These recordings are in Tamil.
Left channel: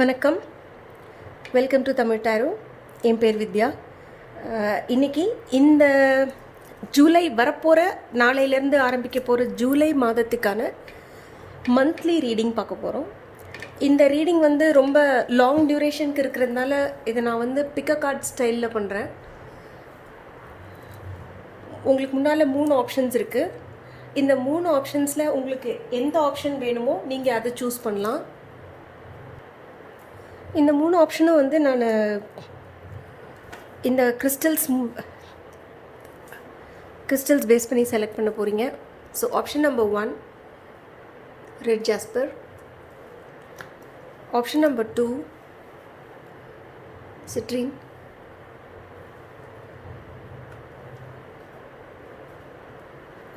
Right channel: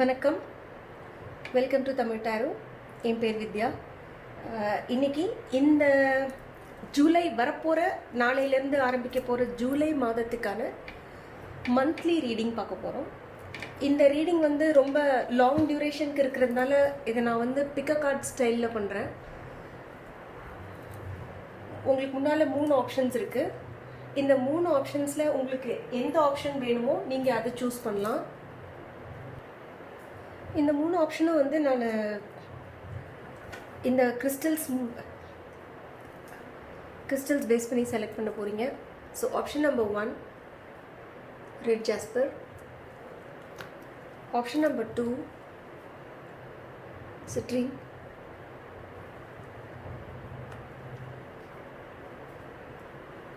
வணக்கம், வெல்கம் டு தமிழ் டாரோ. என் பேர் வித்யா. இன்னைக்கு இந்த ஜூலை வரப்போகிற நாளையிலேருந்து ஆரம்பிக்க போகிற ஜூலை மாதத்துக்கான மந்த்லி ரீடிங் பார்க்க போகிறோம். இந்த ரீடிங் வந்து ரொம்ப லாங் டியூரேஷனுக்கு இருக்கிறதுனால இதை நான் வந்து பிக்க கார்ட் ஸ்டைலில் பண்ணுறேன். உங்களுக்கு முன்னால் 3 ஆப்ஷன்ஸ் இருக்குது. இந்த 3 ஆப்ஷன்ஸில் உங்களுக்கு எந்த ஆப்ஷன் வேணுமோ நீங்கள் அதை சூஸ் பண்ணலாம். இந்த 3 ஆப்ஷனும் வந்து நான் இந்த கிறிஸ்டல்ஸ் பேஸ் பண்ணி செலக்ட் பண்ண போகிறீங்க. So option number 1 red jasper, option number 2 citrine,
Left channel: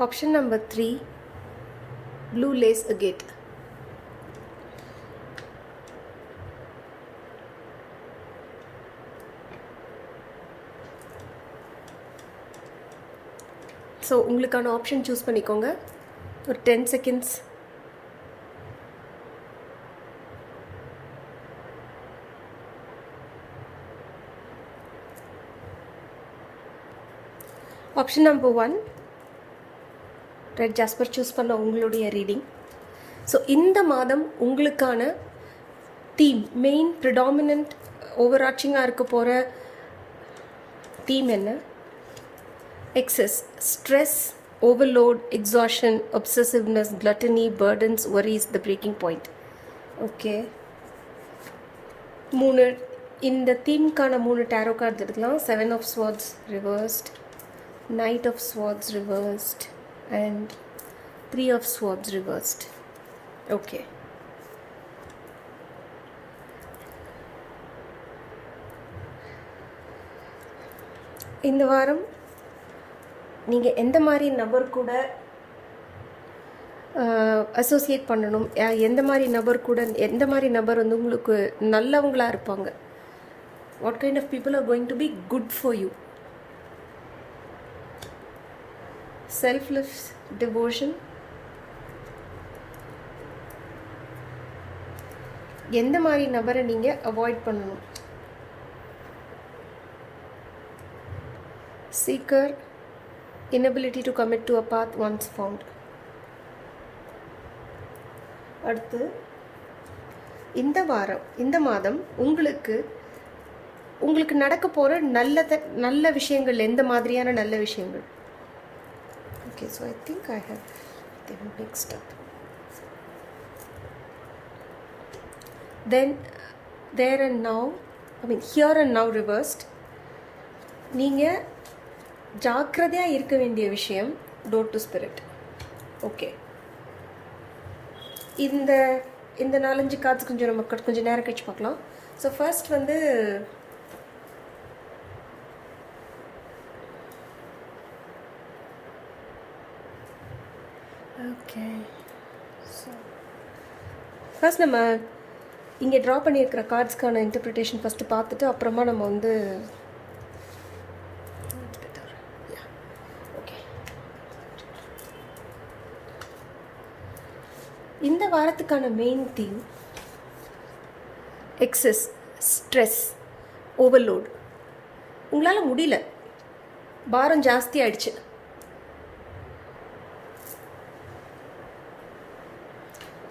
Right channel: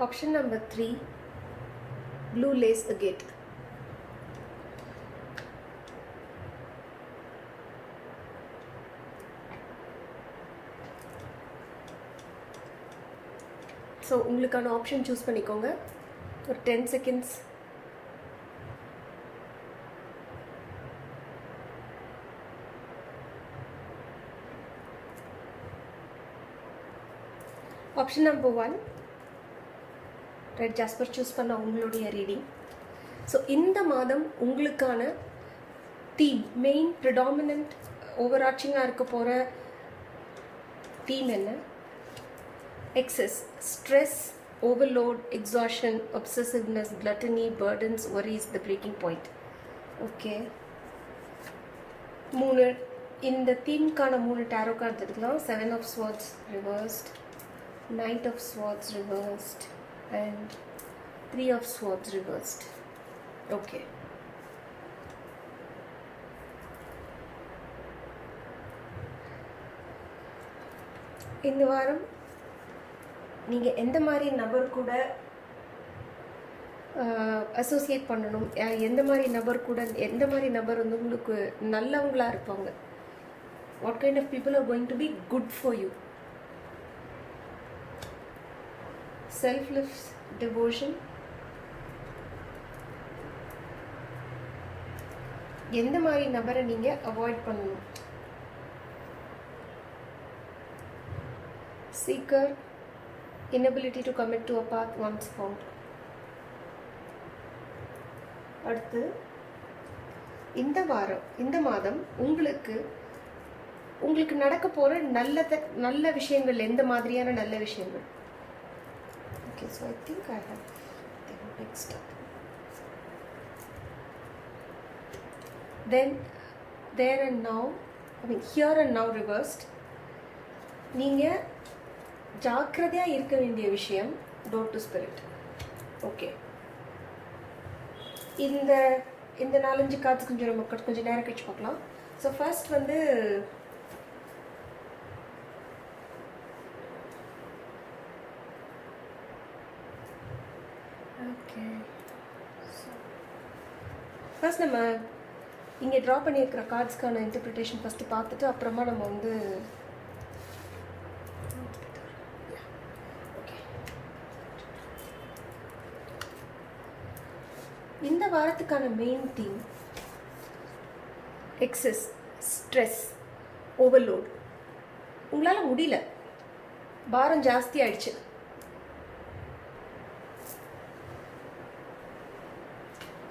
option number 3 blue lace agate. So உங்களுக்கான ஆப்ஷன் சூஸ் பண்ணிக்கோங்க. ஒரு 10 seconds. Option number 1 red jasper choose பண்ண உங்களுடைய ரீடிங். ஸோ இந்த மாதம் உங்களுக்கான தீம், மெயின் ப்ரிடாமினன்ட் ஓவர்ஆர்ச்சிங்காக இருக்க போகிற தீம் என்ன? Excess, stress, overload, exhaustion, obsessiveness, gluttony, burdens, worries, the breaking point. Okay. 3 இந்த தீம்க்கான 3 டேரோ கார்டு எடுக்கலாம். 7 of swords reversed, Knight of swords reversed and 3 of swords reversed. Okay. இந்த வாரம் நீங்கள் எந்த மாதிரி நபர் கூட அசோசியேட் பண்ணணும், எந்த மாதிரி நபர் வந்து உங்களுக்கு நல்லவங்களாக இருப்பாங்க, what kind of people are going to be good for you, selfless devotion, எந்த மாதிரி நபரை நீங்கள் அவாய்ட் பண்ணணும், seeker, inability to commit to a path once found. அடுத்து இந்த மாதம் உங்களுக்கு நடக்க போற நல்ல விஷயங்கள், எந்த மாதிரியான நல்ல விஷயங்கள்? Okay, so I think I have mixed up. Then there and now, here and now reversed. நீங்க ஜாக்கிரதையாக இருக்க வேண்டிய விஷயம் டோர் டு ஸ்பிரிட். ஓகே, இந்த 4-5 கார்ட்ஸ் கொஞ்சம் நேரம் கழிச்சு பார்க்கலாம். ஸோ ஃபர்ஸ்ட் வந்து ஓகே, ஸோ ஃபர்ஸ்ட் நம்ம இங்கே ட்ரா பண்ணியிருக்கிற கார்ட்ஸ்க்கான இன்டர்பிரிட்டேஷன் ஃபஸ்ட்டு பார்த்துட்டு அப்புறமா நம்ம வந்து இந்த வாரத்துக்கான main theme excess, stress, overload. உங்களால் முடியல, பாரம் ஜாஸ்தி ஆயிடுச்சு,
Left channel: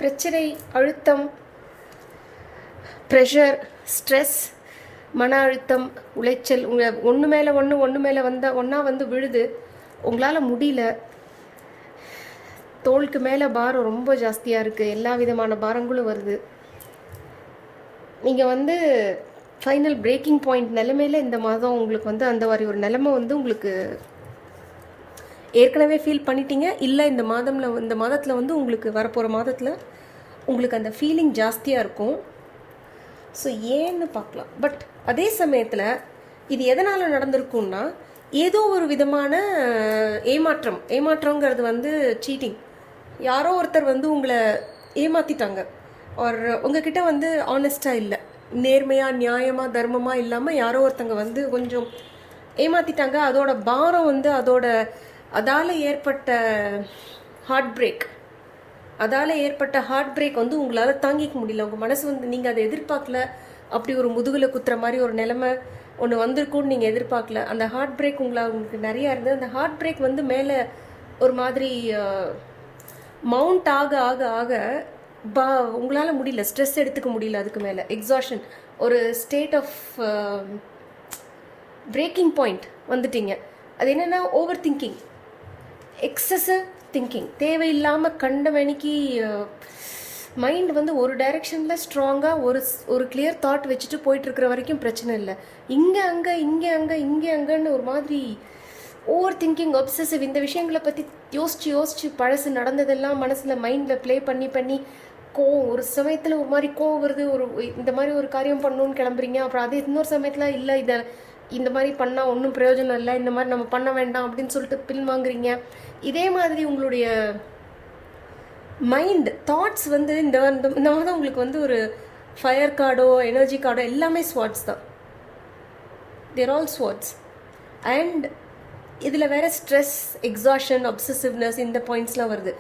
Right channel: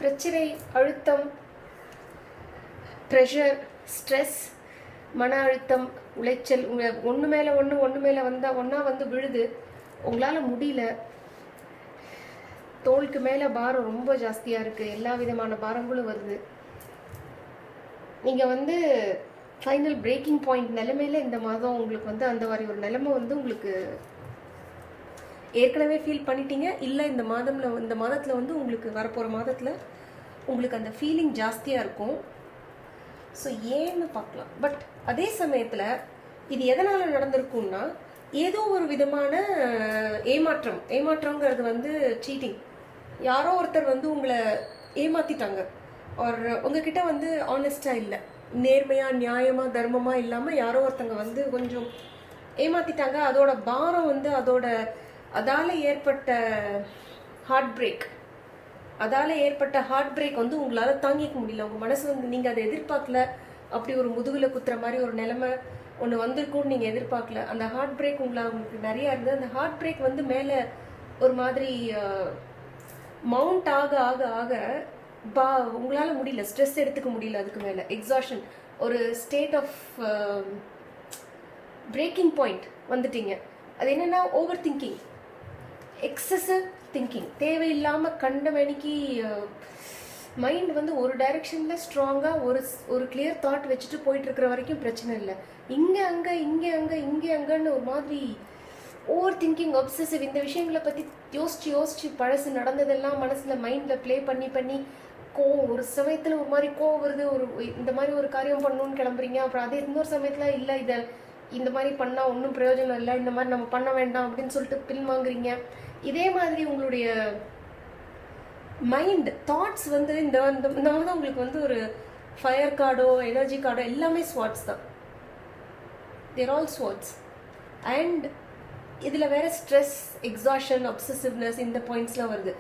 பிரச்சனை, அழுத்தம், ப்ரெஷர், ஸ்ட்ரெஸ், மன அழுத்தம், உளைச்சல், உங்கள் ஒன்று மேலே ஒன்றா வந்து விழுது. உங்களால் முடியல, தோளுக்கு மேலே பாரம் ரொம்ப ஜாஸ்தியாக இருக்குது, எல்லா விதமான பாரங்களும் வருது. நீங்கள் வந்து ஃபைனல் பிரேக்கிங் பாயிண்ட் நிலைமையில் இந்த மாதம் உங்களுக்கு வந்து அந்த மாதிரி ஒரு நிலைமை வந்து உங்களுக்கு ஏற்கனவே ஃபீல் பண்ணிட்டீங்க. இல்லை இந்த மாதத்தில் வந்து உங்களுக்கு வரப்போகிற மாதத்தில் உங்களுக்கு அந்த ஃபீலிங் ஜாஸ்தியாக இருக்கும். ஸோ ஏன்னு பார்க்கலாம். பட் அதே சமயத்தில் இது எதனால் நடந்திருக்கும்னா, ஏதோ ஒரு விதமான ஏமாற்றங்கிறது வந்து சீட்டிங். யாரோ ஒருத்தர் வந்து உங்களை ஏமாற்றிட்டாங்க, ஒரு உங்ககிட்ட வந்து ஆனஸ்டாக இல்லை, நேர்மையாக நியாயமாக தர்மமாக இல்லாமல் யாரோ ஒருத்தங்க வந்து கொஞ்சம் ஏமாற்றிட்டாங்க. அதோட பாரம் வந்து அதால் ஏற்பட்ட ஹார்ட் பிரேக், அதால் ஏற்பட்ட ஹார்ட் பிரேக் வந்து உங்களால் தாங்கிக்க முடியல. உங்கள் மனசு வந்து நீங்கள் அதை எதிர்பார்க்கல. அப்படி ஒரு முதுகில் குத்துற மாதிரி ஒரு நிலைமை ஒன்று வந்திருக்கும்னு நீங்கள் எதிர்பார்க்கல. அந்த ஹார்ட் பிரேக் உங்களுக்கு நிறையா இருந்தது. அந்த ஹார்ட் பிரேக் வந்து மேலே ஒரு மாதிரி மவுண்ட் ஆக ஆக ஆக உங்களால் முடியல, ஸ்ட்ரெஸ் எடுத்துக்க முடியல. அதுக்கு மேலே எக்ஸாஷன், ஒரு ஸ்டேட் ஆஃப் பிரேக்கிங் பாயிண்ட் வந்துட்டீங்க. அது என்னென்னா ஓவர் திங்கிங், எக்ஸசிவ் திங்கிங், தேவையில்லாமல் கண்ட மணிக்கு மைண்ட் வந்து ஒரு டைரெக்ஷனில் ஸ்ட்ராங்காக ஒரு கிளியர் தாட் வச்சுட்டு போயிட்டுருக்கிற வரைக்கும் பிரச்சனை இல்லை. இங்கே அங்கே இங்கே அங்கே இங்கே அங்கேன்னு ஒரு மாதிரி ஓவர் திங்கிங், அப்சசிவ், இந்த விஷயங்களை பற்றி யோசிச்சு பழசு நடந்ததெல்லாம் மனசில் மைண்டில் ப்ளே பண்ணி கோவம், ஒரு சமயத்தில் ஒரு மாதிரி கோவம் வருது, இந்த மாதிரி ஒரு காரியம் பண்ணணும்னு கிளம்புறீங்க. அப்புறம் அது இன்னொரு சமயத்தில் இல்லை, இந்த மாதிரி பண்ணால் ஒன்றும் பிரயோஜனம் இல்லை, இந்த மாதிரி நம்ம பண்ண வேண்டாம் அப்படின்னு சொல்லிட்டு பின் வாங்குறீங்க. இதே மாதிரி உங்களுடைய மைண்ட் தாட்ஸ் வந்து இந்த மாதிரி உங்களுக்கு வந்து ஒரு ஃபயர் கார்டோ எனர்ஜி கார்டோ எல்லாமே ஸ்வாட்ஸ் தான். தேர் ஆல் ஸ்வாட்ஸ். அண்ட் இதில் வேறு ஸ்ட்ரெஸ், எக்ஸாஷன், அப்சசிவ்னஸ், இந்த பாயிண்ட்ஸ்லாம் வருது.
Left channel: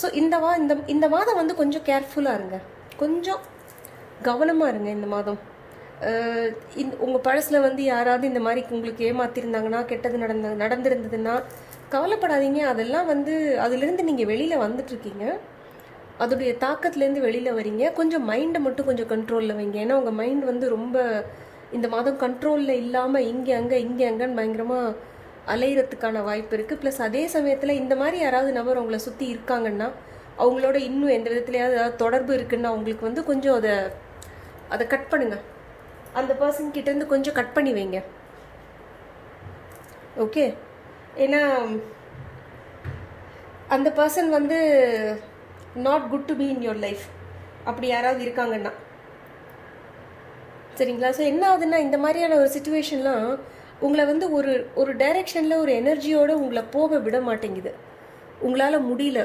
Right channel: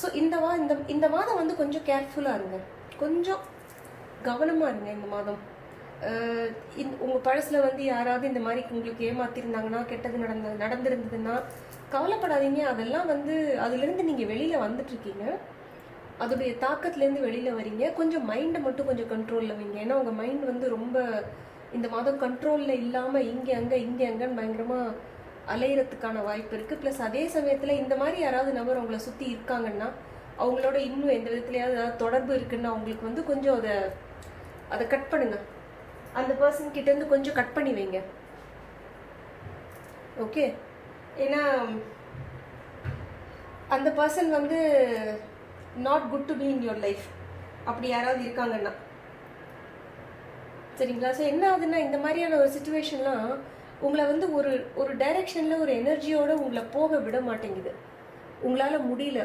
ஸோ இந்த மாதம் வந்து கொஞ்சம் கேர்ஃபுல்லாக இருங்க, கொஞ்சம் கவனமாக இருங்க இந்த மாதம். உங்கள் பழசில் வந்து யாராவது இந்த மாதிரி உங்களுக்கு ஏமாத்திருந்தாங்கன்னா, கெட்டது நடந்திருந்ததுன்னா கவலைப்படாதீங்க. அதெல்லாம் வந்து அதுலேருந்து நீங்கள் வெளியில் வந்துட்டுருக்கீங்க, அதோடைய தாக்கத்துலேருந்து வெளியில் வரீங்க. கொஞ்சம் மைண்டை மட்டும் கொஞ்சம் கண்ட்ரோலில் வைங்க. ஏன்னா உங்கள் மைண்ட் வந்து ரொம்ப இந்த மாதம் கண்ட்ரோலில் இல்லாமல் இங்கே அங்கேன்னு பயங்கரமாக அலையிறதுக்கான வாய்ப்பு இருக்குது. ப்ளஸ் அதே சமயத்தில் இந்த மாதிரி யாராவது நபர் உங்களை சுற்றி இருக்காங்கன்னா, அவங்களோட இன்னும் எந்த விதத்துலையாவது ஏதாவது தொடர்பு இருக்குன்னா அவங்களுக்கு வந்து கொஞ்சம் அதை கட் பண்ணுங்கள். அந்த பர்சன் கிட்டேருந்து கொஞ்சம் கட் பண்ணி வைங்க. ஓகே? ஏன்னா அந்த பர்சன் வந்து not good to be in your life, அப்படி யாராவது இருக்காங்கன்னா. சரிங்களா? ஸோ என்ன ஆகுதுன்னா, இந்த மாதிரியான ஒரு சுச்சுவேஷன்லாம் உங்களை வந்து ஒரு டைரெக்ஷனில் ஒரு எனர்ஜியோடு உங்களை போக விட மாட்டேங்குது. உங்களால் முடியல.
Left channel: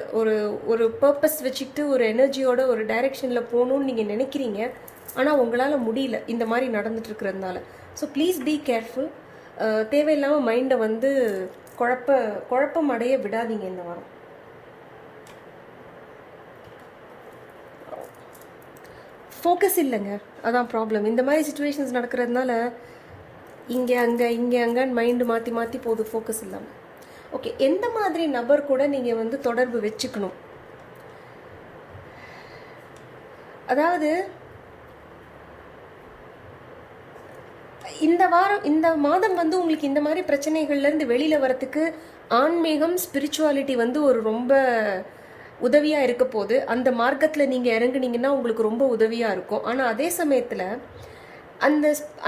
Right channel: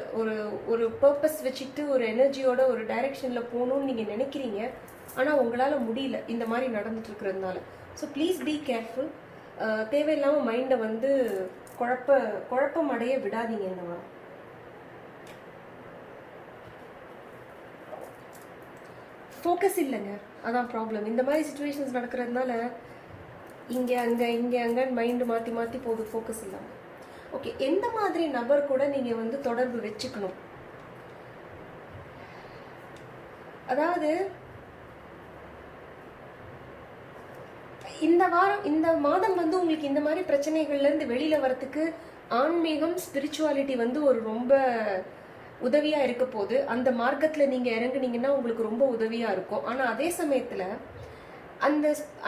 ஒரு பர்பஸ் வச்சுக்கிட்டு ஒரு எனர்ஜியோட ஒரு டைரெக்ஷனில் போகணுன்னு நீங்கள் நினைக்கிறீங்க, ஆனால் உங்களால் முடியல இந்த மாதிரி நடந்துட்டுருக்கிறதுனால. So please be careful. தேவையில்லாமல் மைண்டை வந்து குழப்பம் அடைய விடாதீங்க இந்த வாரம். ஃபோக்கஸ் இல்லைங்க, அதான் ப்ராப்ளம். இந்த மாதிரி சுச்சுவேஷன்ஸ் நடக்கிறதுனால இங்கே அங்கேன்னு மைண்டு மாற்றி போகுது, ஃபோக்கஸ் இல்லாமல். ஓகே, எந்த மாதிரி நபர் கூட நீங்கள் வந்து தொடர்பு வச்சுக்கணும்? அதாவது இந்த மாதம் வந்து உங்களுக்கு இந்த மாதிரி பிரச்சனைகள்லேருந்து வெளியில் வரத்துக்கு ஆன்மீகம், ஸ்பிரிச்சுவாலிட்டி வந்து ஒரு ரொம்ப உதவியாக இருக்க போது. அந்த மார்க்கத்தில் நீங்கள் இறங்குனீங்கன்னா உங்களுக்கு ரொம்ப உதவியாக இருக்கும். ஆனால் அதே சமயத்தில்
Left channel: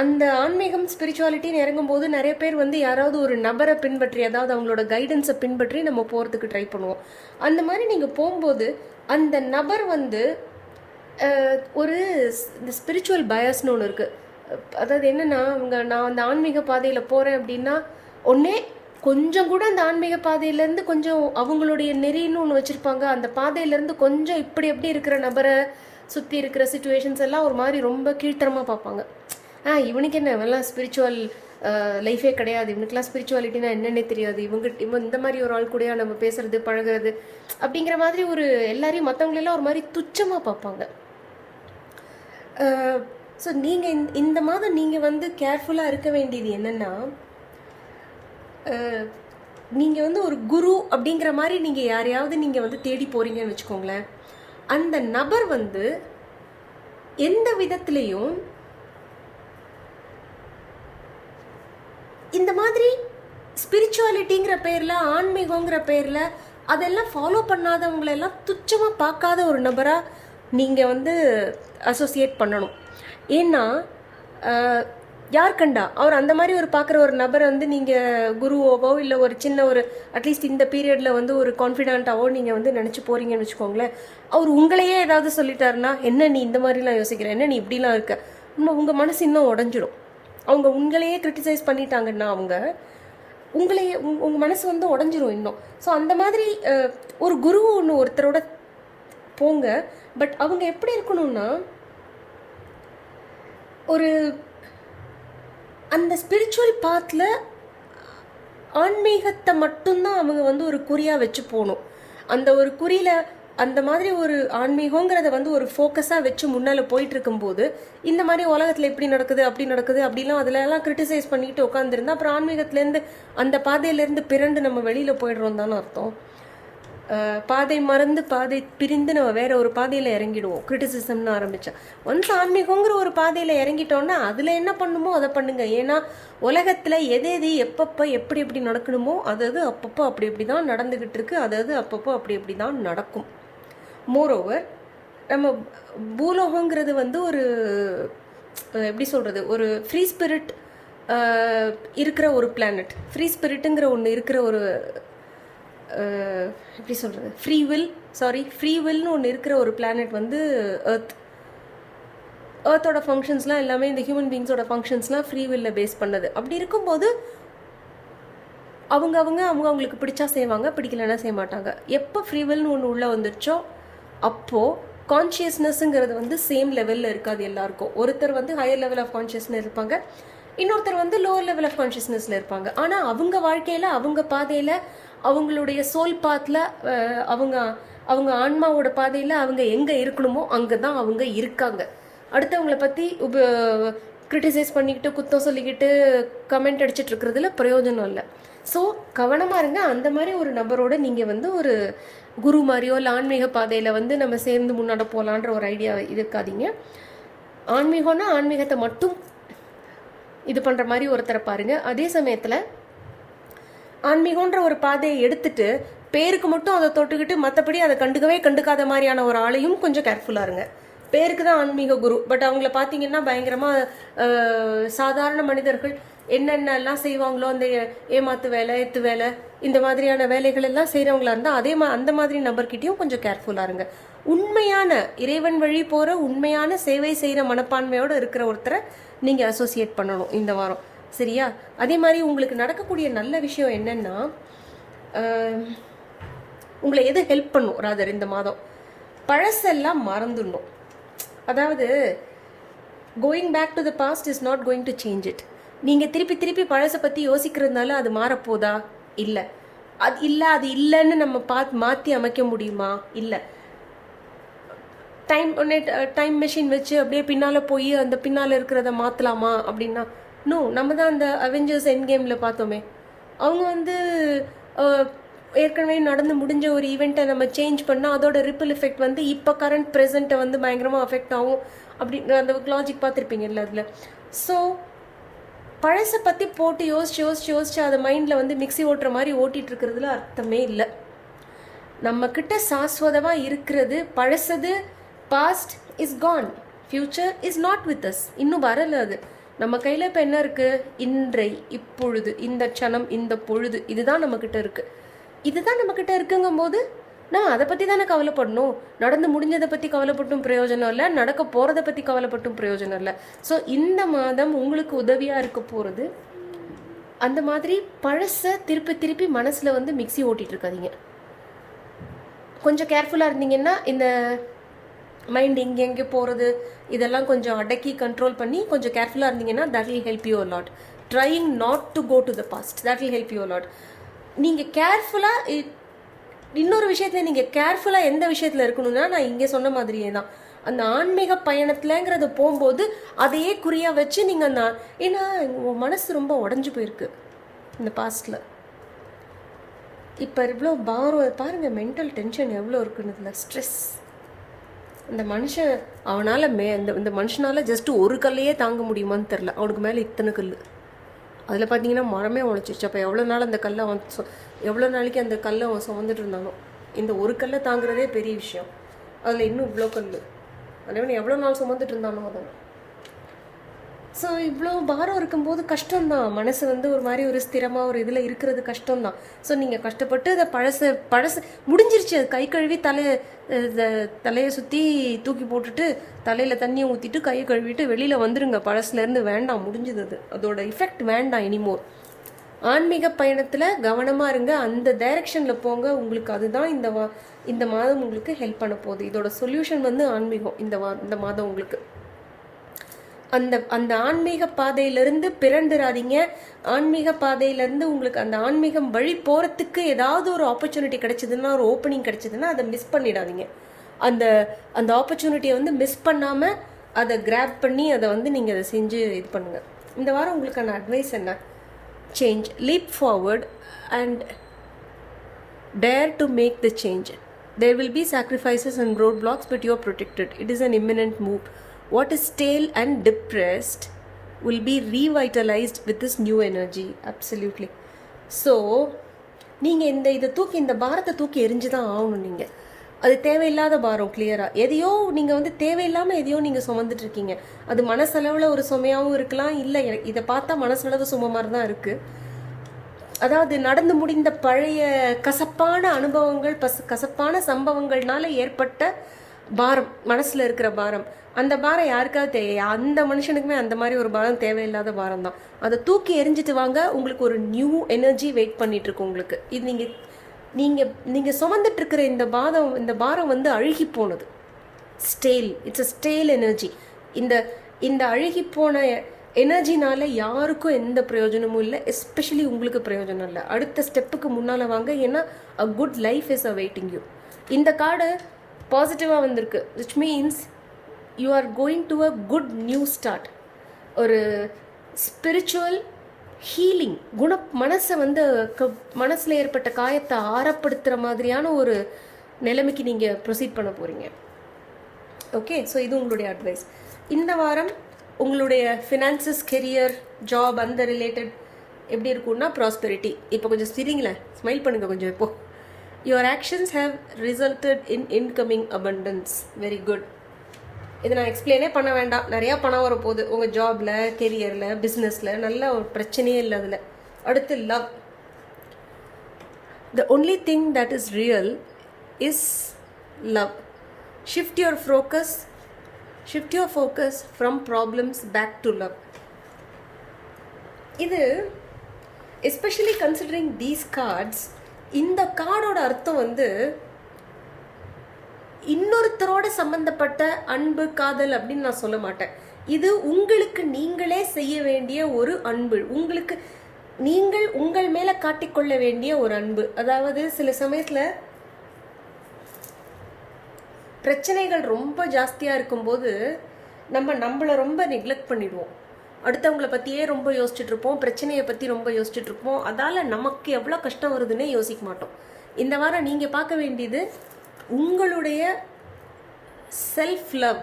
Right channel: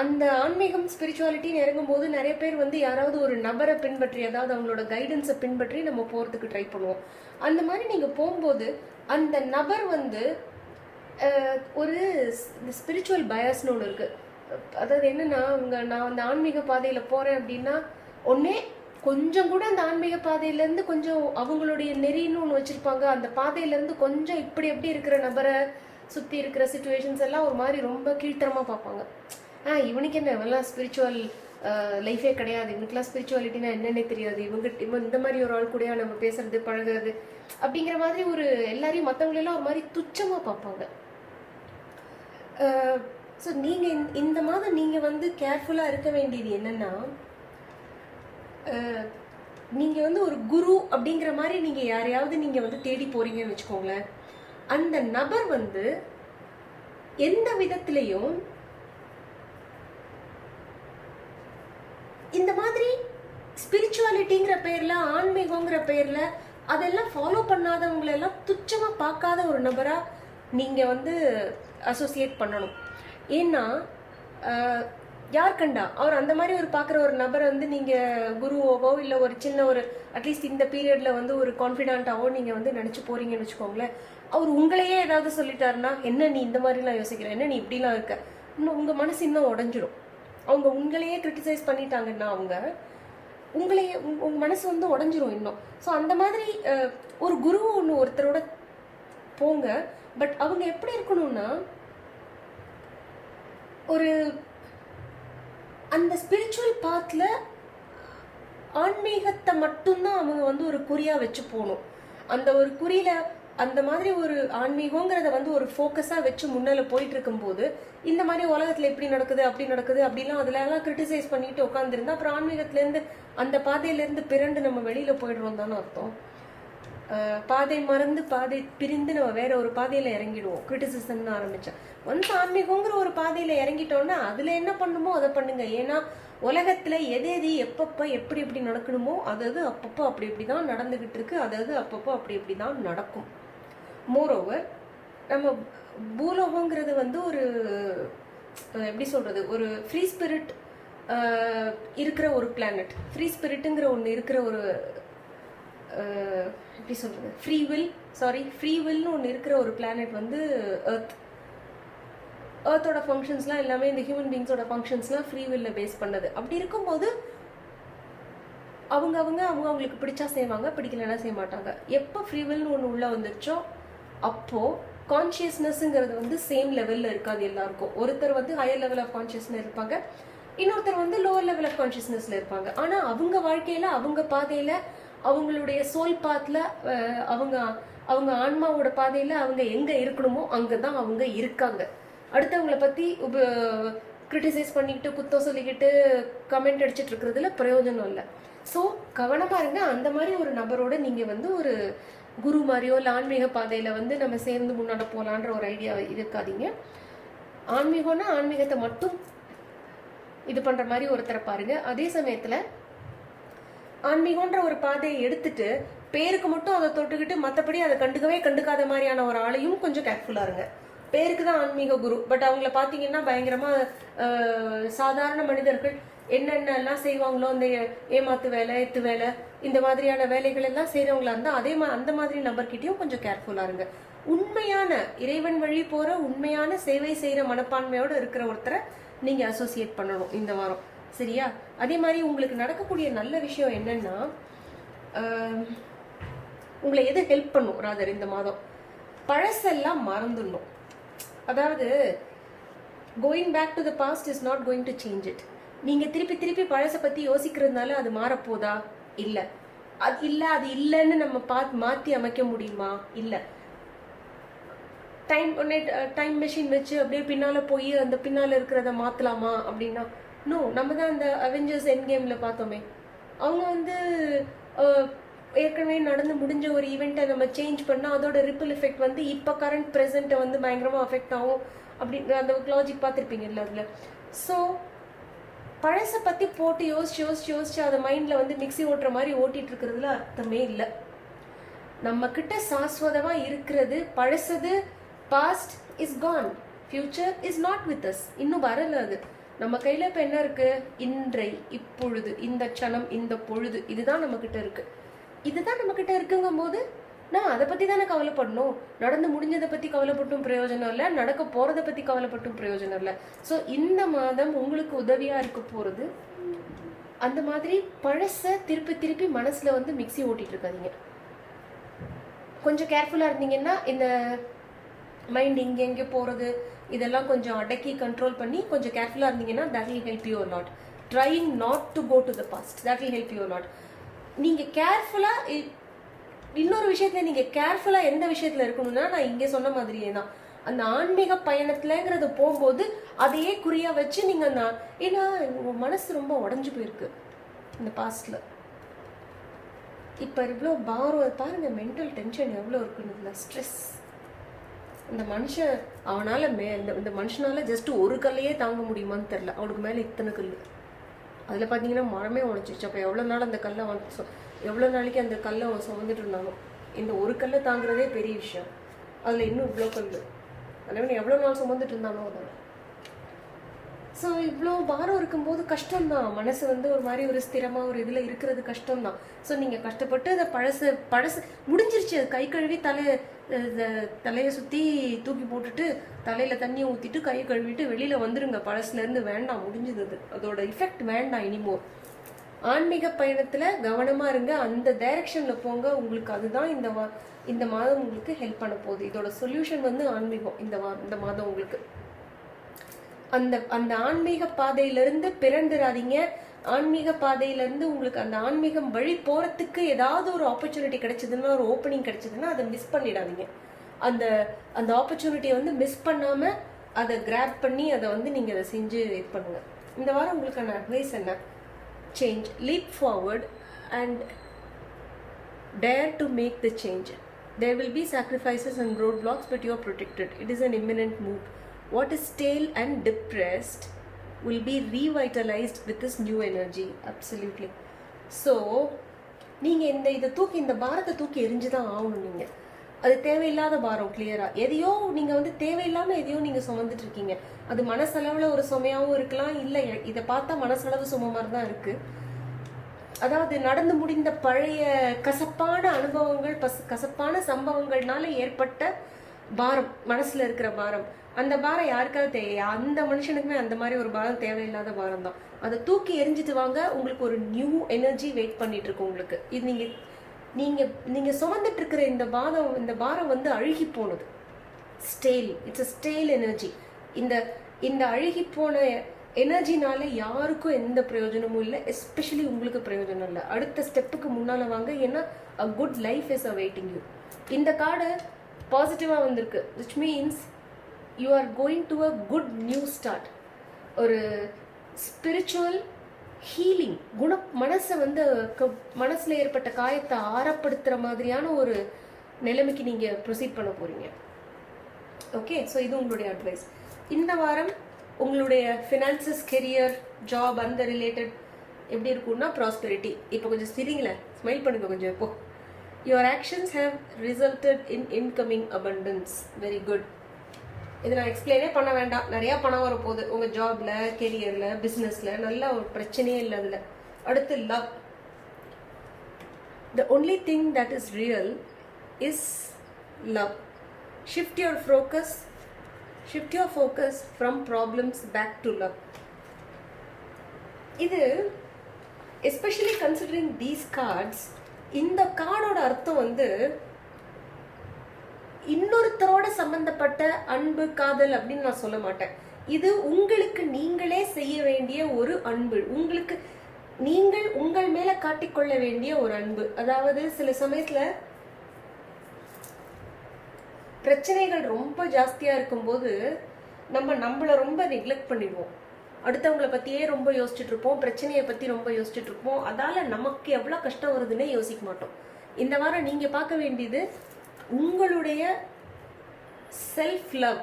அந்த ஆன்மீகம், ஸ்பிரிச்சுவாலிட்டின்னு இறங்கும்போது நிறைய பேர் வந்து யாராவது ஒரு நபரை பின்பற்றி, அதாவது அவங்களோட கைடன்ஸை பின்பற்றி நம்ம போகிறதுக்கு ட்ரை பண்ணுவோம். அந்த மாதிரி நீங்கள் போகும்போது அந்த நபர் வந்து இந்த ஸ்பிரிச்சுவல் பயஸ்னு ஒன்று இருக்குது. அதாவது என்னென்னா, நான் அந்த ஆன்மீக பாதையில் போகிறேன் அப்படின்னா, ஒன்றே கொஞ்சம் கூட அந்த ஆன்மீக பாதையிலேருந்து கொஞ்சம் அவங்களுடைய நெறின்னு ஒன்று வச்சுருப்பாங்க. அந்த பாதையிலேருந்து கொஞ்சம் இப்படி எப்படி இருக்கிற நபரை சுற்றி இருக்கிற சுச்சுவேஷன்ஸ் எல்லாம் ஒரு மாதிரி ரொம்ப கீழ்த்தரமாக பார்ப்பாங்க. இவனுக்கு என்ன நல்லா ஸ்பிரிச்சுவல் லைஃபே கிடையாது, இவனுக்குலாம் ஸ்பிரிச்சுவாலிட்டினா என்னென்னே தெரியாது, இவன் இந்த மாதிரி ஒரு ஆள் கூடயா நம்ம பேசுறது பழகிறது அப்படிங்கிற மாதிரி எல்லாரையும் மற்றவங்களெல்லாம் ஒரு மாதிரி துச்சமாக பார்ப்பாங்க. ஸோ நீங்கள் இந்த மாதம் நீங்கள் வந்து கேர்ஃபுல்லாக இருக்க வேண்டியது என்னென்னா, நீங்கள் வந்து ஒரு குரு அப்படிங்கிற மாதிரி நீங்கள் யாரையாவது நீங்கள் வந்து தேடி போகிறீங்கன்னு வச்சுக்கோங்களேன். அந்த நபர் வந்து எந்த விதத்திலையும் இந்த மாதிரி ஸ்பிரிச்சுவாலிட்டிங்கிற பேரில், ஆன்மீகங்கிற பேரில் அதெல்லாம் ஃபாலோ பண்ணாதவங்களெல்லாம் துச்சமாக பார்க்காத ஒரு நபராக நீங்கள் வந்து அசோசியேட் பண்ணணும். ஏன்னா யார் கண்டா அவர் அந்த மாதிரி பார்க்குற ஒரு நபரை வந்து நீங்கள் குருவோவோ இல்லை ஒரு சின்ன அட்லீஸ்ட் இந்த பீரியடில் வந்து ஒரு கான்ஃபிடென்ட்டாவோ நீங்கள் வந்து நினச்சி போகிறீங்கன்னு வச்சுக்கோங்களேன். அவர் உங்களையே ஏதாவது சொல்லிட்டாருன்னா, என்ன நீ இந்த மாதிரிலாம் யோசிக்கிற, என்ன நீ இப்படிலாம் இருக்க, இன்னும் உங்கள் மனசு இன்னும் உடஞ்சிடும். அவங்க உங்களையே கிரிட்டிசைஸ் பண்ணிட்டாங்கன்னா உங்கள் மனசு வந்து உடஞ்சிரும் இன்னும். ஸோ அந்த மாதிரி ஒரு குரு ஒருத்தரோட போங்க. பட் அவங்க எப்படி இருக்கணும்னா, அந்த ஸ்பிரிச்சுவல் பாத்தில் ஆன்மீகத்தை மட்டும்தான் அவங்க வந்து ஒரு குறியாக வச்சு போகணும். அந்த ஒரு குறியில் அந்த மாதிரி ஒரு ஆன்மீகங்கிறத வந்து ஒரு ஃபோக்கஸாக வச்சு முன்னால் போயிட்டு இருக்கும்போது இந்த மாதிரி உலகத்தில் எப்படி நடக்குது அப்படி நடக்குது அப்படிலாம் அதில் எல்லாம் கிரிட்டிசைஸ் பண்ணிட்டு உட்காந்துருந்தா அப்புறம் ஆன்மீகத்துலேருந்து அந்த பாதையிலேருந்து பிறண்டு நம்ம வெளியில் போயிடுறோம் தானே அர்த்தம். பாதை மறந்து பாதை பிரிந்து நம்ம வேற ஒரு பாதையில் இறங்கிடுவோம் கிரிட்டிசிசம்னு ஆரம்பிச்சா. ஒன்ஸ் ஆன்மீகங்கிற ஒரு பாதையில் இறங்கிட்டோம்னா அதில் என்ன பண்ணுமோ அதை பண்ணுங்க. ஏன்னா உலகத்தில் எது எது எப்பப்போ எப்படி எப்படி நடக்கணுமோ அதாவது அப்பப்போ அப்படி இப்படி தான் நடந்துக்கிட்டு இருக்கு. அதாவது அப்பப்போ அப்படி இப்படி தான் நடக்கும். மோரோவர் நம்ம பூலோகங்கிறது வந்து ஒரு எப்படி சொல்கிறது, ஒரு ஃப்ரீ ஸ்பிரிட் இருக்கிற ஒரு பிளானட். ஃப்ரீ ஸ்பிரிட்டுங்கிற ஒன்று இருக்கிற ஒரு எப்படி சொல்கிறது, ஃப்ரீ வில்னு ஒன்று இருக்கிற ஒரு பிளானட் வந்து எர்த்தோட ஃபங்க்ஷன்ஸ்லாம் எல்லாமே இந்த ஹியூமன் பீங்ஸோட ஃபங்க்ஷன்ஸ்லாம் ஃப்ரீ வில்ல பேஸ் பண்ணது. அப்படி இருக்கும்போது அவங்களுக்கு பிடிச்சா செய்வாங்க, பிடிக்கலன்னா செய்ய மாட்டாங்க. எப்போ ஃப்ரீ வில்னு ஒன்று உள்ளே வந்துருச்சோ அப்போது கான்ஷியஸ்னஸ்ங்கிறது வந்து சேம் லெவலில் இருக்காது எல்லாருக்கும். ஒருத்தர் வந்து ஹையர் லெவல் ஆஃப் கான்ஷியஸ்னஸ் இருப்பாங்க, இன்னொருத்தர் வந்து லோவர் லெவல் ஆஃப் கான்ஷியஸ்னஸில் இருப்பாங்க. ஆனால் அவங்க வாழ்க்கையில் அவங்க பாதையில் அவங்களுடைய சோல் பாத்தில் அவங்க ஆன்மாவோட பாதையில் அவங்க எங்கே இருக்கணுமோ அங்கே தான் அவங்க இருக்காங்க. அடுத்தவங்களை பற்றி கிரிட்டிசைஸ் பண்ணிக்கிட்டு குத்தம் சொல்லிக்கிட்டு கமெண்ட் அடிச்சிட்டு இருக்கிறதுல பிரயோஜனம் இல்லை. ஸோ கவனமாக இருங்க. அந்த மாதிரி ஒரு நபரோட நீங்கள் வந்து ஒரு குரு மாதிரியோ இல்லை ஆன்மீக பாதையில் வந்து நம்ம சேர்ந்து முன்னாடி போகலான்ற ஒரு ஐடியா இருக்காதீங்க. ஆன்மீகம்னா ஆன்மீகத்தை மட்டும் இது பண்ணுற மாதிரி ஒருத்தரை பாருங்கள். அதே சமயத்தில் ஆன்மீகன்ற ஒரு பாதையை எடுத்துட்டு பேருக்கு மட்டும் அதை தொட்டுக்கிட்டு மற்றபடி அதை கண்டுக்காத மாதிரியான ஒரு ஆளையும் கொஞ்சம் கேர்ஃபுல்லாக இருங்க. பேருக்கு தான் ஆன்மீக குரு, பட் அவங்கள பார்த்தீங்கன்னா பயங்கரமாக சாதாரண மனிதர்கள் என்னென்னலாம் செய்வாங்களோ அந்த ஏமாத்து வேலை எத்து வேலை இந்த மாதிரியான வேலைகள் எல்லாம் செய்கிறவங்களா இருந்தால் அந்த மாதிரி நபர்கிட்டையும் கொஞ்சம் கேர்ஃபுல்லாக இருங்க. உண்மையான இறைவன் வழி போகிற உண்மையான சேவை செய்கிற மனப்பான்மையோடு இருக்கிற ஒருத்தரை நீங்கள் அசோசியேட் பண்ணணும் இந்த வாரம், சரியா? அதே மாதிரி உங்களுக்கு நடக்கக்கூடிய நல்ல விஷயம் என்னன்னா, உங்களை எது ஹெல்ப் பண்ணும் ராதர் இந்த மாதம், பழசெல்லாம் மறந்துடணும். அதாவது going back to the past is not going to change it. நீங்கள் திருப்பி பழசை பற்றி யோசிக்கிறதுனால அது மாறப்போதா? இல்லை. அது இல்லைன்னு நம்ம மாற்றி அமைக்க முடியுமா? இல்லை. டைம் மெஷின் வச்சு அப்படியே பின்னால் போய் அந்த பின்னால் இருக்கிறத மாற்றலாமா அப்படின்னா நோ. நம்ம தான் அந்த அவெஞ்சர்ஸ் எண்ட் கேமில் பார்த்தோமே, அவங்க வந்து ஏற்கனவே நடந்து முடிஞ்ச ஒரு ஈவெண்ட்டை நம்ம சேஞ்ச் பண்ணால் அதோட ரிப்பிள் எஃபெக்ட் வந்து இப்போ கரண்ட் ப்ரெசென்ட்டை வந்து பயங்கரமாக அஃபெக்ட் ஆகும் அப்படின்ற அந்த லாஜிக் பார்த்துருப்பீங்கல்ல அதில். ஸோ பழசை பற்றி போட்டு யோசிச்சு அதை மைண்டில் வந்து மிக்ஸி ஓட்டுற மாதிரி ஓட்டிகிட்டு இருக்கிறதுல அர்த்தமே இல்லை. நம்மக்கிட்ட சாஸ்வதமாக இருக்கிறது பழசது. Past is gone, future is not with us. இன்னும் வரல. அது நம்ம கையில் இப்போ என்ன இருக்குது? இன்றை, இப்பொழுது, இந்த க்ஷணம், இந்த பொழுது, இதுதான் நம்மக்கிட்ட இருக்குது. இதுதான் நம்மக்கிட்ட இருக்குங்கும் போது நான் அதை பற்றி தானே கவலைப்படணும். நடந்து முடிஞ்சதை பற்றி கவலைப்பட்டும் பிரயோஜனம் இல்லை, நடக்க போகிறத பற்றி கவலைப்பட்டும் பிரயோஜனம் இல்லை. ஸோ இந்த மாதம் உங்களுக்கு உதவியாக இருக்க போகிறது அந்த மாதிரி பழசை திருப்பி மனசில் வந்து மிக்ஸி ஓட்டிகிட்டு இருக்காதீங்க. கொஞ்சம் கேர்ஃபுல்லாக இருந்தீங்கன்னா இந்த மைண்ட் எங்கே போகிறது இதெல்லாம் கொஞ்சம் அடக்கி கண்ட்ரோல் பண்ணி கொஞ்சம் கேர்ஃபுல்லாக இருந்தீங்கன்னா that will help you a lot. Trying not to go to the past, that will help you a lot. நீங்கள் கேர்ஃபுல்லாக இன்னொரு விஷயத்தில் நீங்கள் கேர்ஃபுல்லாக எந்த விஷயத்தில் இருக்கணும்னா நான் இங்கே சொன்ன மாதிரியே தான் அந்த ஆன்மீக பயணத்துலங்கிறத போகும்போது அதையே குறியாக வச்சு நீங்கள் அந்த ஏன்னா உங்கள் மனசு ரொம்ப உடஞ்சி போயிருக்கு இந்த பாஸ்டில். இப்போ இவ்வளோ பாரம் பாருங்கள், மென்டல் டென்ஷன் எவ்வளோ இருக்குன்னு இதில் ஸ்ட்ரெஸ். இந்த மனுஷன் அவனால் இந்த மனுஷனால் ஜஸ்ட் ஒரு கல்லையே தாங்க முடியுமான்னு தெரில. அவனுக்கு மேலே இத்தனை கல். அதில் பார்த்தீங்கன்னா மரமே உழைச்சிச்சு. அப்போ எவ்வளோ நாள் அந்த கல்லை எவ்வளோ நாளைக்கு அந்த கல்லை அவன் சுமந்துட்டு இருந்தானோ. இந்த ஒரு கல்லை தாங்குறதே பெரிய விஷயம், அதில் இன்னும் இவ்வளோ கல். அதனால் எவ்வளோ நாள் சுமந்துட்டு இருந்தானோ அதில். ஸோ இவ்வளோ பாரம் இருக்கும்போது கஷ்டம்தான். மனசு வந்து ஒரு மாதிரி ஒரு ஸ்திரமாக ஒரு இதில் இருக்கிறது கஷ்டம்தான். ஸோ நீங்கள் கஷ்டப்பட்டு அதை பழசு முடிஞ்சிருச்சு. அது கை கழுவி தலையை சுற்றி தூக்கி போட்டுட்டு தலையில் தண்ணியை ஊற்றிட்டு கையை கழுவிட்டு வெளியில் வந்துடுங்க. பழசுலேருந்து வேண்டாம், முடிஞ்சது. அது அதோட எஃபெக்ட் வேண்டாம் இனிமோர். ஆன்மீக பயணத்தில் கவனமாக இருங்க, அந்த டைரக்ஷனில் போங்க. உங்களுக்கு அதுதான் இந்த மாதம் உங்களுக்கு ஹெல்ப் பண்ண போகுது. இதோட சொல்யூஷன் வந்து ஆன்மீகம் இந்த மாதம் உங்களுக்கு. அந்த அந்த ஆன்மீக பாதையிலிருந்து பிறந்துடாதீங்க. ஆன்மீக பாதையிலேருந்து உங்களுக்கு அந்த ஆன்மீகம் வழி போகிறதுக்கு ஏதாவது ஒரு ஆப்பர்ச்சுனிட்டி கிடைச்சதுன்னா, ஒரு ஓப்பனிங் கிடைச்சதுன்னா அதை மிஸ் பண்ணிடாதீங்க. அந்த அந்த ஆப்பர்ச்சுனிட்டியை வந்து மிஸ் பண்ணாமல் அதை கிராப் பண்ணி அதை வந்து நீங்கள் அதை செஞ்சு இது பண்ணுங்கள். இந்த வாரம் உங்களுக்கான அட்வைஸ் என்ன? Change, leap forward and dare to make the change. There will be sacrifices and roadblocks, but you are protected. It is an imminent move. What is stale and depressed will be revitalized with this new energy. Absolutely. So நீங்கள் இந்த பாரத்தை தூக்கி எரிஞ்சு தான் ஆகணும். நீங்கள் அது தேவையில்லாத பாரம். கிளியராக எதையோ நீங்கள் வந்து தேவையில்லாமல் எதையோ நீங்கள் சுமந்துட்டு இருக்கீங்க. அது மனசளவில் ஒரு சுமையாகவும் இருக்கலாம், இல்லை இதை பார்த்தா மனசளவு சும மாதிரி தான் இருக்குது. அதாவது நடந்து முடிந்த பழைய கசப்பான அனுபவங்கள், கசப்பான சம்பவங்கள்னால ஏற்பட்ட பாரம், மனசில் இருக்கிற பாரம். அந்த பாரம் யாருக்காவது அந்த மனுஷனுக்குமே அந்த மாதிரி ஒரு பாரம் தேவையில்லாத பாரம் தான். அதை தூக்கி எரிஞ்சிட்டு வாங்க. உங்களுக்கு ஒரு நியூ எனர்ஜி வெயிட் பண்ணிட்டு இருக்கு உங்களுக்கு. இது நீங்கள் சுமந்துட்டு இருக்கிற இந்த பாரம் வந்து அழுகி போனது, ஸ்டேல். It's a stale energy. இந்த அழுகி போன எனர்ஜினால யாருக்கும் எந்த பிரயோஜனமும் இல்லை, எஸ்பெஷலி உங்களுக்கு பிரயோஜனம் இல்லை. அடுத்த ஸ்டெப்புக்கு முன்னால் வாங்க, ஏன்னா a good life is awaiting you. இந்த கார்டு பாசிட்டிவாக வந்திருக்கு, which means you are going to a good new start. ஒரு ஸ்பிரிச்சுவல் ஹீலிங், மனசை வந்து மனசில் ஏற்பட்ட காயத்தை ஆறப்படுத்துகிற மாதிரியான ஒரு நிலைமைக்கு நீங்கள் ப்ரொசீட் பண்ண போகிறீங்க. ஓகே, ஸோ இது உங்களுடைய அட்வைஸ். இந்த வாரம் உங்களுடைய ஃபினான்சஸ், கெரியர், ஜாப் அந்த ரிலேட்டட் எப்படி இருக்கும்னா ப்ராஸ்பெரிட்டி. இப்போ கொஞ்சம் சிரிங்களேன், ஸ்மைல் பண்ணுங்கள் கொஞ்சம். இப்போ your actions have resulted in incoming abundance. Very good. இதை நான் எக்ஸ்பிளைனே பண்ண வேண்டாம். நிறையா பணம் வரப்போகுது உங்கள் ஜாபில், கெரியரில், பிஸ்னஸில். நல்ல ஒரு பிரச்சனையே இல்லை அதில். அடுத்து love. The only thing that is real is love. Shift your focus from problems back to love. இது எஸ்பெஷலி கன்சிடரிங் தீஸ் கார்ட்ஸ். இந்த கார்டோட அர்த்தம் வந்து இன்னொருத்தரோட சம்பந்தப்பட்ட அன்பு, காதல் அப்படின்னு நான் சொல்ல மாட்டேன். இது உங்களுக்கு நீங்களே செய்ய வேண்டிய ஒரு அன்பு, உங்களுக்கு நீங்கள் உங்கள் மேல காட்டிக்கொள்ள வேண்டிய ஒரு அன்பு. அதாவது சில சமயத்துல பிரச்சனைகள் ரொம்ப ஜாஸ்தியாக இருக்கும்போது நம்மளை ரொம்ப நெக்லெக்ட் பண்ணிடுவோம். அடுத்தவங்களை பற்றியே ரொம்ப யோசிச்சுட்டு இருப்போம், பிரச்சனையை பற்றி ரொம்ப யோசிச்சுட்டு இருப்போம். அதால் நமக்கு எவ்வளோ கஷ்டம் வருதுன்னே யோசிக்க மாட்டோம். இந்த வாரம் நீங்கள் பார்க்க வேண்டியது உங்களுடைய செல்ஃப் லவ்.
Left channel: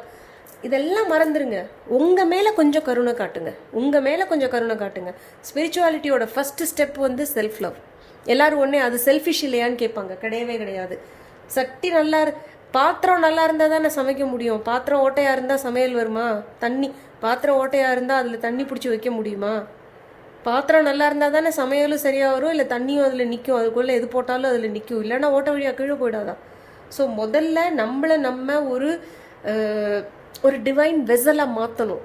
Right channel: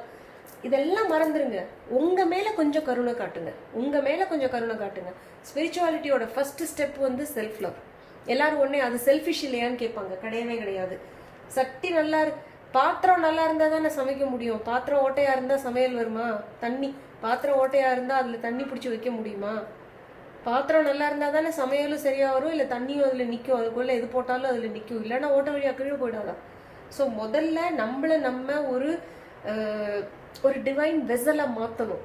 இதெல்லாம் மறந்துடுங்க. உங்கள் மேலே கொஞ்சம் கருணை காட்டுங்க. ஸ்பிரிச்சுவாலிட்டியோட ஃபஸ்ட்டு ஸ்டெப் வந்து செல்ஃப் லவ். எல்லோரும் ஒன்றே அது செல்ஃபிஷ் இல்லையான்னு கேட்பாங்க. கிடையவே கிடையாது. சட்டி பாத்திரம் நல்லா இருந்தால் தானே சமைக்க முடியும். பாத்திரம் ஓட்டையாக இருந்தால் சமையல் வருமா? பாத்திரம் ஓட்டையாக இருந்தால் அதில் தண்ணி பிடிச்சி வைக்க முடியுமா? பாத்திரம் நல்லா இருந்தால் தானே சமையலும் சரியாக வரும், இல்லை தண்ணியும் அதில் நிற்கும். அதுக்குள்ளே எது போட்டாலும் அதில் நிற்கும், இல்லைன்னா ஓட்ட வழியாக கீழே போயிடாதான். ஸோ முதல்ல நம்ம ஒரு டிவைன் வெசலாக மாற்றணும்.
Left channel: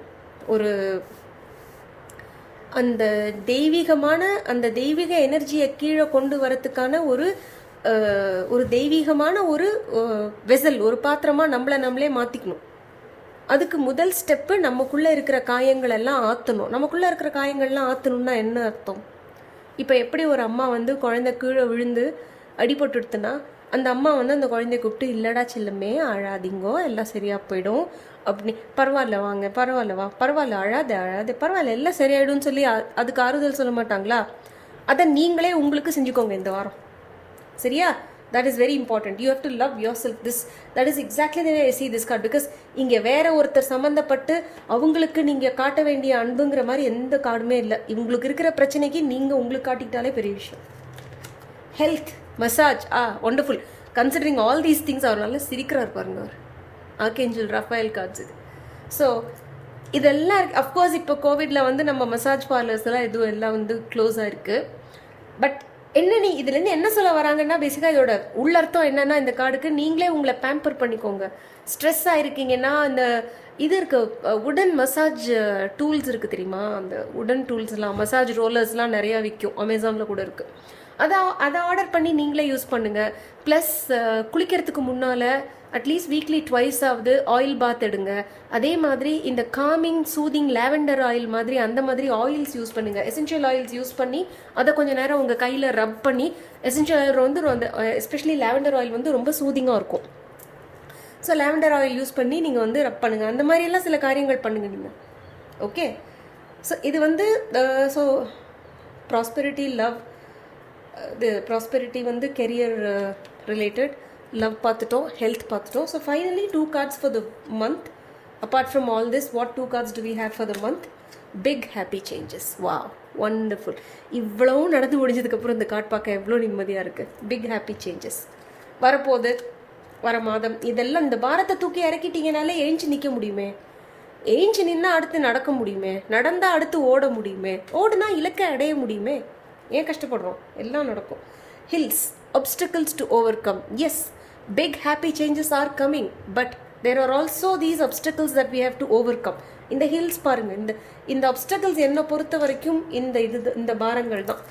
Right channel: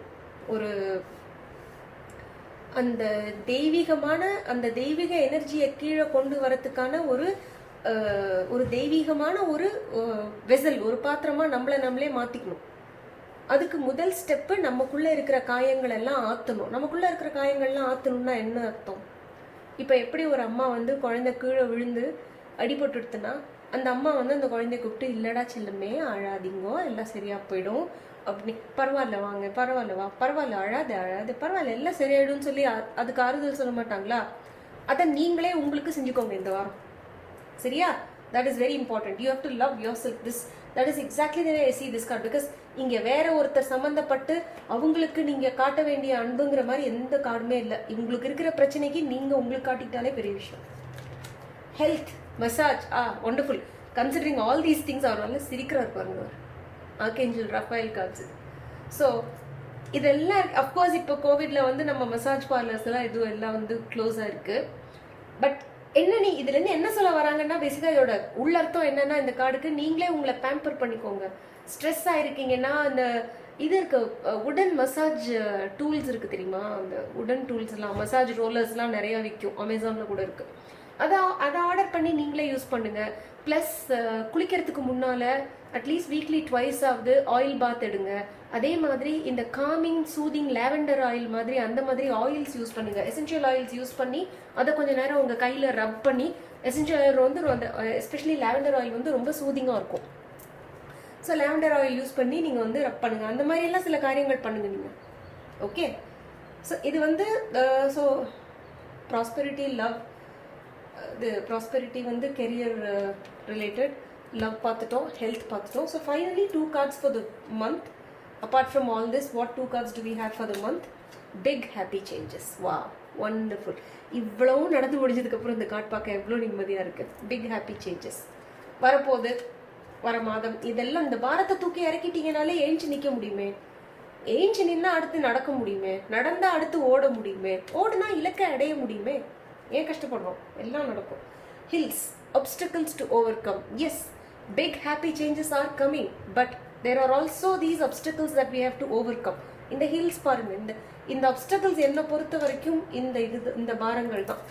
அந்த தெய்வீக எனர்ஜியை கீழே கொண்டு வரத்துக்கான ஒரு தெய்வீகமான ஒரு வெசல், ஒரு பாத்திரமாக நம்மளே மாற்றிக்கணும். அதுக்கு முதல் ஸ்டெப்பு நமக்குள்ளே இருக்கிற காயங்கள் எல்லாம் ஆற்றணும். நமக்குள்ளே இருக்கிற காயங்கள்லாம் ஆற்றணும்னா என்ன அர்த்தம்? இப்போ எப்படி ஒரு அம்மா வந்து குழந்தை கீழே விழுந்து அடிபட்டுடுத்துனா அந்த அம்மா வந்து அந்த குழந்தைய கூப்பிட்டு, இல்லடா சில்லமே அழாதீங்கோ, எல்லாம் சரியாக போயிடும் அப்படி, பரவாயில்ல வாங்க, பரவாயில்ல அழாதே, பரவாயில்ல எல்லாம் சரியாயிடும்னு சொல்லி அதுக்கு ஆறுதல் சொல்ல மாட்டாங்களா? அதை நீங்களே உங்களுக்கு செஞ்சுக்கோங்க இந்த வாரம். சரியா? That is very important. You have to love yourself. That is exactly the way I see this card. Because இங்கே வேற ஒருத்தர் சம்மந்தப்பட்டு அவங்களுக்கு நீங்கள் காட்ட வேண்டிய அன்புங்கிற மாதிரி எந்த கார்டுமே இல்லை. இவங்களுக்கு இருக்கிற பிரச்சனைக்கு நீங்கள் உங்களுக்கு காட்டிக்கிட்டாலே பெரிய விஷயம். Health, massage, wonderful. Considering all these things அவர் நல்லா சிரிக்கிறார் பாருங்க. அவர் ஆர்கேஞ்சல் ரஃபேல் கார்ட்ஸ் இது. ஸோ இதெல்லாம் அஃப்கோர்ஸ் இப்போ கோவிட்ல வந்து நம்ம மசாஜ் பார்லர்ஸ் எல்லாம் வந்து க்ளோஸாக இருக்குது. பட் இதுலேருந்து என்ன சொல்ல வராங்கன்னா, பேசிக்காக இதோட உள்ளர்த்தம் என்னன்னா, இந்த கார்டுக்கு நீங்களே உங்களை பேம்பர் பண்ணிக்கோங்க. ஸ்ட்ரெஸ் ஆகிருக்கீங்கன்னா அந்த இது இருக்குது, உடன் மசாஜ் டூல்ஸ் இருக்குது தெரியுமா? அந்த உடன் டூல்ஸ்லாம், மசாஜ் ரோலர்ஸ்லாம் நிறையா விற்கும், அமேசானில் கூட இருக்குது. அதை ஆர்டர் பண்ணி நீங்களே யூஸ் பண்ணுங்கள். ப்ளஸ் குளிக்கிறதுக்கு முன்னால் அட்லீஸ்ட் வீக்லி ட்வைஸ் ஆகுது ஆயில் பாத் எடுங்க. அதே மாதிரி இந்த காமிங் சூதிங் லாவெண்டர் ஆயில் மாதிரி அந்த மாதிரி ஆயில்ஸ் யூஸ் பண்ணுங்கள். எசென்ஷியல் ஆயில்ஸ் யூஸ் பண்ணி அதை கொஞ்சம் நேரம் உங்கள் கையில் ரப் பண்ணி, எசென்ஷியல் ஆயில் வந்து அந்த எஸ்பெஷலி லாவெண்டர் ஆயில் வந்து ரொம்ப சூதிங்காக இருக்கும். ஸோ லாவெண்டர் ஆயில் யூஸ் பண்ணி நீங்கள் வந்து ரப் பண்ணுங்கள். அந்த மாதிரியெல்லாம் சில காரியங்கள் பண்ணுங்கள் நீங்கள். ஓகே, ஸோ இது வந்து ஸோ ப்ராஸ்பெரிட்டி, லவ், இது ப்ராஸ்பெரிட்டி வந்து கெரியர் ரிலேட்டட், லவ் பார்த்துட்டோம், ஹெல்த் பார்த்துட்டோம். So finally 2 cards for the month. Apart from all this, what 2 cards do we have for the month? Pick happy changes. Wow, wonderful. இவ்வளவும் நடந்து முடிஞ்சதுக்கப்புறம் இந்த கார்டு பார்க்க எவ்வளோ நிம்மதியாக இருக்குது. பிக் ஹாப்பி சேஞ்சஸ் வரப்போகுது, வர மாதம். இதெல்லாம் இந்த பாரத்தை தூக்கி இறக்கிட்டீங்கனாலே ஏஞ்சி நிற்க முடியுமே, ஏஞ்சி நின்னா அடுத்து நடக்க முடியுமே, நடந்தால் அடுத்து ஓட முடியுமே, ஓடுனா இலக்கை அடைய முடியுமே. ஏன் கஷ்டப்படுறோம்? எல்லாம் நடக்கும். Hills, obstacles to overcome. Yes, big happy changes are coming, but there are also these obstacles that we have to overcome. இந்த ஹில்ஸ் பாருங்க, இந்த obstacles என்னை பொறுத்த வரைக்கும் இந்த பாரங்கள் தான்.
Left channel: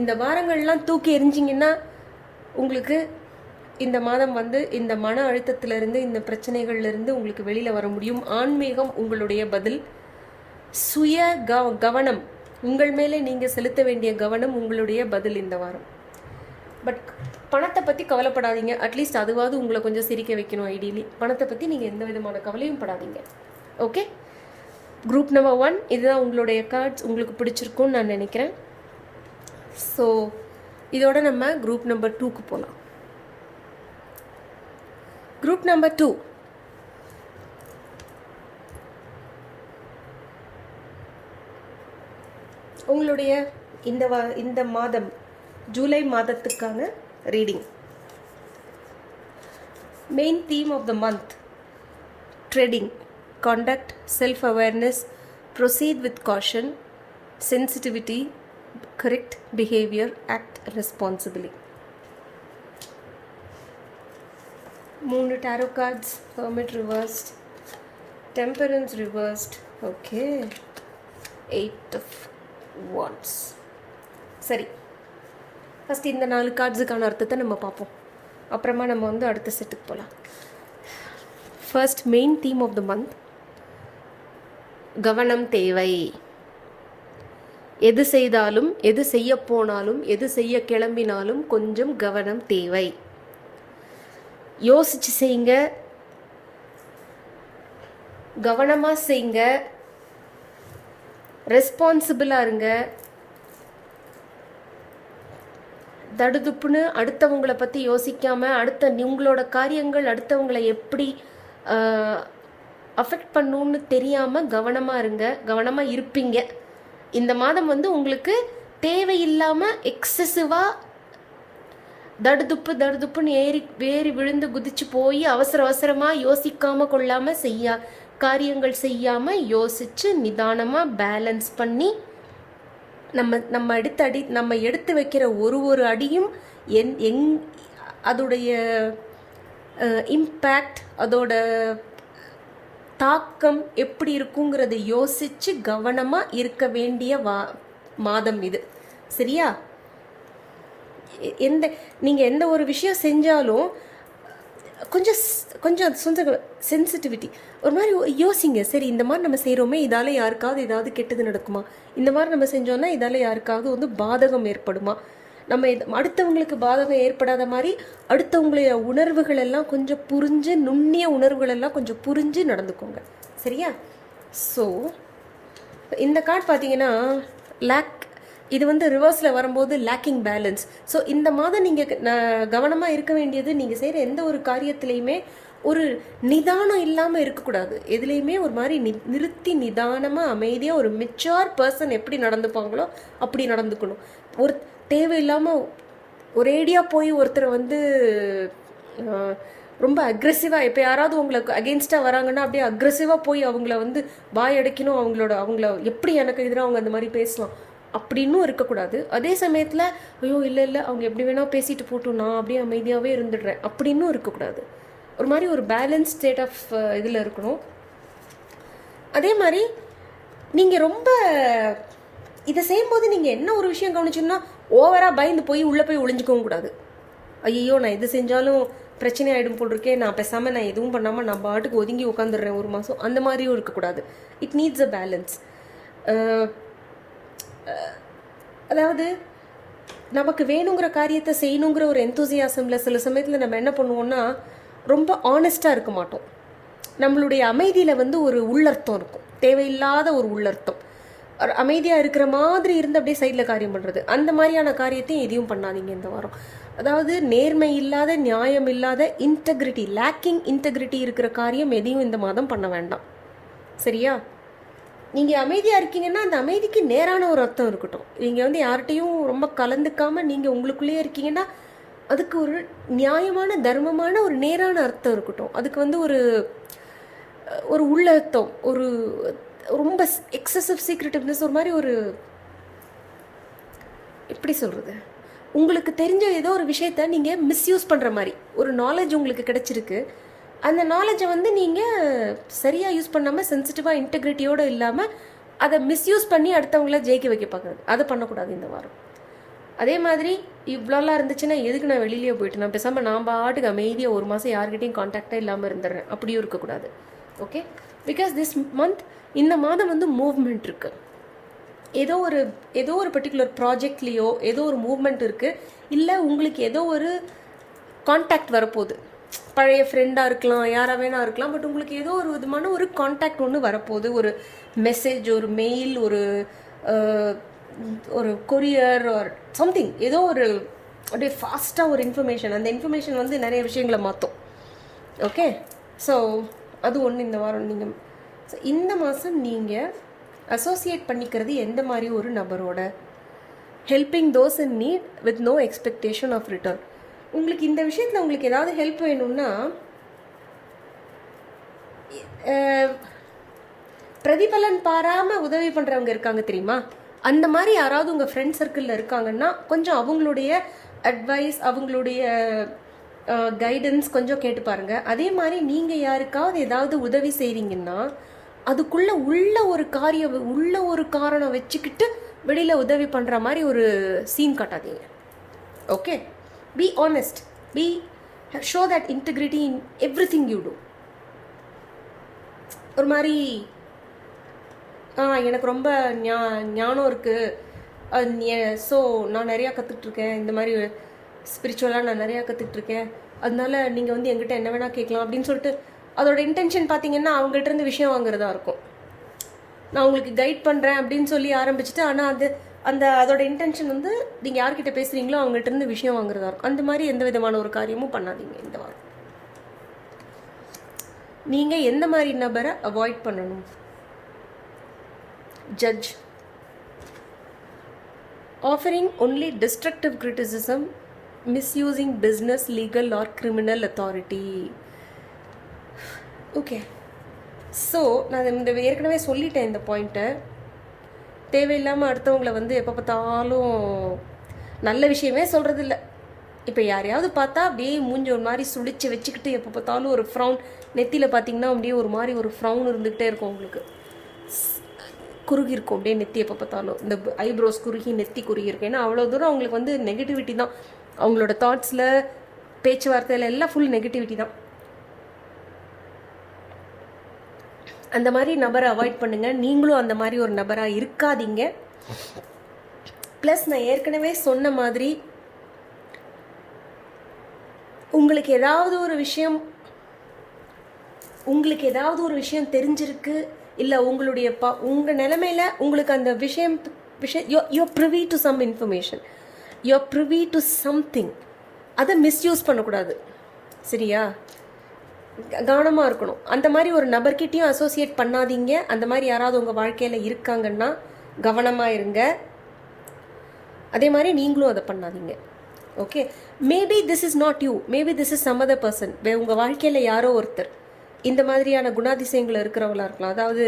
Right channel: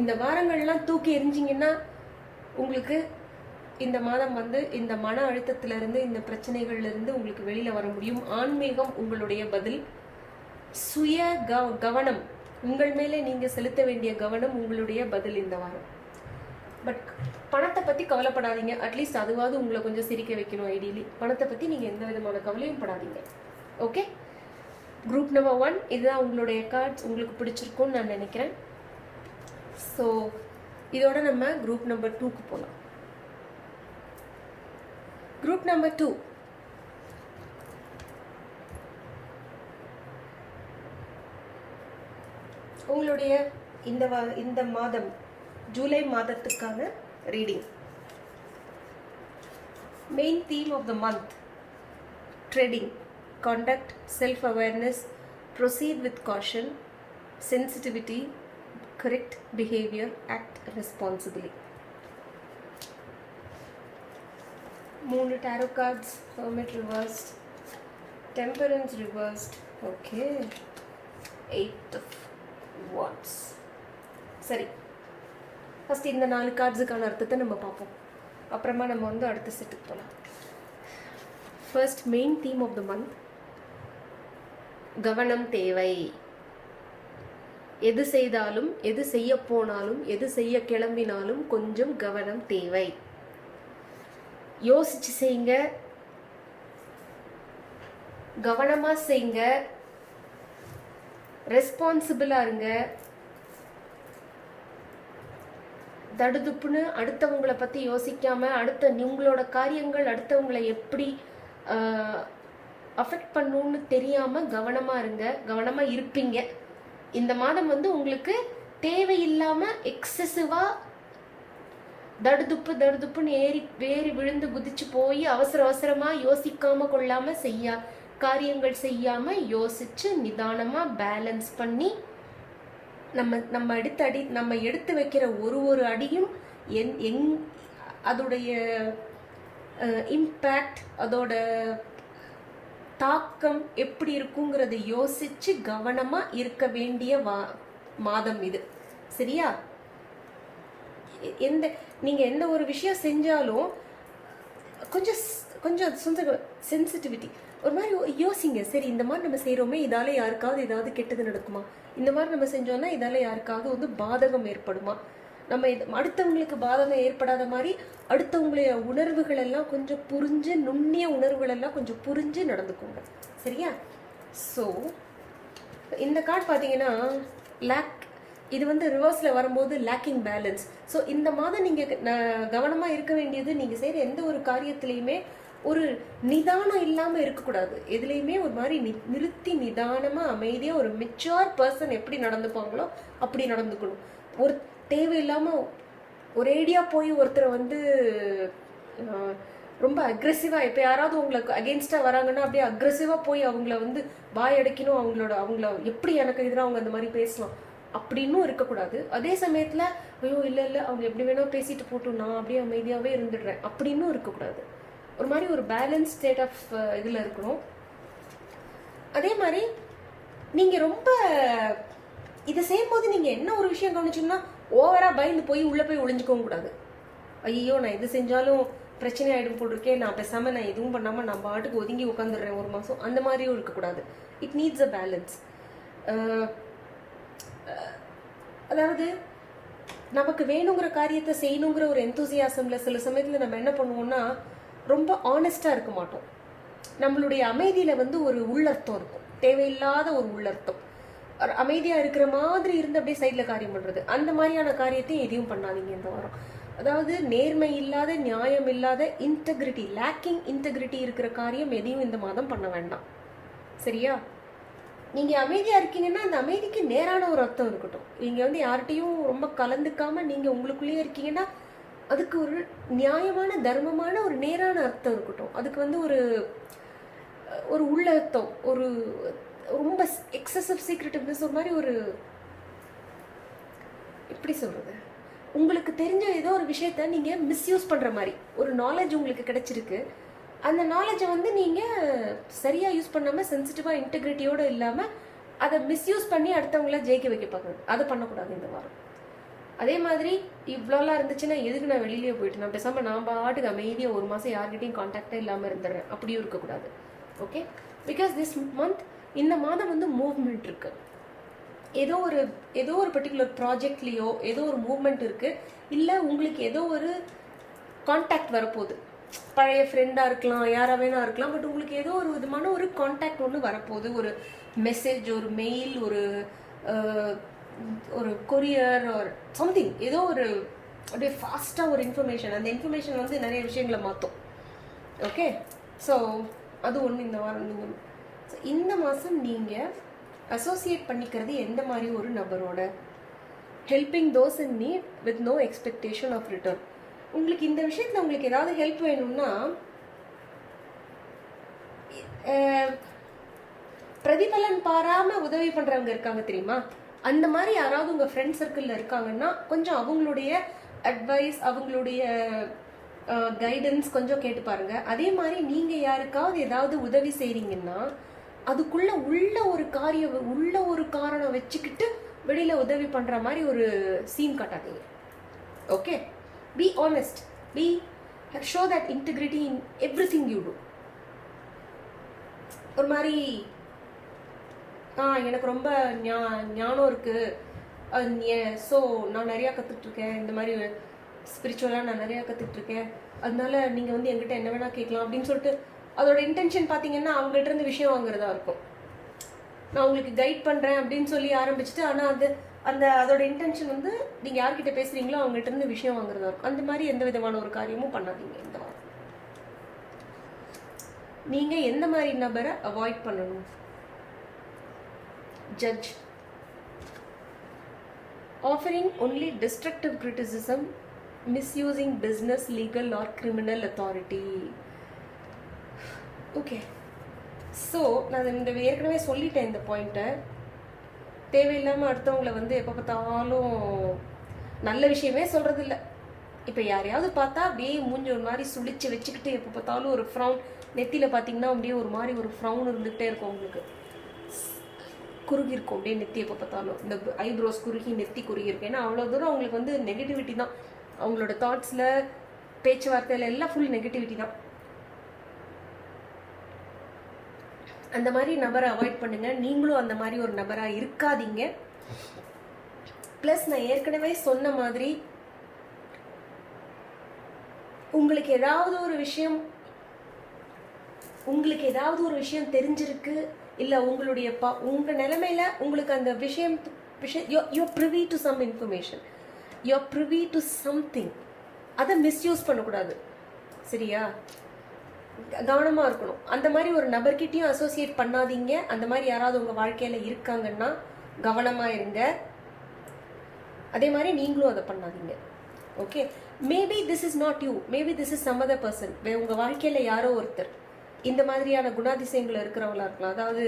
இந்த பாரங்கள்லாம் தூக்கி எரிஞ்சிங்கன்னா உங்களுக்கு இந்த மாதம் வந்து இந்த மன அழுத்தத்திலிருந்து, இந்த பிரச்சனைகள்லேருந்து உங்களுக்கு வெளியில் வர முடியும். ஆன்மீகம் உங்களுடைய பதில். சுய கவனம், உங்கள் மேலே நீங்கள் செலுத்த வேண்டிய கவனம் உங்களுடைய பதில் இந்த வாரம். பட் பணத்தை பற்றி கவலைப்படாதீங்க. அட்லீஸ்ட் அதுவாவது உங்களை கொஞ்சம் சிரிக்க வைக்கணும். ஐடியலி பணத்தை பற்றி நீங்கள் எந்த விதமான கவலையும் படாதீங்க. ஓகே, குரூப் நம்பர் 1 இதுதான் உங்களுடைய கார்ட்ஸ். உங்களுக்கு பிடிச்சிருக்கும்னு நான் நினைக்கிறேன். ஸோ இதோட நம்ம குரூப் நம்பர் 2க்கு போகலாம். குரூப் நம்பர் 2 உங்களுடைய இந்த மாதம் ஜூலை மாதத்துக்கான reading. Main theme of the month: treading, contact, self awareness, proceed with caution, sensitivity, correct behaviour, act responsibly. 3 tarot cards, Hermit reversed, Temperance reversed, okay, 8 of Wands. சரி, ஃபஸ்ட் இந்த 4 கார்ட்ஸுக்கான அர்த்தத்தை நம்ம பார்ப்போம். அப்புறமா நம்ம வந்து அடுத்த செட்டுக்கு போகலாம். First, main theme of the month: கவனம் தேவை. எது செய்தாலும், எது செய்ய போனாலும், எது செய்ய கிளம்பினாலும் கொஞ்சம் கவனம் தேவை. யோசிச்சு செய்யுங்க, கவனமாக செய்யுங்க, ரெஸ்பான்சிபிளாக இருங்க. தடுதுப்புன்னு அடுத்தவங்களை பற்றி யோசிக்காமல், உங்களோட காரியங்கள் அடுத்தவங்களை எப்படி அஃபெக்ட் பண்ணுன்னு தெரியாமல் கவனமாக இருங்க. கவனமாக இருப்பீங்க. இந்த மாதம் வந்து உங்களுக்கு தேவையில்லாமல் எக்ஸசிவாக தடுதுப்புன்னு ஏறி விழுந்து குதிச்சு போய் அவசரமாக யோசிக்காமல் கொள்ளாமல் காரியங்கள் செய்யாமல் யோசித்து நிதானமாக பேலன்ஸ் பண்ணி நம்ம எடுத்து வைக்கிற ஒரு அடியும் அதோடைய இம்பேக்ட், அதோட தாக்கம் எப்படி இருக்குங்கிறத யோசித்து கவனமாக இருக்க வேண்டிய மாதம் இது. சரியா? நீங்கள் எந்த ஒரு விஷயம் செஞ்சாலும் கொஞ்சம் சென்சிட்டிவிட்டி, ஒரு மாதிரி யோசிங்க. சரி, இந்த மாதிரி நம்ம செய்கிறோமே, இதால் யாருக்காவது ஏதாவது கெட்டது நடக்குமா? இந்த மாதிரி நம்ம செஞ்சோன்னா இதால் யாருக்காவது வந்து பாதகம் ஏற்படுமா? நம்ம அடுத்தவங்களுக்கு பாதகம் ஏற்படாத மாதிரி அடுத்தவங்களுடைய உணர்வுகள் எல்லாம் கொஞ்சம் புரிஞ்சு, நுண்ணிய உணர்வுகள் எல்லாம் கொஞ்சம் புரிஞ்சு நடந்துக்கோங்க. சரியா? ஸோ இந்த கார்டு பார்த்தீங்கன்னா இது வந்து ரிவர்ஸில் வரும்போது லேக்கிங் பேலன்ஸ். ஸோ இந்த மாதம் நீங்கள் கவனமாக இருக்க வேண்டியது, நீங்கள் செய்கிற எந்த ஒரு காரியத்திலையுமே ஒரு நிதானம் இல்லாமல் இருக்கக்கூடாது. எதுலேயுமே ஒரு மாதிரி நிறுத்தி நிதானமாக அமைதியாக ஒரு மெச்சூர் பர்சன் எப்படி நடந்துப்பாங்களோ அப்படி நடந்துக்கணும். ஒரு தேவையில்லாமல் ஒரேடியாக போய் ஒருத்தரை வந்து ரொம்ப அக்ரெசிவாக, இப்போ யாராவது உங்களுக்கு அகெயின்ஸ்டாக வராங்கன்னா அப்படியே அக்ரெசிவாக போய் அவங்கள வந்து வாயடைக்கணும், அவங்கள எப்படி எனக்கு எதிராக அவங்க அந்த மாதிரி பேசலாம் அப்படின்னும் இருக்கக்கூடாது. அதே சமயத்தில் ஐயோ இல்லை அவங்க எப்படி வேணால் பேசிட்டு போட்டோம், நான் அப்படியே அமைதியாகவே இருந்துடுறேன் அப்படின்னும் இருக்கக்கூடாது. ஒரு மாதிரி ஒரு பேலன்ஸ் ஸ்டேட் ஆஃப் இதில் இருக்கணும். அதே மாதிரி நீங்கள் ரொம்ப இதை செய்யும்போது நீங்கள் என்ன ஒரு விஷயம் கவனிச்சோம்னா, ஓவராக பயந்து போய் உள்ளே போய் ஒளிஞ்சிக்கவும் கூடாது. ஐயோ நான் எது செஞ்சாலும் பிரச்சனை ஆகிடும் போல் இருக்கேன், நான் பேசாமல் நான் எதுவும் பண்ணாமல் நான் பாட்டுக்கு ஒதுங்கி உட்காந்துடுறேன் ஒரு மாதம், அந்த மாதிரியும் இருக்கக்கூடாது. It needs a balance. அதாவது நமக்கு வேணுங்கிற காரியத்தை செய்யணுங்கிற ஒரு எந்தூசியாசமில் சில சமயத்தில் நம்ம என்ன பண்ணுவோம்னா ரொம்ப ஆனஸ்டாக இருக்க மாட்டோம். நம்மளுடைய அமைதியில் வந்து ஒரு உள்ளர்த்தம் இருக்கும், தேவையில்லாத ஒரு உள்ளர்த்தம். அமைதியாக இருக்கிற மாதிரி இருந்து அப்படியே சைடில் காரியம் பண்ணுறது, அந்த மாதிரியான காரியத்தையும் எதையும் பண்ணாதீங்க இந்த வாரம். அதாவது நேர்மை இல்லாத, நியாயம் இல்லாத, இன்டெகிரிட்டி, லேக்கிங் இன்டெகிரிட்டி இருக்கிற காரியம் எதையும் இந்த மாதம் பண்ண வேண்டாம். சரியா? நீங்கள் அமைதியாக இருக்கீங்கன்னா அந்த அமைதிக்கு நேரான ஒரு அர்த்தம் இருக்கட்டும். நீங்கள் வந்து யார்கிட்டையும் ரொம்ப கலந்துக்காமல் நீங்கள் உங்களுக்குள்ளேயே இருக்கீங்கன்னா அதுக்கு ஒரு நியாயமான, தர்மமான, ஒரு நேரான அர்த்தம் இருக்கட்டும். அதுக்கு வந்து ஒரு உள்ள அர்த்தம், ஒரு ரொம்ப எக்ஸசிவ் சீக்ரெட்டிவ்னஸ், ஒரு மாதிரி ஒரு எப்படி சொல்கிறது, உங்களுக்கு தெரிஞ்ச ஏதோ ஒரு விஷயத்த நீங்கள் மிஸ்யூஸ் பண்ணுற மாதிரி ஒரு நாலேஜ் உங்களுக்கு கிடைச்சிருக்கு. அந்த நாலேஜை வந்து நீங்கள் சரியாக யூஸ் பண்ணாமல் சென்சிட்டிவாக இன்டெகிரிட்டியோடு இல்லாமல் அதை மிஸ்யூஸ் பண்ணி அடுத்தவங்கள ஜெயிக்க வைக்க பார்க்குறது, அதை பண்ணக்கூடாது இந்த வாரம். அதே மாதிரி இவ்வளோலாம் இருந்துச்சுன்னா எதுக்கு நான் வெளியிலேயே போயிட்டு நான் பேசாமல் நான் பாட்டுக்கு அமைதியாக ஒரு மாதம் யார்கிட்டையும் கான்டாக்டாக இல்லாமல் இருந்துடுறேன், அப்படியும் இருக்கக்கூடாது. ஓகே, பிகாஸ் திஸ் மந்த், இந்த மாதம் வந்து மூவ்மெண்ட் இருக்குது. ஏதோ ஒரு பர்டிகுலர் ப்ராஜெக்ட்லேயோ ஏதோ ஒரு மூவ்மெண்ட் இருக்குது, இல்லை உங்களுக்கு ஏதோ ஒரு கான்டாக்ட் வரப்போகுது. பழைய ஃப்ரெண்டாக இருக்கலாம், யாராக வேணா இருக்கலாம், பட் உங்களுக்கு ஏதோ ஒரு விதமான ஒரு கான்டாக்ட் ஒன்று வரப்போகுது. ஒரு மெசேஜ், ஒரு மெயில், ஒரு கொரியர் ஆர் சம்திங், ஏதோ ஒரு அப்படியே ஃபாஸ்ட்டாக ஒரு இன்ஃபர்மேஷன். அந்த இன்ஃபர்மேஷன் வந்து நிறைய விஷயங்களை மாற்றும். ஓகே, ஸோ அது ஒன்று இந்த வாரம். நீங்கள் இந்த மாதம் நீங்கள் அசோசியேட் பண்ணிக்கிறது எந்த மாதிரி ஒரு நபரோட? Helping those in need with no expectation of return. உங்களுக்கு இந்த விஷயத்தில் உங்களுக்கு ஏதாவது ஹெல்ப் வேணும்னா பிரதிபலன் பாராமல் உதவி பண்ணுறவங்க இருக்காங்க தெரியுமா? அந்த மாதிரி யாராவது உங்கள் ஃப்ரெண்ட் சர்க்கிளில் இருக்காங்கன்னா கொஞ்சம் அவங்களுடைய அட்வைஸ், அவங்களுடைய கைடன்ஸ் கொஞ்சம் கேட்டு பாருங்கள். அதே மாதிரி நீங்கள் யாருக்காவது ஏதாவது உதவி செய்கிறீங்கன்னா அதுக்குள்ளே உள்ள ஒரு காரணம் வச்சுக்கிட்டு வெளியில் உதவி பண்ணுற மாதிரி ஒரு சீன் காட்டாதீங்க. Okay, be honest, show that integrity in everything you do. ஒரு மாதிரி எனக்கு ரொம்ப ஞானம் இருக்குது, ஸோ நான் நிறையா கற்றுட்ருக்கேன், இந்த மாதிரி ஸ்பிரிச்சுவலாக நான் நிறையா கற்றுட்ருக்கேன், அதனால நீங்கள் வந்து என்கிட்ட என்ன வேணால் கேட்கலாம் அப்படின்னு சொல்லிட்டு அதோட இன்டென்ஷன் பார்த்தீங்கன்னா அவங்கள்ட்ட இருந்து விஷயம் வாங்குறதா இருக்கும். நான் உங்களுக்கு கைட் பண்ணுறேன் அப்படின்னு சொல்லி ஆரம்பிச்சுட்டு, ஆனால் அதோட இன்டென்ஷன் வந்து நீங்கள் யார்கிட்ட பேசுகிறீங்களோ அவங்கள்ட்ட இருந்து விஷயம் வாங்குறதா இருக்கும். அந்த மாதிரி எந்த விதமான ஒரு காரியமும் பண்ணாதீங்க இந்த வாரம். நீங்கள் எந்த மாதிரி நபரை அவாய்ட் பண்ணணும்? Judge. Offering only destructive criticism, misusing business, legal or criminal authority. Okay. So நான் இந்த ஏற்கனவே சொல்லிட்டேன் இந்த பாயிண்ட்டை. தேவையில்லாமல் அடுத்தவங்களை வந்து எப்போ பார்த்தாலும் நல்ல விஷயமே சொல்கிறது இல்லை. இப்போ யாரையாவது பார்த்தா அப்படியே மூஞ்சி ஒரு மாதிரி சுழிச்சு வச்சுக்கிட்டு எப்போ பார்த்தாலும் ஒரு ஃப்ரௌன், நெத்தியில் பார்த்தீங்கன்னா அப்படியே ஒரு மாதிரி ஒரு ஃப்ரௌன் இருந்துக்கிட்டே இருக்கும், உங்களுக்கு குறுகி இருக்கும் அப்படியே நெத்தி. எப்போ பார்த்தாலும் இந்த ஐப்ரோஸ் குறுகி, நெத்தி குறுகி இருக்கும். ஏன்னா அவ்வளோ தூரம் அவங்களுக்கு வந்து நெகட்டிவிட்டி தான். அவங்களோட தாட்ஸில், பேச்சுவார்த்தையில் எல்லாம் ஃபுல் நெகட்டிவிட்டி தான். அந்த மாதிரி நபரை அவாய்ட் பண்ணுங்கள். நீங்களும் அந்த மாதிரி ஒரு நபராக இருக்காதீங்க. ப்ளஸ் நான் ஏற்கனவே சொன்ன மாதிரி உங்களுக்கு ஏதாவது ஒரு விஷயம் தெரிஞ்சிருக்கு, இல்லை உங்கள் நிலைமையில் உங்களுக்கு அந்த விஷயம் you're privy to some information, you're privy to something, அதை மிஸ்யூஸ் பண்ணக்கூடாது. சரியா? கவனமாக இருக்கணும். அந்த மாதிரி ஒரு நபர்கிட்டையும் அசோசியேட் பண்ணாதீங்க. அந்த மாதிரி யாராவது உங்கள் வாழ்க்கையில் இருக்காங்கன்னா கவனமாக இருங்க. அதே மாதிரி நீங்களும் அதை பண்ணாதீங்க. Okay, maybe this is not you, maybe this is some other person. உங்கள் வாழ்க்கையில் யாரோ ஒருத்தர் இந்த மாதிரியான குணாதிசயங்கள் இருக்கிறவங்களா இருக்கலாம். அதாவது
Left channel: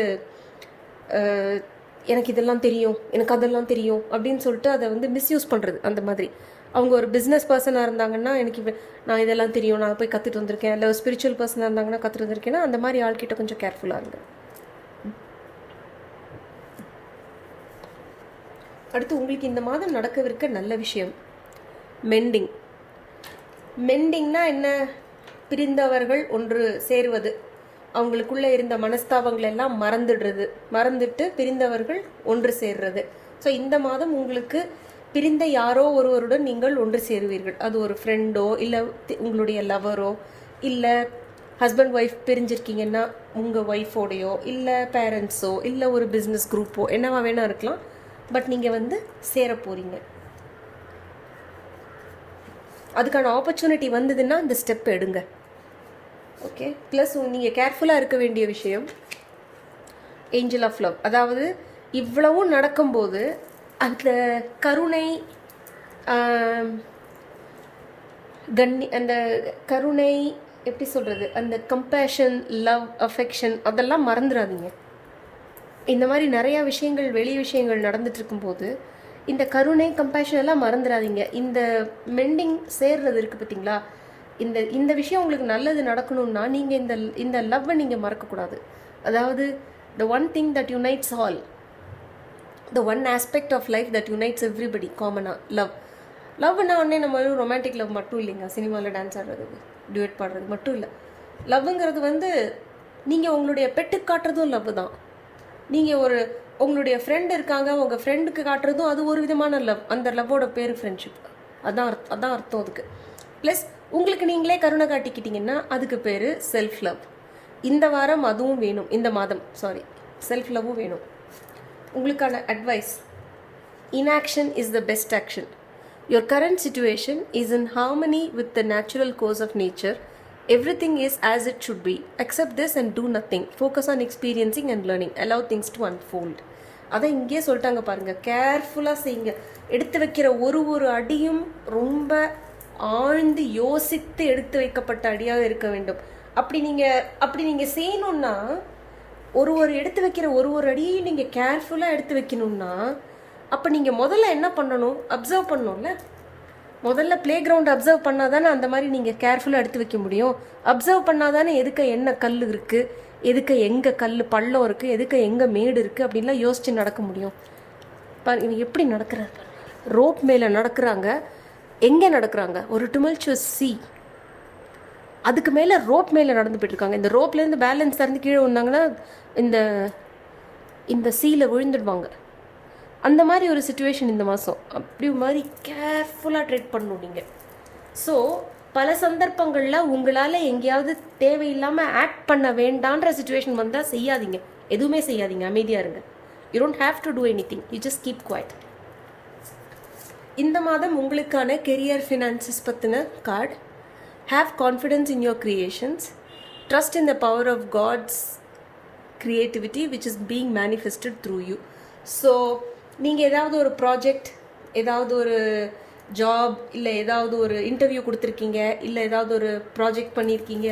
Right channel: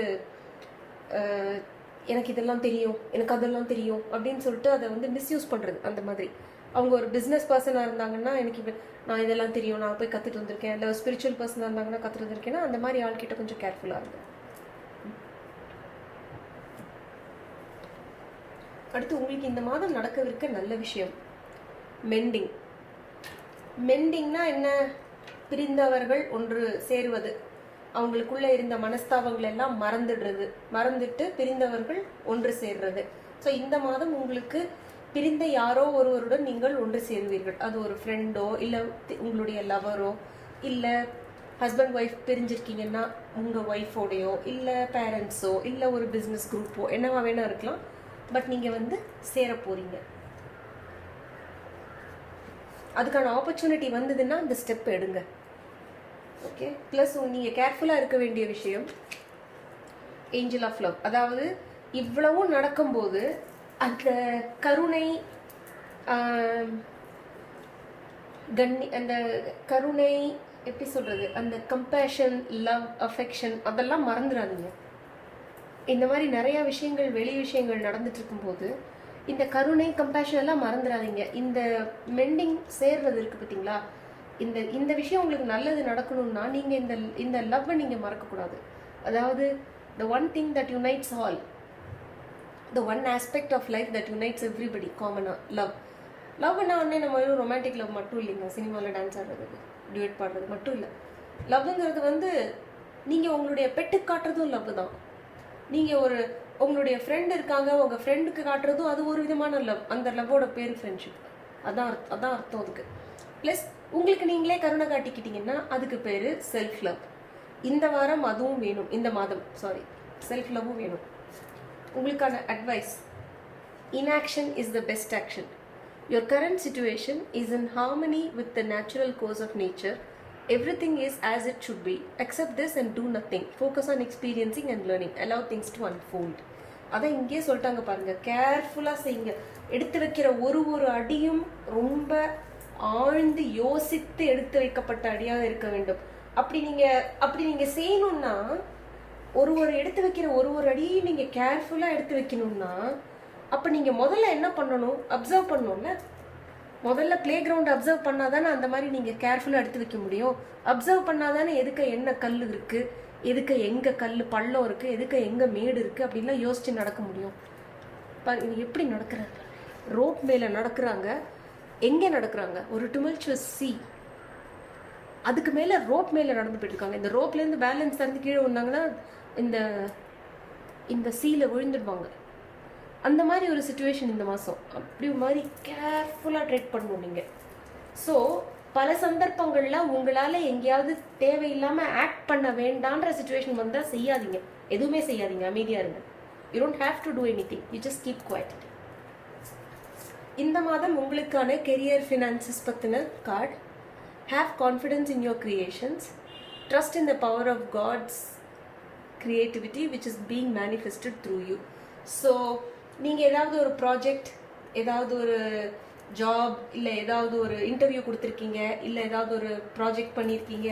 எனக்கு இதெல்லாம் தெரியும், எனக்கு அதெல்லாம் தெரியும் அப்படின்னு சொல்லிட்டு அதை வந்து மிஸ்யூஸ் பண்ணுறது. அந்த மாதிரி அவங்க ஒரு பிஸ்னஸ் பர்சனாக இருந்தாங்கன்னா நான் இதெல்லாம் தெரியும், நான் போய் கற்றுட்டு வந்திருக்கேன், இல்லை ஸ்பிரிச்சுவல் பர்சனாக இருந்தாங்கன்னா கற்றுட்டு வந்திருக்கேன்னா அந்த மாதிரி ஆள்கிட்ட கொஞ்சம் கேர்ஃபுல்லாக இருங்க. அடுத்து உங்களுக்கு இந்த மாதம் நடக்கவிருக்க நல்ல விஷயம் மெண்டிங். மெண்டிங்னா என்ன? பிரிந்தவர்கள் ஒன்று சேருவது, அவங்களுக்குள்ளே இருந்த மனஸ்தாபங்கள் எல்லாம் மறந்துட்டு பிரிந்தவர்கள் ஒன்று சேர்றது. ஸோ இந்த மாதம் உங்களுக்கு பிரிந்த யாரோ ஒருவருடன் நீங்கள் ஒன்று சேருவீர்கள். அது ஒரு ஃப்ரெண்டோ இல்லை உங்களுடைய லவரோ, இல்லை ஹஸ்பண்ட் ஒய்ஃப் பிரிஞ்சிருக்கீங்கன்னா உங்கள் ஒய்ஃபோடையோ, இல்லை பேரண்ட்ஸோ, இல்லை ஒரு பிஸ்னஸ் குரூப்போ, என்னவா வேணா இருக்கலாம். பட் நீங்கள் வந்து சேர போகிறீங்க. அதுக்கான ஆப்பர்ச்சுனிட்டி வந்ததுன்னா அந்த ஸ்டெப் எடுங்க. ஓகே. ப்ளஸ் நீங்கள் கேர்ஃபுல்லாக இருக்க வேண்டிய விஷயம் ஏஞ்சல் ஆஃப் லவ். அதாவது இவ்வளவும் நடக்கும்போது அந்த கருணை, அந்த கருணை எப்படி சொல்கிறது, அந்த கம்பேஷன், லவ், அஃபெக்ஷன் அதெல்லாம் மறந்துடாதீங்க. இந்த மாதிரி நிறையா விஷயங்கள், வெளி விஷயங்கள் நடந்துட்டு இருக்கும்போது இந்த கருணை, கம்பேஷன் எல்லாம் மறந்துடாதீங்க. இந்த மெண்டிங் சேர்றது இருக்குது பார்த்தீங்களா, இந்த விஷயம் உங்களுக்கு நல்லது நடக்கணும்னா நீங்கள் இந்த லவ்வை நீங்கள் மறக்கக்கூடாது. அதாவது the one thing that unites all, the one aspect of life that unites everybody காமனாக லவ்னா ஒன்றே நம்ம ரொமான்டிக் லவ் மட்டும் இல்லைங்க. சினிமாவில் டான்ஸ் ஆடுறது, டியூட் பாடுறது மட்டும் இல்லை. லவ்ங்கிறது வந்து நீங்கள் உங்களுடைய பெட்டுக்கு காட்டுறதும் லவ் தான். நீங்கள் உங்களுடைய ஃப்ரெண்டு இருக்காங்க, உங்கள் ஃப்ரெண்டுக்கு காட்டுறதும் அது ஒரு விதமான லவ். அந்த லவ்வோட பேர் ஃப்ரெண்ட்ஷிப். அதான் அர்த்தம் அதுக்கு. ப்ளஸ் உங்களுக்கு நீங்களே கருணை காட்டிக்கிட்டீங்கன்னா அதுக்கு பேர் செல்ஃப் லவ். இந்த வாரம் அதுவும் வேணும், இந்த மாதம் செல்ஃப் லவ்வும் வேணும். உங்களுக்கான advice, inaction is the best action. Your current situation is in harmony with the natural course of nature. Everything is as it should be. Accept this and do nothing. Focus on experiencing and learning. Allow things to unfold. அதை இங்கேயே சொல்லிட்டாங்க பாருங்க. கேர்ஃபுல்லாக செய்யுங்க. எடுத்து வைக்கிற ஒரு அடியும் ரொம்ப ஆழ்ந்து யோசித்து எடுத்து வைக்கப்பட்ட அடியாக இருக்க வேண்டும். அப்படி நீங்கள் செய்யணும்னா ஒரு எடுத்து வைக்கிற ஒரு அடியையும் நீங்கள் கேர்ஃபுல்லாக எடுத்து வைக்கணும்னா அப்போ நீங்கள் முதல்ல என்ன பண்ணணும்? அப்சர்வ் பண்ணணும்ல. முதல்ல ப்ளே கிரவுண்ட் அப்சர்வ் பண்ணால் தானே அந்த மாதிரி நீங்கள் கேர்ஃபுல்லாக எடுத்து வைக்க முடியும். அப்சர்வ் பண்ணால் தானே எதுக்கு என்ன கல் இருக்குது, எதுக்கு எங்கே கல் பள்ளம் இருக்குது, எதுக்கு எங்கே மேடு இருக்குது அப்படின்லாம் யோசித்து நடக்க முடியும். இவங்க எப்படி நடக்கிறாங்க? ரோப் மேலே நடக்கிறாங்க. எங்கே நடக்கிறாங்க? ஒரு tumultuous sea, அதுக்கு மேலே ரோப் மேலே நடந்து போயிட்டுருக்காங்க. இந்த ரோப்லேருந்து பேலன்ஸ் திறந்து கீழே வந்தாங்கன்னா இந்த சீல விழுந்துடுவாங்க. அந்த மாதிரி ஒரு சுச்சுவேஷன் இந்த மாதம். அப்படி மாதிரி கேர்ஃபுல்லாக ட்ரீட் பண்ணணும் நீங்கள். ஸோ பல சந்தர்ப்பங்களில் உங்களால் எங்கேயாவது தேவையில்லாமல் ஆக்ட் பண்ண வேண்டான்ற சுச்சுவேஷன் வந்தால் செய்யாதீங்க. எதுவுமே செய்யாதீங்க, அமைதியாக இருங்க. You don't have to do anything, you just keep quiet. இந்த மாதம் உங்களுக்கான கெரியர், ஃபினான்சஸ் பற்றின கார்டு. Have confidence in your creations. Trust in the power of god's creativity which is being manifested through you. So நீங்கள் ஏதாவது ஒரு ப்ராஜெக்ட், ஏதாவது ஒரு ஜாப், இல்லை ஏதாவது ஒரு இன்டர்வியூ கொடுத்துருக்கீங்க, இல்லை ஏதாவது ஒரு ப்ராஜெக்ட் பண்ணியிருக்கீங்க,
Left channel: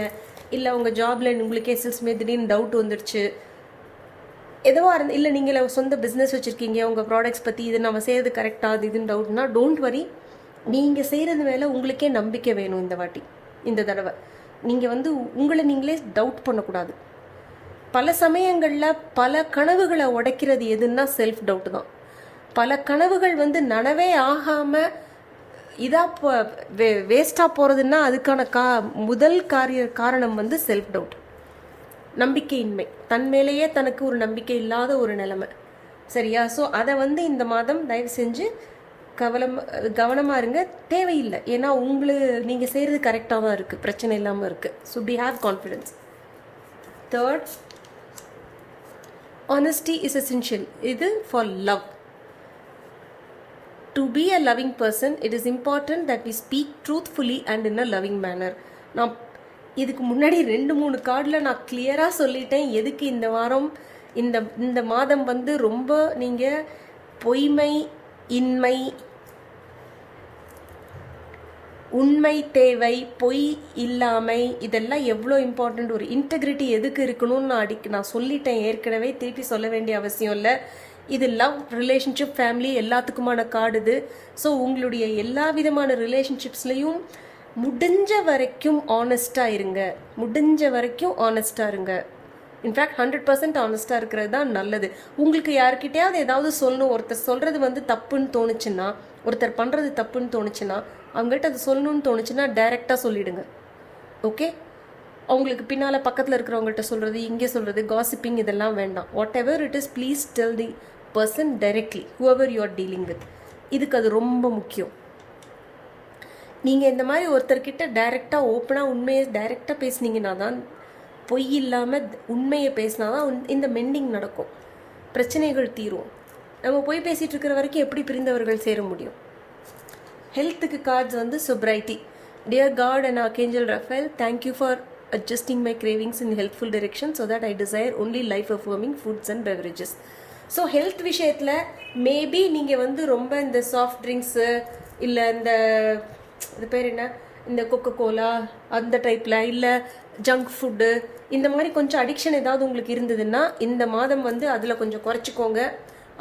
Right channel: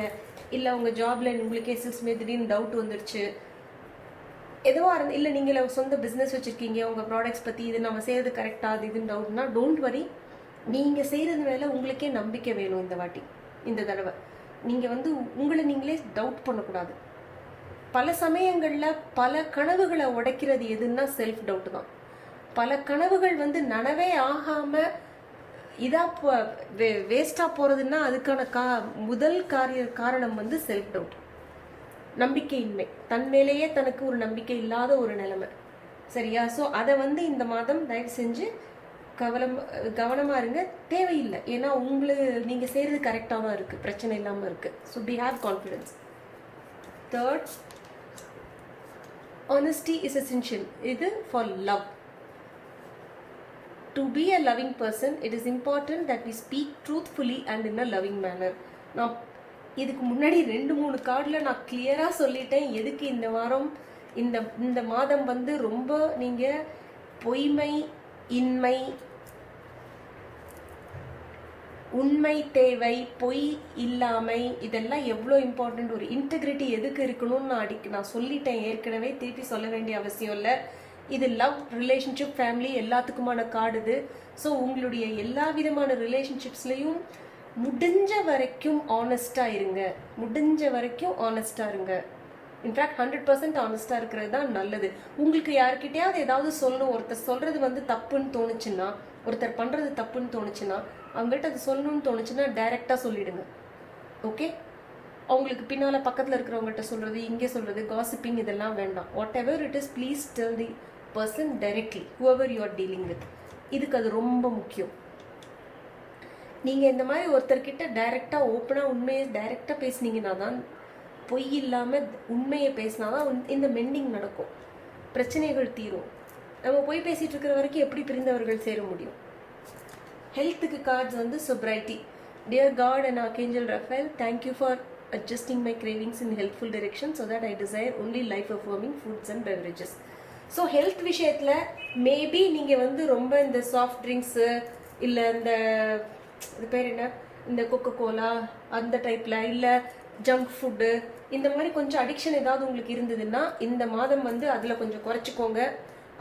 இல்லை உங்கள் ஜாபில் உங்களுக்கே சில்ஸ்மே திடீர்னு டவுட் வந்துடுச்சு, எதுவாக இல்லை நீங்கள் சொந்த பிஸ்னஸ் வச்சுருக்கீங்க, உங்கள் ப்ராடக்ட்ஸ் பற்றி இது நம்ம செய்கிறது கரெக்டாக அது இதுன்னு டவுட்னா டோன்ட் வரி. நீங்கள் செய்கிறது மேலே உங்களுக்கே நம்பிக்கை வேணும். இந்த தடவை நீங்கள் வந்து உங்களை நீங்களே டவுட் பண்ணக்கூடாது. பல சமயங்களில் பல கனவுகளை உடைக்கிறது எதுன்னா செல்ஃப் டவுட் தான். பல கனவுகள் வந்து நனவே ஆகாமல் வேஸ்டாக போகிறதுன்னா அதுக்கான முதல் காரணம் வந்து செல்ஃப் டவுட், நம்பிக்கையின்மை. தன் மேலேயே தனக்கு ஒரு நம்பிக்கை இல்லாத ஒரு நிலைமை. சரியா? ஸோ அதை வந்து இந்த மாதம் தயவு செஞ்சு கவனமாக இருங்க. தேவையில்லை, ஏன்னா நீங்கள் செய்கிறது கரெக்டாக தான் இருக்குது, பிரச்சனை இல்லாமல் இருக்குது. So be have confidence. Third, honesty is essential. இது for love. To be a loving person, it is important that we speak truthfully and in a loving manner. நான் இதுக்கு முன்னாடி 2-3 கார்டில் நான் கிளியராக சொல்லிட்டேன் எதுக்கு இந்த வாரம் இந்த மாதம் வந்து ரொம்ப நீங்கள் பொய்மை, இன்மை, உண்மை தேவை, பொய் இல்லாமை, இதெல்லாம் எவ்வளோ இம்பார்ட்டண்ட். ஒரு இன்டெகிரிட்டி எதுக்கு இருக்கணும்னு நான் சொல்லிட்டேன் ஏற்கனவே, திருப்பி சொல்ல வேண்டிய அவசியம் இல்லை. இது லவ், ரிலேஷன்ஷிப், ஃபேமிலி எல்லாத்துக்குமான கார்டு இது. ஸோ உங்களுடைய எல்லா விதமான ரிலேஷன்ஷிப்ஸ்லையும் முடிஞ்ச வரைக்கும் ஆனஸ்டாக இருங்க. இன்ஃபேக்ட் 100% ஆனஸ்டாக இருக்கிறது தான் நல்லது. உங்களுக்கு யார்கிட்டயாவது ஏதாவது சொல்லணும், ஒருத்தர் சொல்கிறது வந்து தப்புன்னு தோணுச்சுன்னா, ஒருத்தர் பண்ணுறது தப்புன்னு தோணுச்சுன்னா, அவங்ககிட்ட அது சொல்லணும்னு தோணுச்சுன்னா டைரெக்டாக சொல்லிவிடுங்க. ஓகே, அவங்களுக்கு பின்னால் பக்கத்தில் இருக்கிறவங்கள்ட்ட சொல்கிறது, இங்கே சொல்கிறது, காசிப்பிங் இதெல்லாம் வேண்டாம். What ever it is, please tell the person directly, whoever you are dealing with. இதுக்கு அது ரொம்ப முக்கியம். நீங்கள் இந்த மாதிரி ஒருத்தர்கிட்ட டைரெக்டாக ஓப்பனாக உண்மையை டைரெக்டாக பேசுனீங்கன்னா தான், பொய் இல்லாமல் உண்மையை பேசினா தான் இந்த மெண்டிங் நடக்கும், பிரச்சனைகள் தீரும். நம்ம பொய் பேசிகிட்டு இருக்கிற வரைக்கும் எப்படி பிரிந்தவர்கள் சேர முடியும்? ஹெல்த்துக்கு கார்ட்ஸ் வந்து sobriety. Dear God and Archangel Raphael, thank you for adjusting my cravings in helpful direction so that I desire only life-affirming foods and beverages. So health விஷயத்தில் மேபி நீங்கள் வந்து ரொம்ப இந்த சாஃப்ட் ட்ரிங்க்ஸு இல்லை இந்த இது பேர் என்ன, இந்த கொக்கோ கோலா அந்த டைப்பில், இல்லை ஜங்க் ஃபுட்டு, இந்த மாதிரி கொஞ்சம் அடிக்ஷன் ஏதாவது உங்களுக்கு இருந்ததுன்னா இந்த மாதம் வந்து அதில் கொஞ்சம் குறைச்சிக்கோங்க.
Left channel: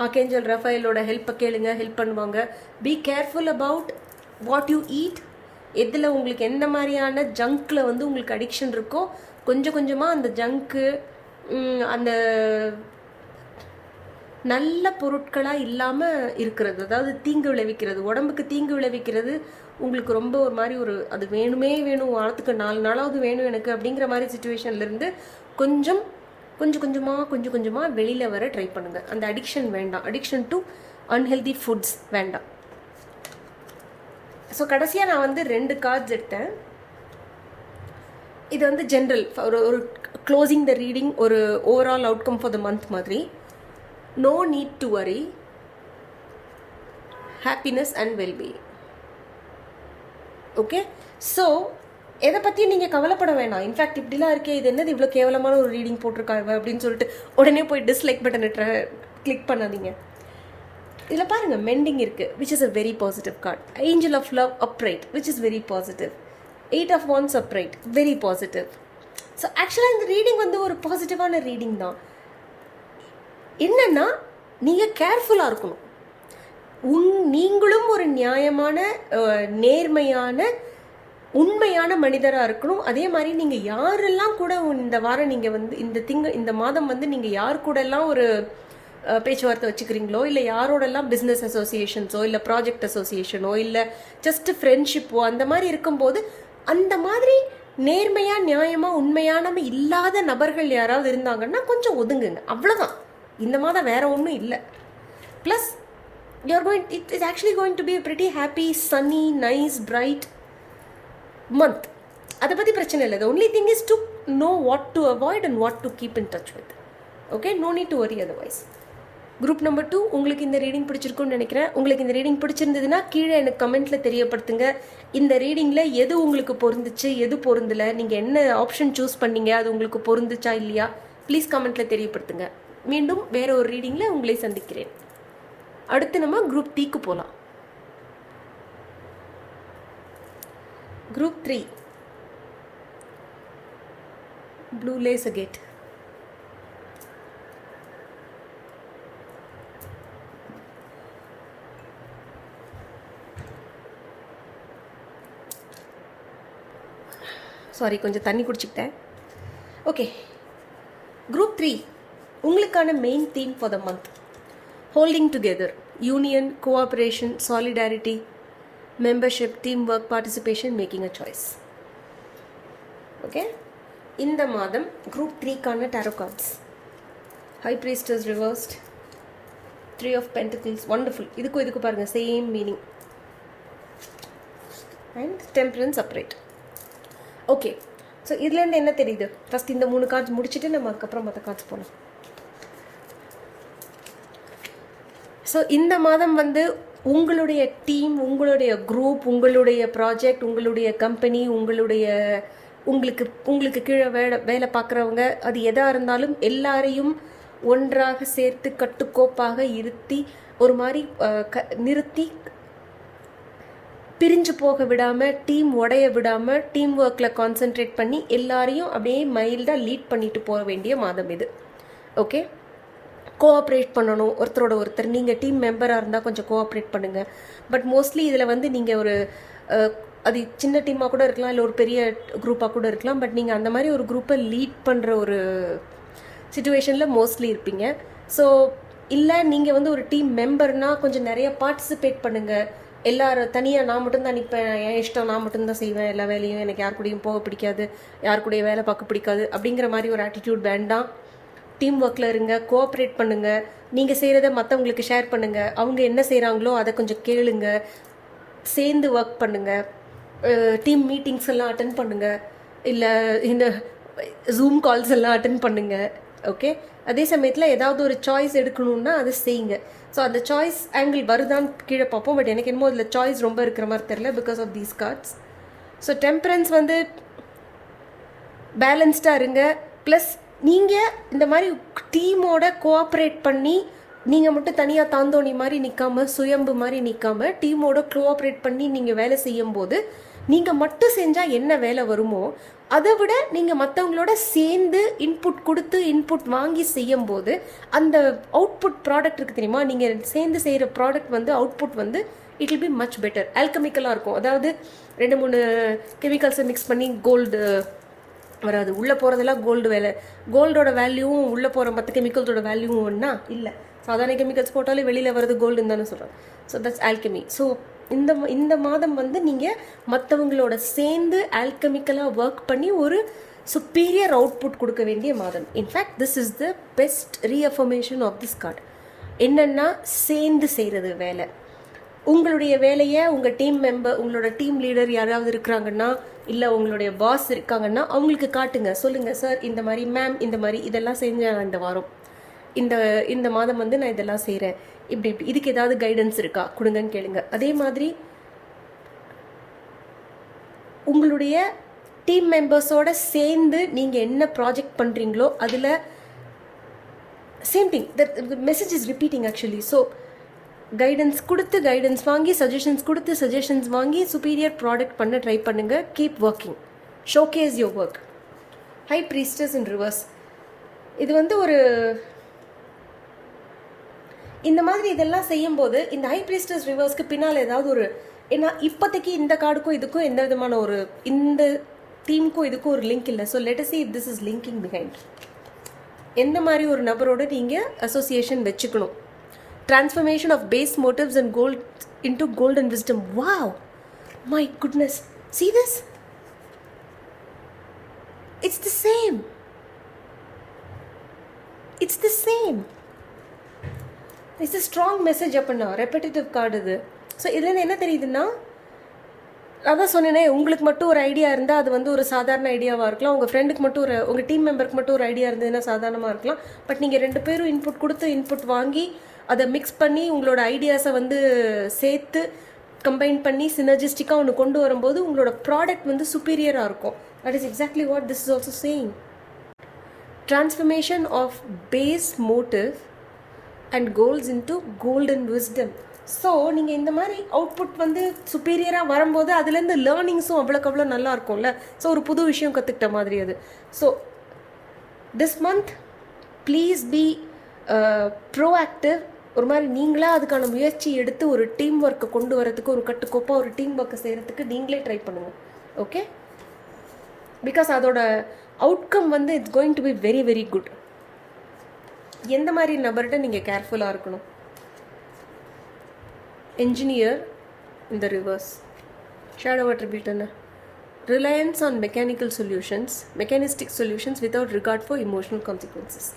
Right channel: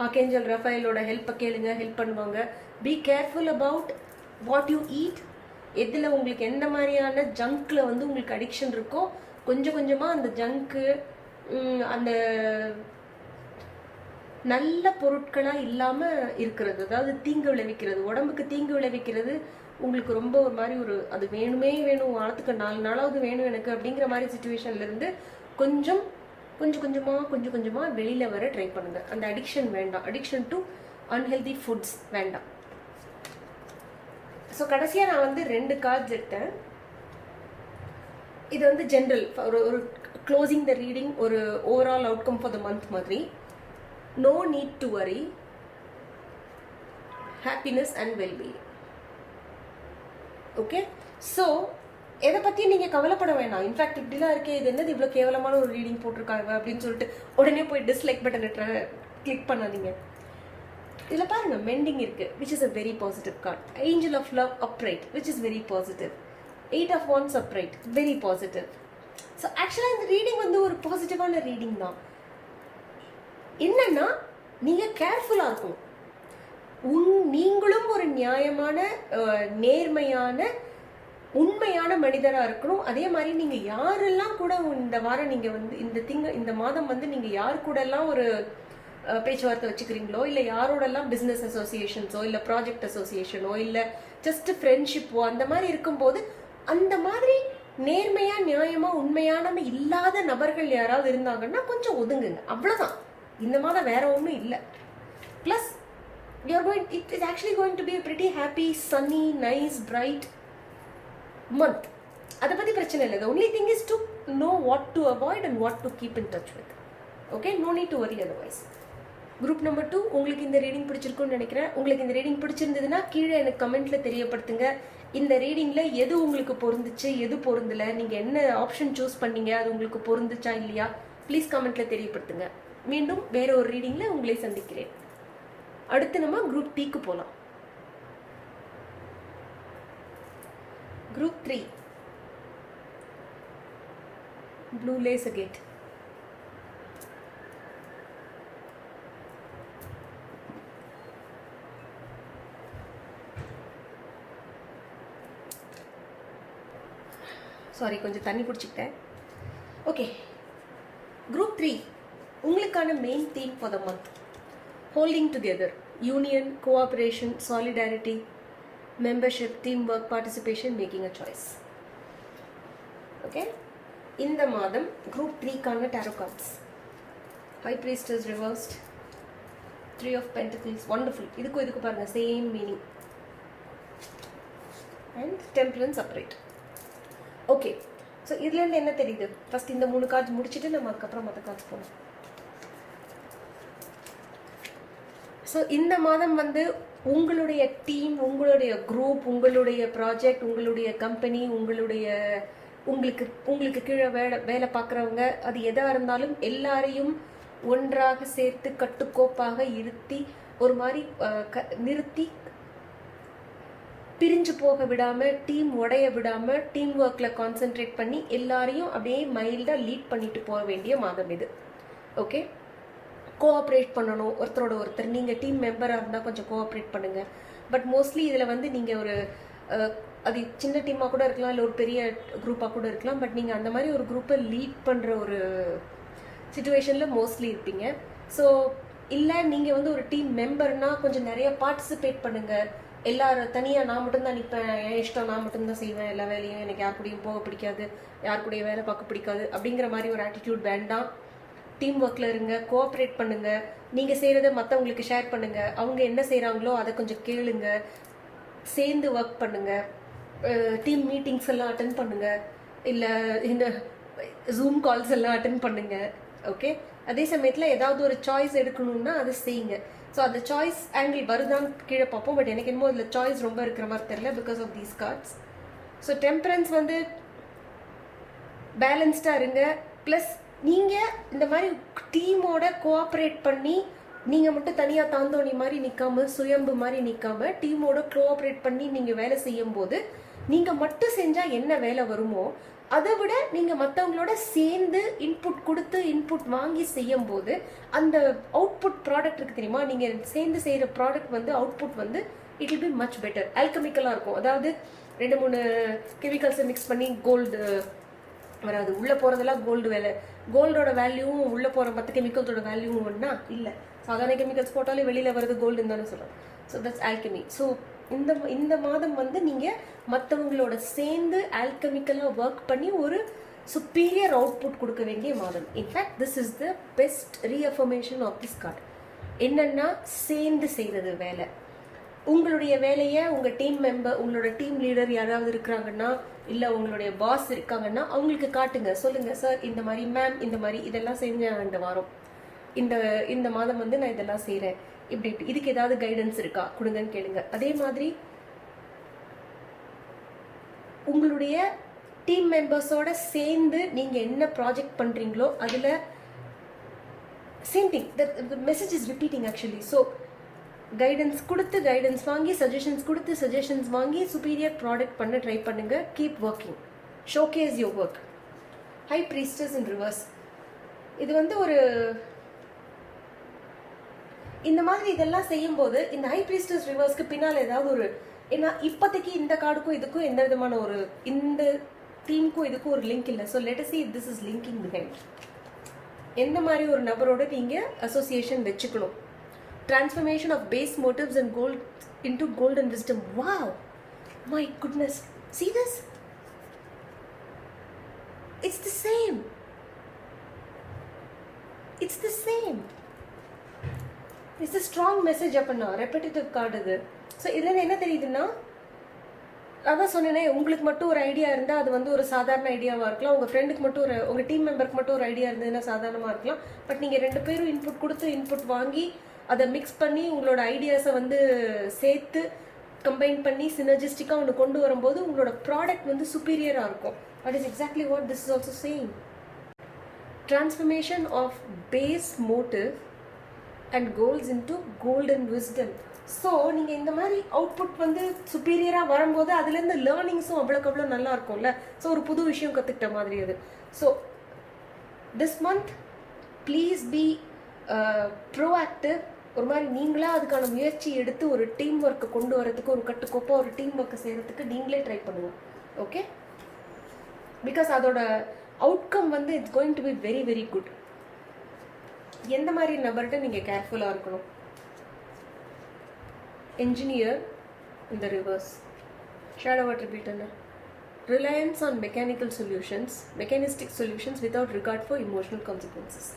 ஆர்கேஞ்சல் ரஃபேலோட ஹெல்ப்பை கேளுங்க, ஹெல்ப் பண்ணுவாங்க. Be careful about what you eat. எதில் உங்களுக்கு எந்த மாதிரியான ஜங்க்கில் வந்து உங்களுக்கு அடிக்ஷன் இருக்கோ கொஞ்சம் கொஞ்சமாக அந்த ஜங்க்கு, அந்த நல்ல பொருட்களாக இல்லாமல் இருக்கிறது, அதாவது தீங்கு விளைவிக்கிறது, உடம்புக்கு தீங்கு விளைவிக்கிறது, உங்களுக்கு ரொம்ப ஒரு மாதிரி ஒரு அது வேணுமே வேணும், வாரத்துக்கு 4 நாளாவது வேணும் எனக்கு அப்படிங்கிற மாதிரி சுச்சுவேஷன்லேருந்து கொஞ்சம் கொஞ்சமாக வெளியில் வர ட்ரை பண்ணுங்கள். அந்த அடிக்ஷன் வேண்டாம், அடிக்ஷன் டு அன்ஹெல்தி ஃபுட்ஸ் வேண்டாம். ஸோ கடைசியாக நான் வந்து 2 கார்ட்ஸ் எடுத்தேன். இது வந்து ஜென்ரல் ஒரு க்ளோசிங் த ரீடிங், ஒரு overall outcome for the month மாதிரி. No need to worry, happiness and wellbeing. Okay, so எதை பற்றியும் நீங்கள் கவலைப்பட வேணாம். இன்ஃபேக்ட் இப்படிலாம் இருக்கே, இது என்னது இவ்வளோ கேவலமான ஒரு ரீடிங் போட்டிருக்காங்க அப்படின்னு சொல்லிட்டு உடனே போய் டிஸ்லைக் பட்டனை கிளிக் பண்ணாதீங்க. இதில் பாருங்கள், மெண்டிங் இருக்குது, which is a very positive card. Angel of love upright, which is very positive. 8 of Wands upright, very positive. So ஆக்சுவலாக இந்த ரீடிங் வந்து ஒரு பாசிட்டிவான ரீடிங் தான். என்னன்னா நீங்கள் கேர்ஃபுல்லாக இருக்கணும். நீங்களும் ஒரு நியாயமான, நேர்மையான, உண்மையான மனிதராக இருக்கணும். அதே மாதிரி நீங்கள் யாரெல்லாம் கூட இந்த வாரம் நீங்கள் வந்து இந்த மாதம் வந்து நீங்கள் யார் கூட எல்லாம் ஒரு பேச்சுவார்த்தை வச்சுக்கிறீங்களோ, இல்லை யாரோடெல்லாம் பிஸ்னஸ் அசோசியேஷன்ஸோ, இல்லை ப்ராஜெக்ட் அசோசியேஷனோ, இல்லை ஜஸ்ட் ஃப்ரெண்ட்ஷிப்போ, அந்த மாதிரி இருக்கும்போது அந்த மாதிரி நேர்மையாக, நியாயமாக, உண்மையானவ இல்லாத நபர்கள் யாராவது இருந்தாங்கன்னா கொஞ்சம் ஒதுங்குங்க, அவ்வளோதான். இந்த மாதம் வேற ஒன்றும் இல்லை. Plus it is actually going to be a pretty happy, sunny, nice, bright month. அதை பற்றி பிரச்சனை இல்லை. The only thing is to know what to avoid and what to keep in touch with. Okay, no need to worry otherwise. Group number 2, உங்களுக்கு இந்த ரீடிங் பிடிச்சிருக்குன்னு நினைக்கிறேன். உங்களுக்கு இந்த ரீடிங் பிடிச்சிருந்ததுன்னா கீழே எனக்கு கமெண்ட்டில் தெரியப்படுத்துங்க. இந்த ரீடிங்கில் எது உங்களுக்கு பொருந்துச்சு, எது பொருந்தலை, நீங்கள் என்ன ஆப்ஷன் சூஸ் பண்ணீங்க, அது உங்களுக்கு பொருந்துச்சா இல்லையா, ப்ளீஸ் கமெண்ட்டில் தெரியப்படுத்துங்க. மீண்டும் வேற ஒரு ரீடிங்கில் உங்களை சந்திக்கிறேன். அடுத்து நம்ம குரூப் Tக்கு போகலாம். Group 3, blue lace agate. Sorry, கொஞ்சம் தண்ணி குடிச்சுக்கிட்டேன். ஓகே, குரூப் 3 உங்களுக்கான main theme for the month: holding together, union, cooperation, solidarity, membership, team work, participation, making a choice. Okay, இந்த மாதம் குரூப் 3க்கான tarot cards: high priestess reversed, 3 of Pentacles, wonderful. இதுக்கு பாருங்கள், same meaning. And temperance upright. Okay, so இதுலேருந்து என்ன தெரியுது? ஃபஸ்ட் இந்த 3 கார்ட்ஸ் முடிச்சுட்டு நம்ம அதுக்கப்புறம் மற்ற கார்ட்ஸ் போகலாம். ஸோ இந்த மாதம் வந்து உங்களுடைய டீம், உங்களுடைய குரூப், உங்களுடைய ப்ராஜெக்ட், உங்களுடைய கம்பெனி, உங்களுக்கு கீழே வேலை பார்க்குறவங்க, அது எதாக இருந்தாலும் எல்லாரையும் ஒன்றாக சேர்த்து கட்டுக்கோப்பாக இருத்தி ஒரு மாதிரி நிறுத்தி பிரிஞ்சு போக விடாமல், டீம் உடைய விடாமல், டீம் ஒர்க்கில் கான்சென்ட்ரேட் பண்ணி எல்லாரையும் அப்படியே மைல்டாக லீட் பண்ணிட்டு போக வேண்டிய மாதம் இது. ஓகே, கோஆப்ரேட் பண்ணணும் ஒருத்தரோட ஒருத்தர். நீங்கள் டீம் மெம்பராக இருந்தால் கொஞ்சம் கோஆப்ரேட் பண்ணுங்கள். பட் மோஸ்ட்லி இதில் வந்து நீங்கள் ஒரு அது சின்ன டீமாக கூட இருக்கலாம், இல்லை ஒரு பெரிய குரூப்பாக கூட இருக்கலாம். பட் நீங்கள் அந்த மாதிரி ஒரு குரூப்பை லீட் பண்ணுற ஒரு சுச்சுவேஷனில் மோஸ்ட்லி இருப்பீங்க. ஸோ இல்லை நீங்கள் வந்து ஒரு டீம் மெம்பர்னால் கொஞ்சம் நிறைய பார்ட்டிசிபேட் பண்ணுங்கள். எல்லாரும் தனியாக நான் மட்டும்தான் நிற்பேன், என் இஷ்டம், நான் மட்டும்தான் செய்வேன் எல்லா வேலையும், எனக்கு யார் கூடயும் போக பிடிக்காது, யார் கூடயும் வேலை பார்க்க பிடிக்காது அப்படிங்கிற மாதிரி ஒரு ஆட்டிடியூட் வேண்டாம். டீம் ஒர்க்கில் இருங்க, கோஆப்ரேட் பண்ணுங்கள். நீங்கள் செய்கிறத மற்றவங்களுக்கு ஷேர் பண்ணுங்கள். அவங்க என்ன செய்கிறாங்களோ அதை கொஞ்சம் கேளுங்க, சேர்ந்து ஒர்க் பண்ணுங்கள். டீம் மீட்டிங்ஸ் எல்லாம் அட்டன் பண்ணுங்கள், இல்லை இந்த ஜூம் கால்ஸ் எல்லாம் அட்டன் பண்ணுங்கள். ஓகே, அதே சமயத்தில் ஏதாவது ஒரு சாய்ஸ் எடுக்கணும்னா அதை செய்யுங்க. ஸோ அந்த சாய்ஸ் ஆங்கிள் வருதான்னு கீழே பார்ப்போம். பட் எனக்கு என்னமோ அதில் சாய்ஸ் ரொம்ப இருக்கிற மாதிரி தெரியல because of these cards. So temperance வந்து பேலன்ஸ்டாக இருங்க. ப்ளஸ் நீங்கள் இந்த மாதிரி டீமோட கோஆப்ரேட் பண்ணி நீங்கள் மட்டும் தனியாக தாந்தோணி மாதிரி நிற்காம, சுயம்பு மாதிரி நிற்காம, டீமோட கோஆப்ரேட் பண்ணி நீங்கள் வேலை செய்யும் போது நீங்கள் மட்டும் செஞ்சால் என்ன வேலை வருமோ அதை விட நீங்கள் மற்றவங்களோட சேர்ந்து இன்புட் கொடுத்து இன்புட் வாங்கி செய்யும் போது அந்த அவுட்புட் ப்ராடக்ட் இருக்குது தெரியுமா, நீங்கள் சேர்ந்து செய்கிற ப்ராடக்ட் வந்து அவுட்புட் வந்து it will be much better. ஆல்கமிக்கலாக இருக்கும். அதாவது 2-3 கெமிக்கல்ஸை மிக்ஸ் பண்ணி கோல்டு வராது. உள்ளே போகிறதெல்லாம் கோல்டு வேலை. கோல்டோட வேல்யூவும் உள்ளே போகிற மற்ற கெமிக்கல்ஸோட வேல்யூவும் ஒன்றா இல்லை. சாதாரண கெமிக்கல்ஸ் போட்டாலே வெளியில் வர்றது கோல்டுன்னு தானே சொல்கிறோம். So that's alchemy. ஸோ இந்த மாதம் வந்து நீங்கள் மற்றவங்களோட சேர்ந்து ஆல்கெமிக்கலாக ஒர்க் பண்ணி ஒரு சுப்பீரியர் அவுட்புட் கொடுக்க வேண்டிய மாதம். In fact this is the best reaffirmation of this card. என்னென்னா சேர்ந்து செய்கிறது வேலை. உங்களுடைய வேலையை உங்கள் டீம் மெம்பர், உங்களோட டீம் லீடர் யாராவது இருக்கிறாங்கன்னா, இல்லை உங்களுடைய பாஸ் இருக்காங்கன்னா அவங்களுக்கு காட்டுங்க. சொல்லுங்கள், சார் இந்த மாதிரி, மேம் இந்த மாதிரி இதெல்லாம் செஞ்சேன் இந்த வாரம், இந்த மாதம் வந்து நான் இதெல்லாம் செய்கிறேன், இப்படி இதுக்கு ஏதாவது கைடன்ஸ் இருக்கா கொடுங்கன்னு கேளுங்க. அதே மாதிரி உங்களுடைய டீம் மெம்பர்ஸோட சேர்ந்து நீங்கள் என்ன ப்ராஜெக்ட் பண்ணுறீங்களோ அதில் same thing, the message is repeating actually. So guidance கொடுத்து கைடன்ஸ் வாங்கி, சஜஷன்ஸ் கொடுத்து சஜஷன்ஸ் வாங்கி சுப்பீரியர் ப்ராடக்ட் பண்ண ட்ரை பண்ணுங்கள். Keep working, showcase your work. High priestess in reverse. இது வந்து ஒரு இந்த மாதிரி இதெல்லாம் செய்யும்போது இந்த ஹை ப்ரீஸ்டர்ஸ் ரிவர்ஸ்க்கு பின்னால் ஏதாவது ஒரு, ஏன்னா இப்போதைக்கு இந்த கார்டுக்கும் இதுக்கும் எந்த விதமான ஒரு, இந்த டீமுக்கும் இதுக்கும் ஒரு லிங்க் இல்லை. So let us see if this is linking behind. எந்த மாதிரி ஒரு நபரோட நீங்கள் அசோசியேஷன் வச்சுக்கணும். Transformation of base motives and gold into golden wisdom. Wow, my goodness, see this, it's the same, it's the same. It's a strong message அப்படின்னா ரெப்படேட்டிவ் கார்டு இது. ஸோ இதுலேருந்து என்ன தெரியுதுன்னா, அதான் சொன்னேனே, உங்களுக்கு மட்டும் ஒரு ஐடியா இருந்தால் அது வந்து ஒரு சாதாரண ஐடியாவாக இருக்கலாம். உங்கள் ஃப்ரெண்டுக்கு மட்டும் ஒரு, உங்கள் டீம் மெம்பருக்கு மட்டும் ஒரு ஐடியா இருந்ததுன்னா சாதாரணமாக இருக்கலாம். பட் நீங்கள் 2 பேரும் இன்புட் கொடுத்து இன்புட் வாங்கி அதை மிக்ஸ் பண்ணி உங்களோட ஐடியாஸை வந்து சேர்த்து கம்பைன் பண்ணி சினர்ஜிஸ்டிக்காக ஒன்று கொண்டு வரும்போது உங்களோட ப்ராடக்ட் வந்து சுப்பீரியராக இருக்கும். That is exactly what this is also saying. Transformation of base motive and goals into golden wisdom. So நீங்கள் இந்த மாதிரி அவுட்புட் வந்து சுப்பீரியராக வரும்போது அதுலேருந்து லேர்னிங்ஸும் அவ்வளோக்கு அவ்வளோ நல்லா இருக்கும்ல. ஸோ ஒரு புது விஷயம் கற்றுக்கிட்ட மாதிரி அது. So this month please be proactive. ஒரு மாதிரி நீங்களாக அதுக்கான முயற்சி எடுத்து ஒரு டீம் ஒர்க்கை கொண்டு வரதுக்கு, ஒரு கட்டுக்கோப்பாக ஒரு டீம் ஒர்க்கை செய்கிறதுக்கு நீங்களே ட்ரை பண்ணுங்கள். ஓகே, பிகாஸ் அதோட அவுட்கம் வந்து it's going to be very very good. எந்த மாதிரி நபர்கிட்ட நீங்கள் கேர்ஃபுல்லாக இருக்கணும். என்ஜினியர் இந்த reverse, shadow attribute, reliance on mechanical solutions, mechanistic solutions without regard for emotional consequences.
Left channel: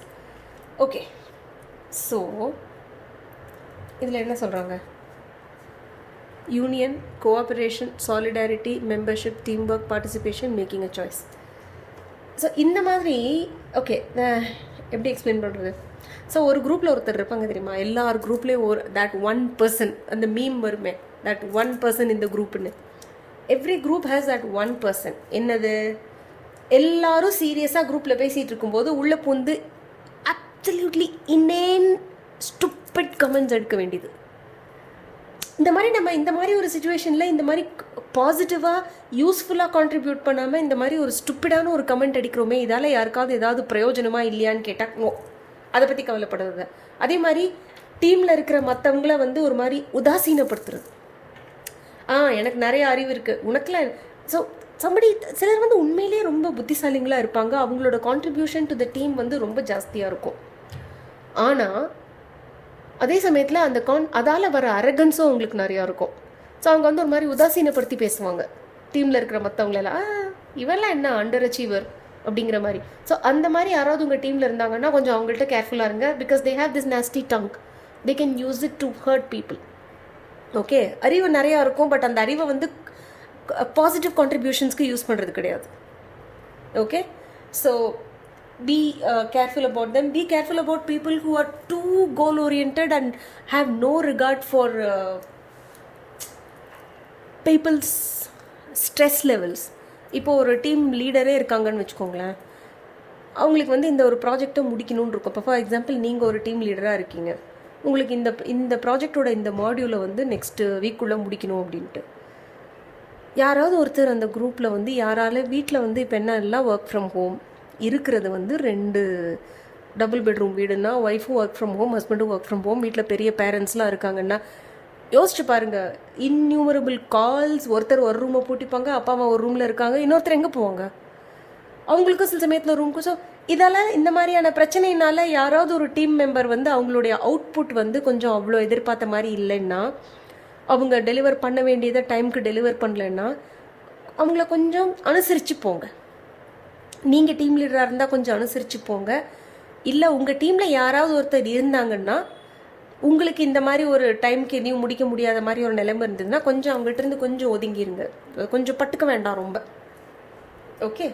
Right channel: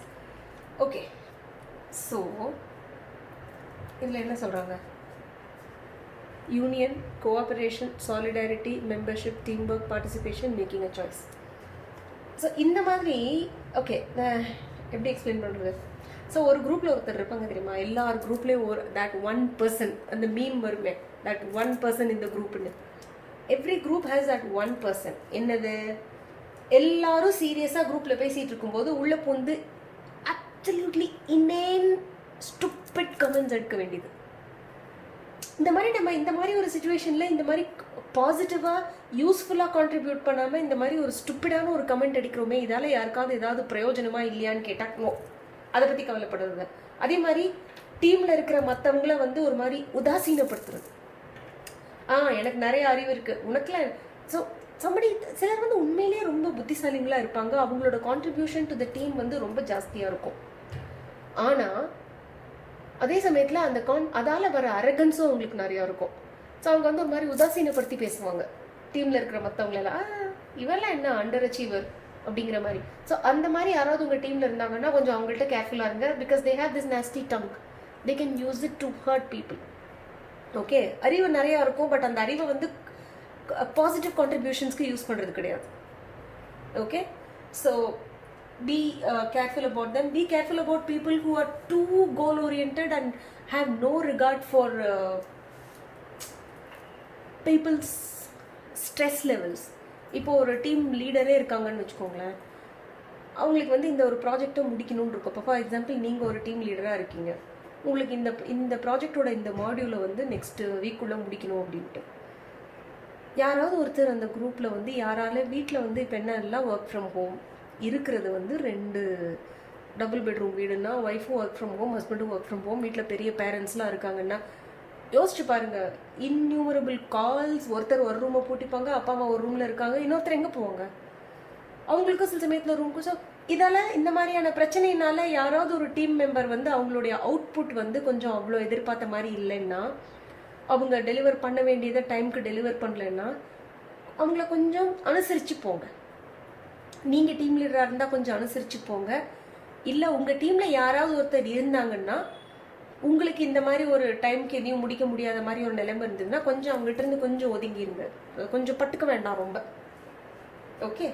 Okay, so இதில் என்ன சொல்கிறாங்க? Union, cooperation, solidarity, membership, team work, participation, making a choice. So இந்த மாதிரி ஓகே எப்படி எக்ஸ்பிளைன் பண்ணுறது? ஸோ ஒரு குரூப்பில் ஒருத்தர் இருப்பாங்க தெரியுமா, எல்லார் குரூப்லேயும் ஒரு தட் ஒன் பர்சன், அந்த மீம் வருமே, தட் ஒன் பர்சன் இந்த குரூப்புன்னு. Every group has that one person. என்னது? எல்லாரும் சீரியஸாக குரூப்பில் பேசிகிட்டு இருக்கும்போது உள்ளே பூந்து அப்சல்யூட்லி இனேன் ஸ்டூப்பிட் கமெண்ட்ஸ் எடுக்க வேண்டியது. இந்த மாதிரி நம்ம இந்த மாதிரி ஒரு சுச்சுவேஷனில் இந்த மாதிரி பாசிட்டிவாக யூஸ்ஃபுல்லாக கான்ட்ரிபியூட் பண்ணாமல் இந்த மாதிரி ஒரு ஸ்டூப்பிடான ஒரு கமெண்ட் அடிக்கிறோமே, இதால் யாருக்காவது ஏதாவது பிரயோஜனமாக இல்லையான்னு கேட்டால் நோ, அதை பற்றி கவலைப்படுறது. அதே மாதிரி டீமில் இருக்கிற மற்றவங்கள வந்து ஒரு மாதிரி உதாசீனப்படுத்துறது. எனக்கு நிறைய அறிவு இருக்குது, உனக்குலாம். ஸோ சம்படி சிலர் வந்து உண்மையிலேயே ரொம்ப புத்திசாலிங்களாக இருப்பாங்க, அவங்களோட கான்ட்ரிபியூஷன் டு த டீம் வந்து ரொம்ப ஜாஸ்தியாக இருக்கும். ஆனால் அதே சமயத்தில் அந்த அதால் வர அரகன்ஸும் அவங்களுக்கு நிறையா இருக்கும். ஸோ அவங்க வந்து ஒரு மாதிரி உதாசீனப்படுத்தி பேசுவாங்க டீமில் இருக்கிற மற்றவங்களெல்லாம். இவெல்லாம் என்ன அண்டர் அச்சீவர் அப்படிங்கிற மாதிரி. ஸோ அந்த மாதிரி யாராவது உங்கள் டீமில் இருந்தாங்கன்னா கொஞ்சம் அவங்கள்ட்ட கேர்ஃபுல்லாக இருங்க. Because they have this nasty tongue, they can use it to hurt people. Okay, அறிவு நிறையா இருக்கும், பட் அந்த அறிவை வந்து பாசிட்டிவ் கான்ட்ரிபியூஷன்ஸ்க்கு யூஸ் பண்ணுறது கிடையாது. Okay, so be careful about them. Be careful about people who are too goal oriented and have no regard for people's stress levels. இப்போ ஒரு டீம் லீடரே இருக்காங்கன்னு வச்சுக்கோங்களேன், அவங்களுக்கு வந்து இந்த ஒரு ப்ராஜெக்டை முடிக்கணும்னு இருக்கும். இப்போ ஃபார் எக்ஸாம்பிள் நீங்கள் ஒரு டீம் லீடராக இருக்கீங்க, உங்களுக்கு இந்த ப்ராஜெக்டோட இந்த மாடியூலை வந்து நெக்ஸ்ட்டு வீக்குள்ளே முடிக்கணும் அப்படின்ட்டு. யாராவது ஒருத்தர் அந்த குரூப்பில் வந்து யாரால வீட்டில் வந்து இப்போ என்ன எல்லாம் ஒர்க் ஃப்ரம் ஹோம் இருக்கிறது வந்து 2 டபுள் பெட்ரூம் வீடுன்னா ஒய்ஃபும் ஒர்க் ஃப்ரம் ஹோம், ஹஸ்பண்டும் ஒர்க் ஃப்ரம் ஹோம், வீட்டில் பெரிய பேரண்ட்ஸ்லாம் இருக்காங்கன்னா யோசிச்சு பாருங்கள், இன்யூமரபிள் கால்ஸ். ஒருத்தர் ஒரு ரூமை பூட்டிப்பாங்க, அப்பா அம்மா ஒரு ரூமில் இருக்காங்க, இன்னொருத்தர் எங்கே போவாங்க? அவங்களுக்கும் சில சமயத்தில் ரூமுக்கும். ஸோ இதெல்லாம் இந்த மாதிரியான பிரச்சனையினால யாராவது ஒரு டீம் மெம்பர் வந்து அவங்களுடைய அவுட்புட் வந்து கொஞ்சம் அவ்வளோ எதிர்பார்த்த மாதிரி இல்லைன்னா, அவங்க டெலிவர் பண்ண வேண்டியதை டைமுக்கு டெலிவர் பண்ணலைன்னா அவங்கள கொஞ்சம் அனுசரித்து போங்க. நீங்கள் டீம் லீடராக இருந்தால் கொஞ்சம் அனுசரித்து போங்க. இல்லை உங்கள் டீமில் யாராவது ஒருத்தர் இருந்தாங்கன்னா, உங்களுக்கு இந்த மாதிரி ஒரு டைமுக்கு எதையும் முடிக்க முடியாத மாதிரி ஒரு நிலைமை இருந்ததுன்னா கொஞ்சம் அவங்கள்ட்ட இருந்து கொஞ்சம் ஒதுங்கிருங்க, கொஞ்சம் பட்டுக்க வேண்டாம் ரொம்ப. ஓகே,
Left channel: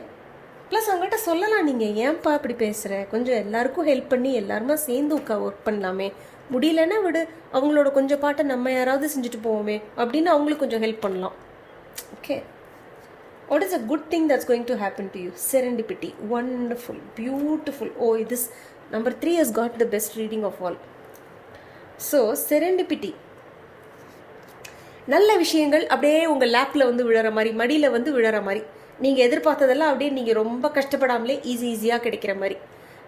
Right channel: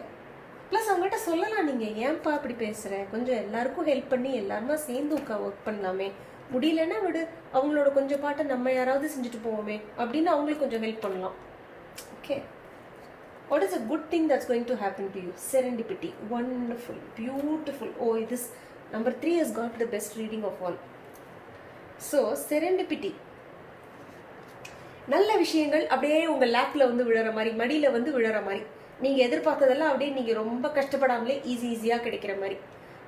ப்ளஸ் அவங்கள்ட்ட சொல்லலாம், நீங்கள் ஏன்ப்பா இப்படி பேசுகிற, கொஞ்சம் எல்லாருக்கும் ஹெல்ப் பண்ணி எல்லாருமா சேர்ந்து ஒர்க் பண்ணலாமே, முடியலன்னா விடு, அவங்களோட கொஞ்சம் பாட்டை நம்ம யாராவது செஞ்சுட்டு போவோமே அப்படின்னு அவங்களுக்கு கொஞ்சம் ஹெல்ப் பண்ணலாம். Okay, what is a good thing that's going to happen to you? Serendipity. Wonderful, beautiful. Oh, this number 3 has got the best reading of all. So serendipity, நல்ல விஷயங்கள் அப்படியே உங்கள் லேப்பில் வந்து விழற மாதிரி, மடியில் வந்து விழற மாதிரி, நீங்கள் எதிர்பார்த்ததெல்லாம் அப்படியே நீங்கள் ரொம்ப கஷ்டப்படாமலே ஈஸியாக கிடைக்கிற மாதிரி.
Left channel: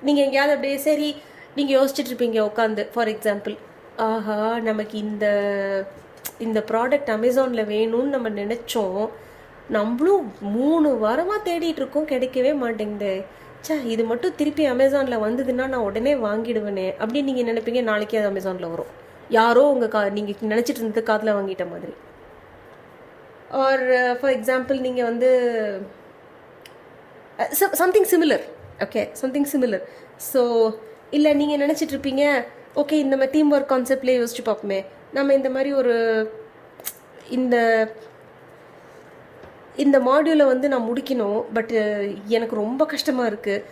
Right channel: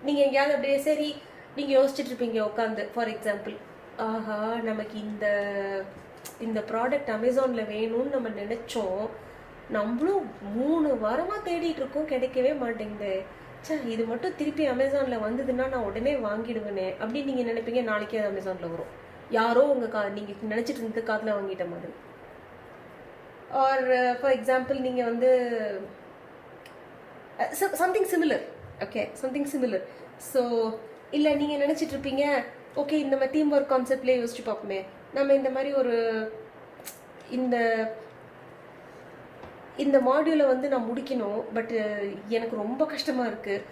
நீங்கள் எங்கேயாவது அப்படியே சரி நீங்கள் யோசிச்சுட்டு இருப்பீங்க உட்காந்து, ஃபார் எக்ஸாம்பிள், ஆஹா நமக்கு இந்த ப்ராடக்ட் அமேசானில் வேணும்னு நம்ம நினச்சோம், நம்மளும் 3 வாரமாக தேடிட்டு இருக்கோம், கிடைக்கவே மாட்டேங்குது, இது மட்டும் திருப்பி அமேசானில் வந்ததுன்னா நான் உடனே வாங்கிடுவேனே அப்படின்னு நீங்கள் நினைப்பீங்க. நாளைக்கே அது அமேசானில் வரும், யாரோ உங்கள் நீங்கள் நினச்சிட்டு இருந்தது காதில் வாங்கிட்ட மாதிரி. ஆர் ஃபார் எக்ஸாம்பிள் நீங்கள் வந்து something similar. Okay, something similar. So இல்லை நீங்கள் நினச்சிட்டு இருப்பீங்க, ஓகே இந்த டீம் ஒர்க் கான்செப்ட்லேயே யோசிச்சு பார்ப்போமே, நம்ம இந்த மாதிரி ஒரு இந்த மாடியூலை வந்து நான் முடிக்கணும், பட் எனக்கு ரொம்ப கஷ்டமாக இருக்குது,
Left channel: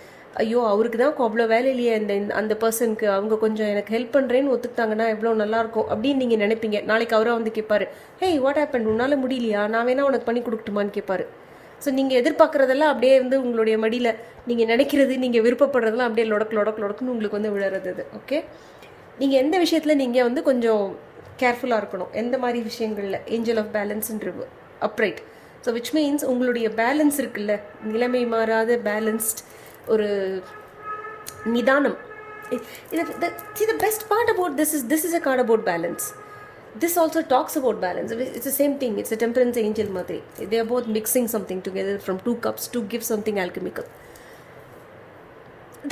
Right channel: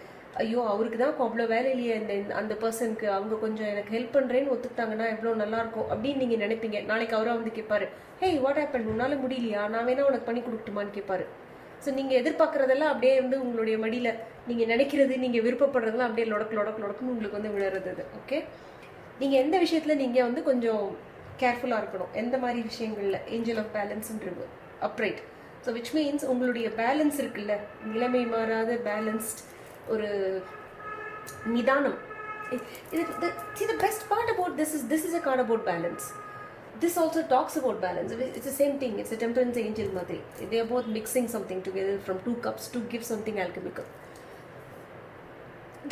ஐயோ அவருக்கு தான் அவ்வளோ வேலை இல்லையே அந்த பர்சனுக்கு, அவங்க கொஞ்சம் எனக்கு ஹெல்ப் பண்ணுறேன்னு ஒத்துக்கிட்டாங்கன்னா எவ்வளோ நல்லாயிருக்கும் அப்படின்னு நீங்கள் நினைப்பீங்க. நாளைக்கு அவராக வந்து கேட்பாரு, ஹே வாட் ஹேப்பன், உன்னால் முடியலையா, நான் வேணா உனக்கு பண்ணி கொடுக்கட்டுமான்னு கேட்பாரு. ஸோ நீங்கள் எதிர்பார்க்குறதெல்லாம் அப்படியே வந்து உங்களுடைய மடியில் நீங்கள் நினைக்கிறது, நீங்கள் விருப்பப்படுறதெல்லாம் அப்படியே லொடக்குன்னு உங்களுக்கு வந்து விழுறது. அது ஓகே, நீங்கள் எந்த விஷயத்தில் நீங்கள் வந்து கொஞ்சம் கேர்ஃபுல்லாக இருக்கணும், எந்த மாதிரி விஷயங்களில். ஏஞ்சல் ஆஃப் பேலன்ஸ்ன்றது அப்ரைட். ஸோ விச் மீன்ஸ் உங்களுடைய பேலன்ஸ் இருக்குல்ல, நிலைமை மாறாத பேலன்ஸ்ட் ஒரு நிதானம். The best part about this is a card about balance. This also talks about balance. It's the same thing. It's a temperance angel madri. They are both mixing something together from 2 cups to give something alchemical.